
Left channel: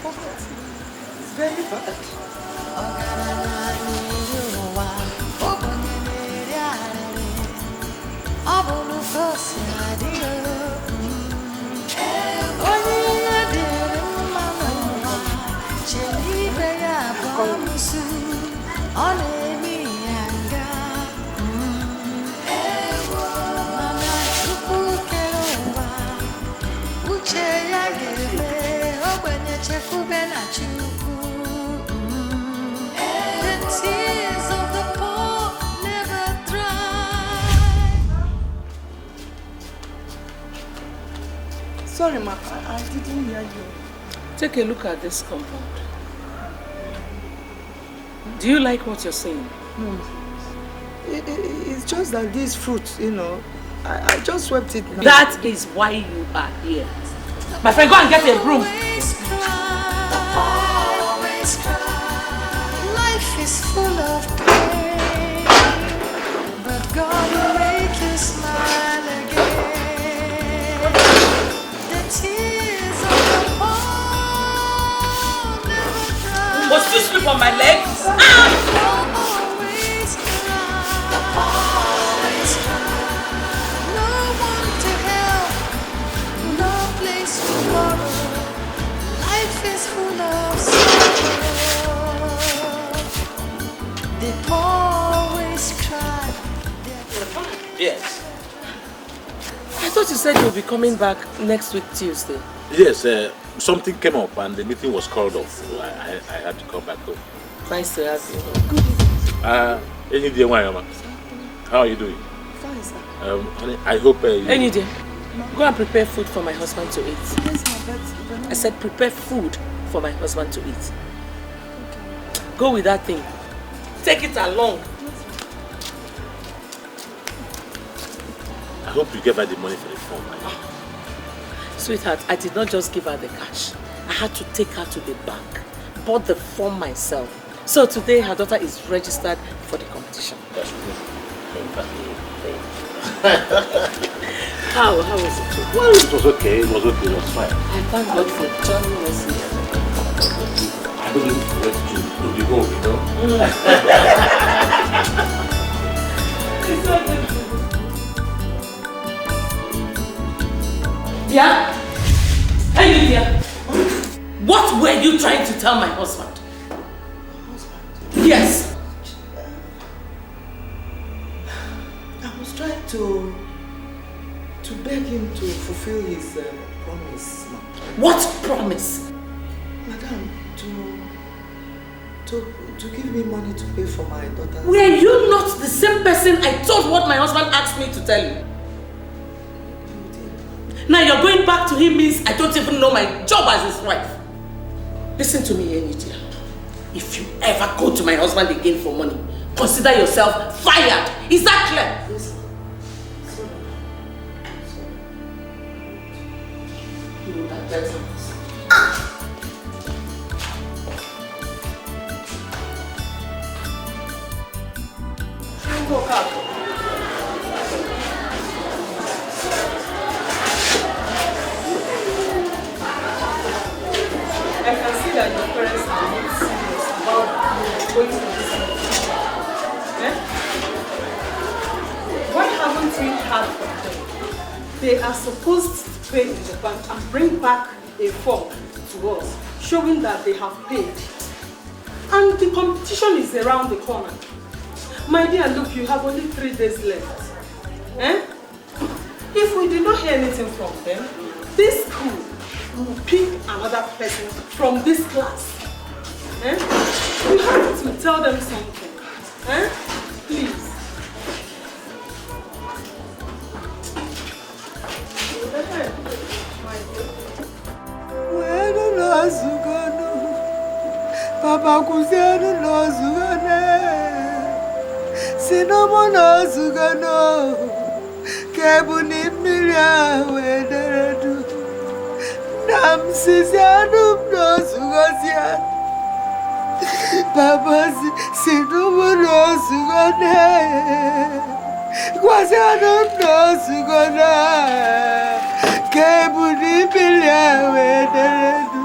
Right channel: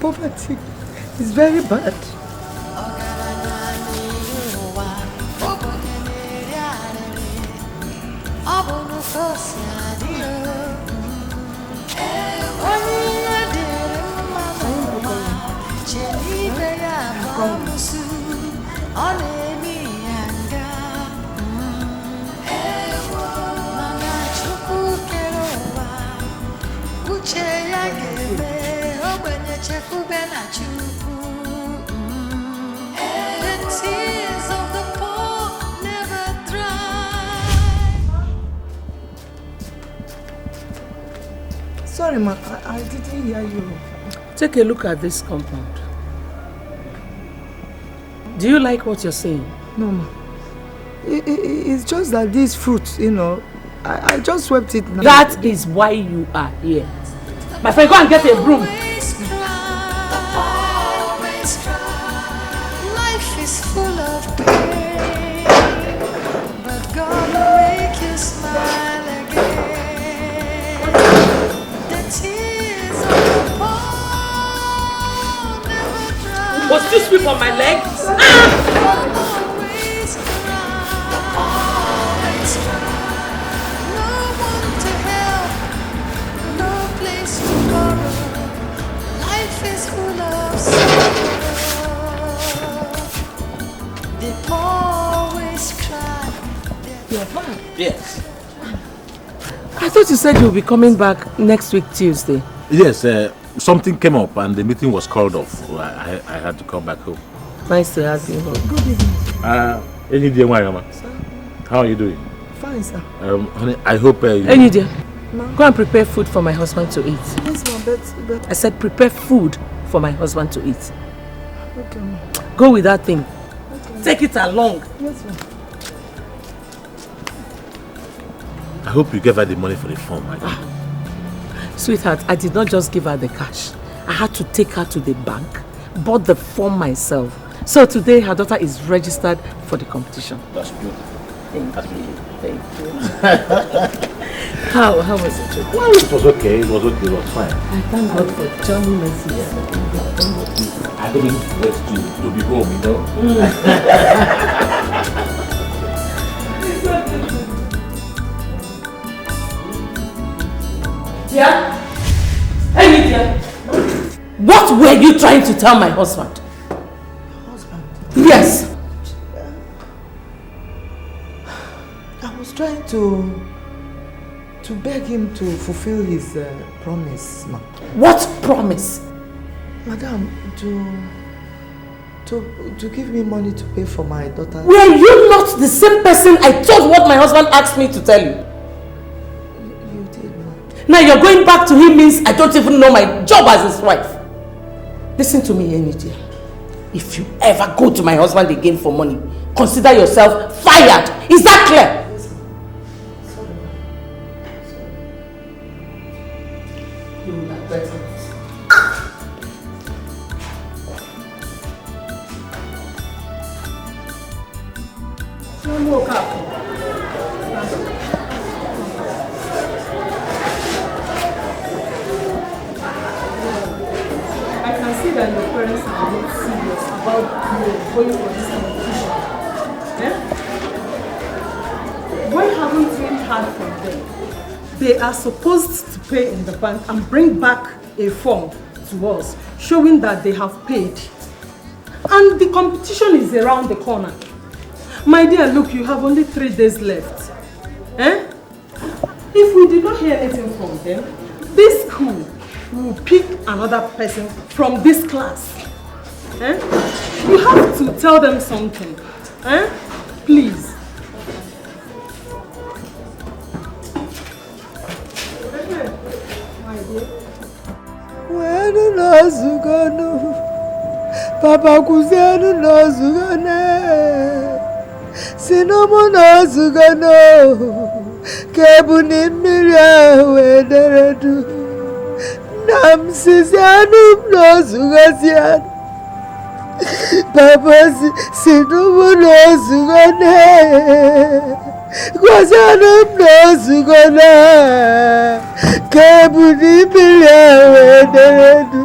Poverty is very bad. Sorry, ma, I didn't hear you. Take a look at this compound. Do you like what you're saying? No, ma. It's just that these fruits, you know, I just swept it now. That is why you are here. My friend, go and get a broom. Life is full of pain, but God will make you smile again. The tears of the poor never dry. What's this whip on my leg? Always cry. No one to help, no place to borrow. Life is full of sorrow. They always cry. You're fine. Yes. I thought you said you'll be coming back next week, Tuesday. Yes, something came up and the meeting was called off. So I had to come back home. Nice to have you home. Enyidia, how are you doing? Fine, sir. Honey, I hope you... Enyidia, go and prepare food for my husband to eat. Yes, ma, but... I said prepare food for my husband to eat. Okay, ma. Go with that thing. Take it along. Yes, ma. I hope you gave her the money for the form. Sweetheart, I did not just give her the cash. I had to take her to the bank, bought the form myself. So today her daughter is registered for the competition. That's good. Thank you. How was it? Well, it was okay. It was okay. It was fine. I thank God for joining us here. I I don't know what to be home, you know. Yeah? Enyidia, what were you trying to tell my husband? Husband? Yes. I was trying to beg him to fulfill his promise, ma. What promise? Madam, to give me money to pay for my daughter. Were you not the same person I told what my husband asked me to tell you? You did, ma. Now you're going back to him means I don't even know my job as his wife. Listen to me, Enyidia. If you ever go to my husband again for money, consider yourself fired. Is that clear? I can see that your parents are not serious about you going for this kind of thing. Yeah? Why haven't we heard from them? They are supposed to pay in the bank and bring back a form to us showing that they have paid. And the competition is around the corner. My dear, look, you have only 3 days left. Eh? If we did not hear anything from them, this school will pick another person from this class. Eh? You have to tell them something. Eh? Please. Papa Kuzianu no zugane, Sinobu no zugano, Kebuni miria wederedu, Nam Sizianu no zugazian, Papa Sinobu no zugane, Kuzianu no zugana, Kebuni miria wederedu.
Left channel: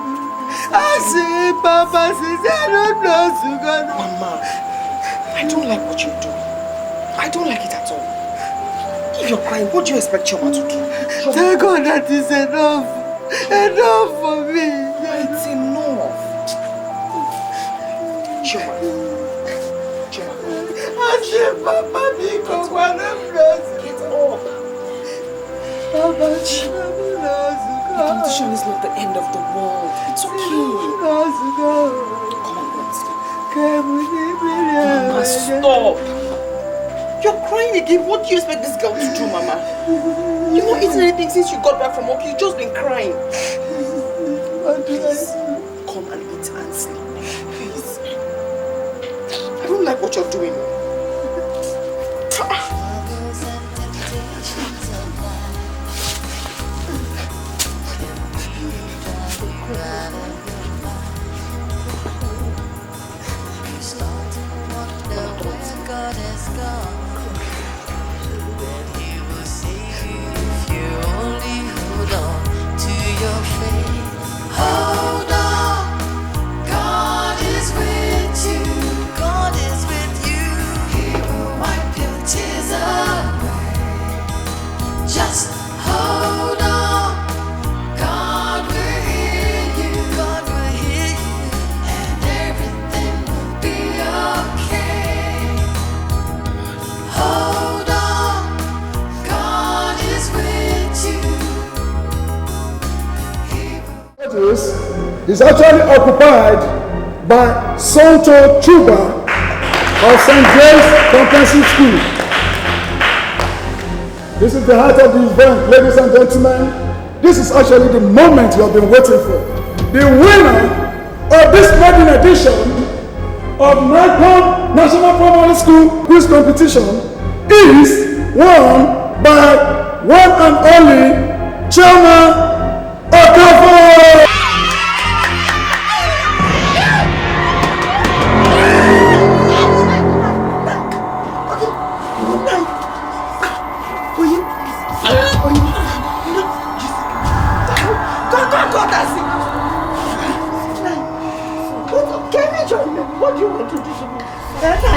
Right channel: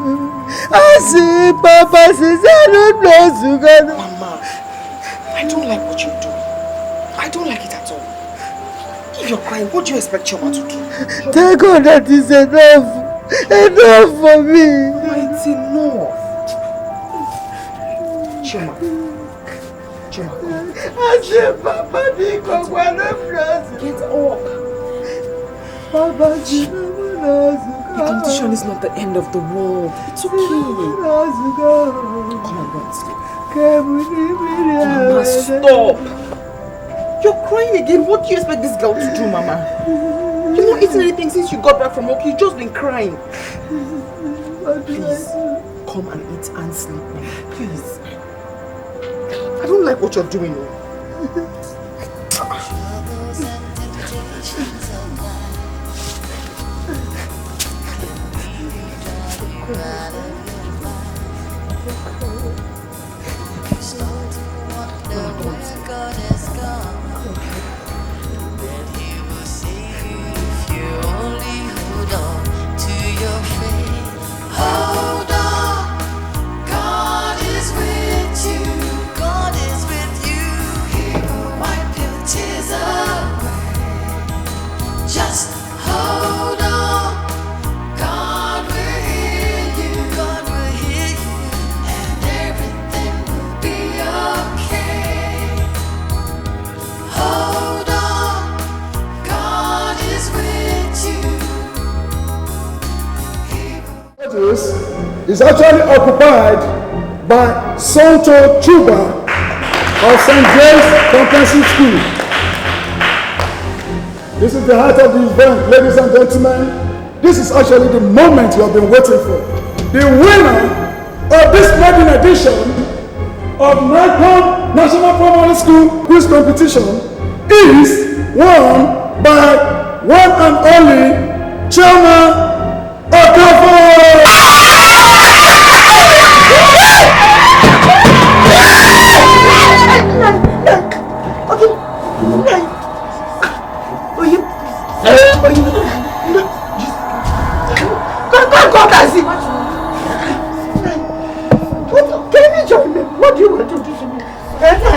I see Papa says I don't know Sugar. Mama, I don't like what you're doing. I don't like it at all. If you're crying, what do you expect Choma to do? Thank God that is enough. Enough for me. It's enough. Choma. I say Papa because one of us. Get up. Papa Choma knows. The competition is not the end of the world. It's okay. Come on, Mama, stop. You're crying again. What do you expect this girl to do, Mama? You've not eaten anything since you got back from work. You've just been crying. Please, come and eat and sleep. Please. I don't like what you're doing. Hold on, God is with you. God is with you. He will wipe your tears away. Just hold on, God will hear you. God will hear you, and everything will be okay. Hold on, God is with you. Is actually occupied by Sonto Chuba of St. James Comprehensive School. This is the height of the event, ladies and gentlemen. This is actually the moment you have been waiting for. The winner of this maiden edition of Nikon National Primary School Quiz Competition is won by one and only Chairman Okoh. No.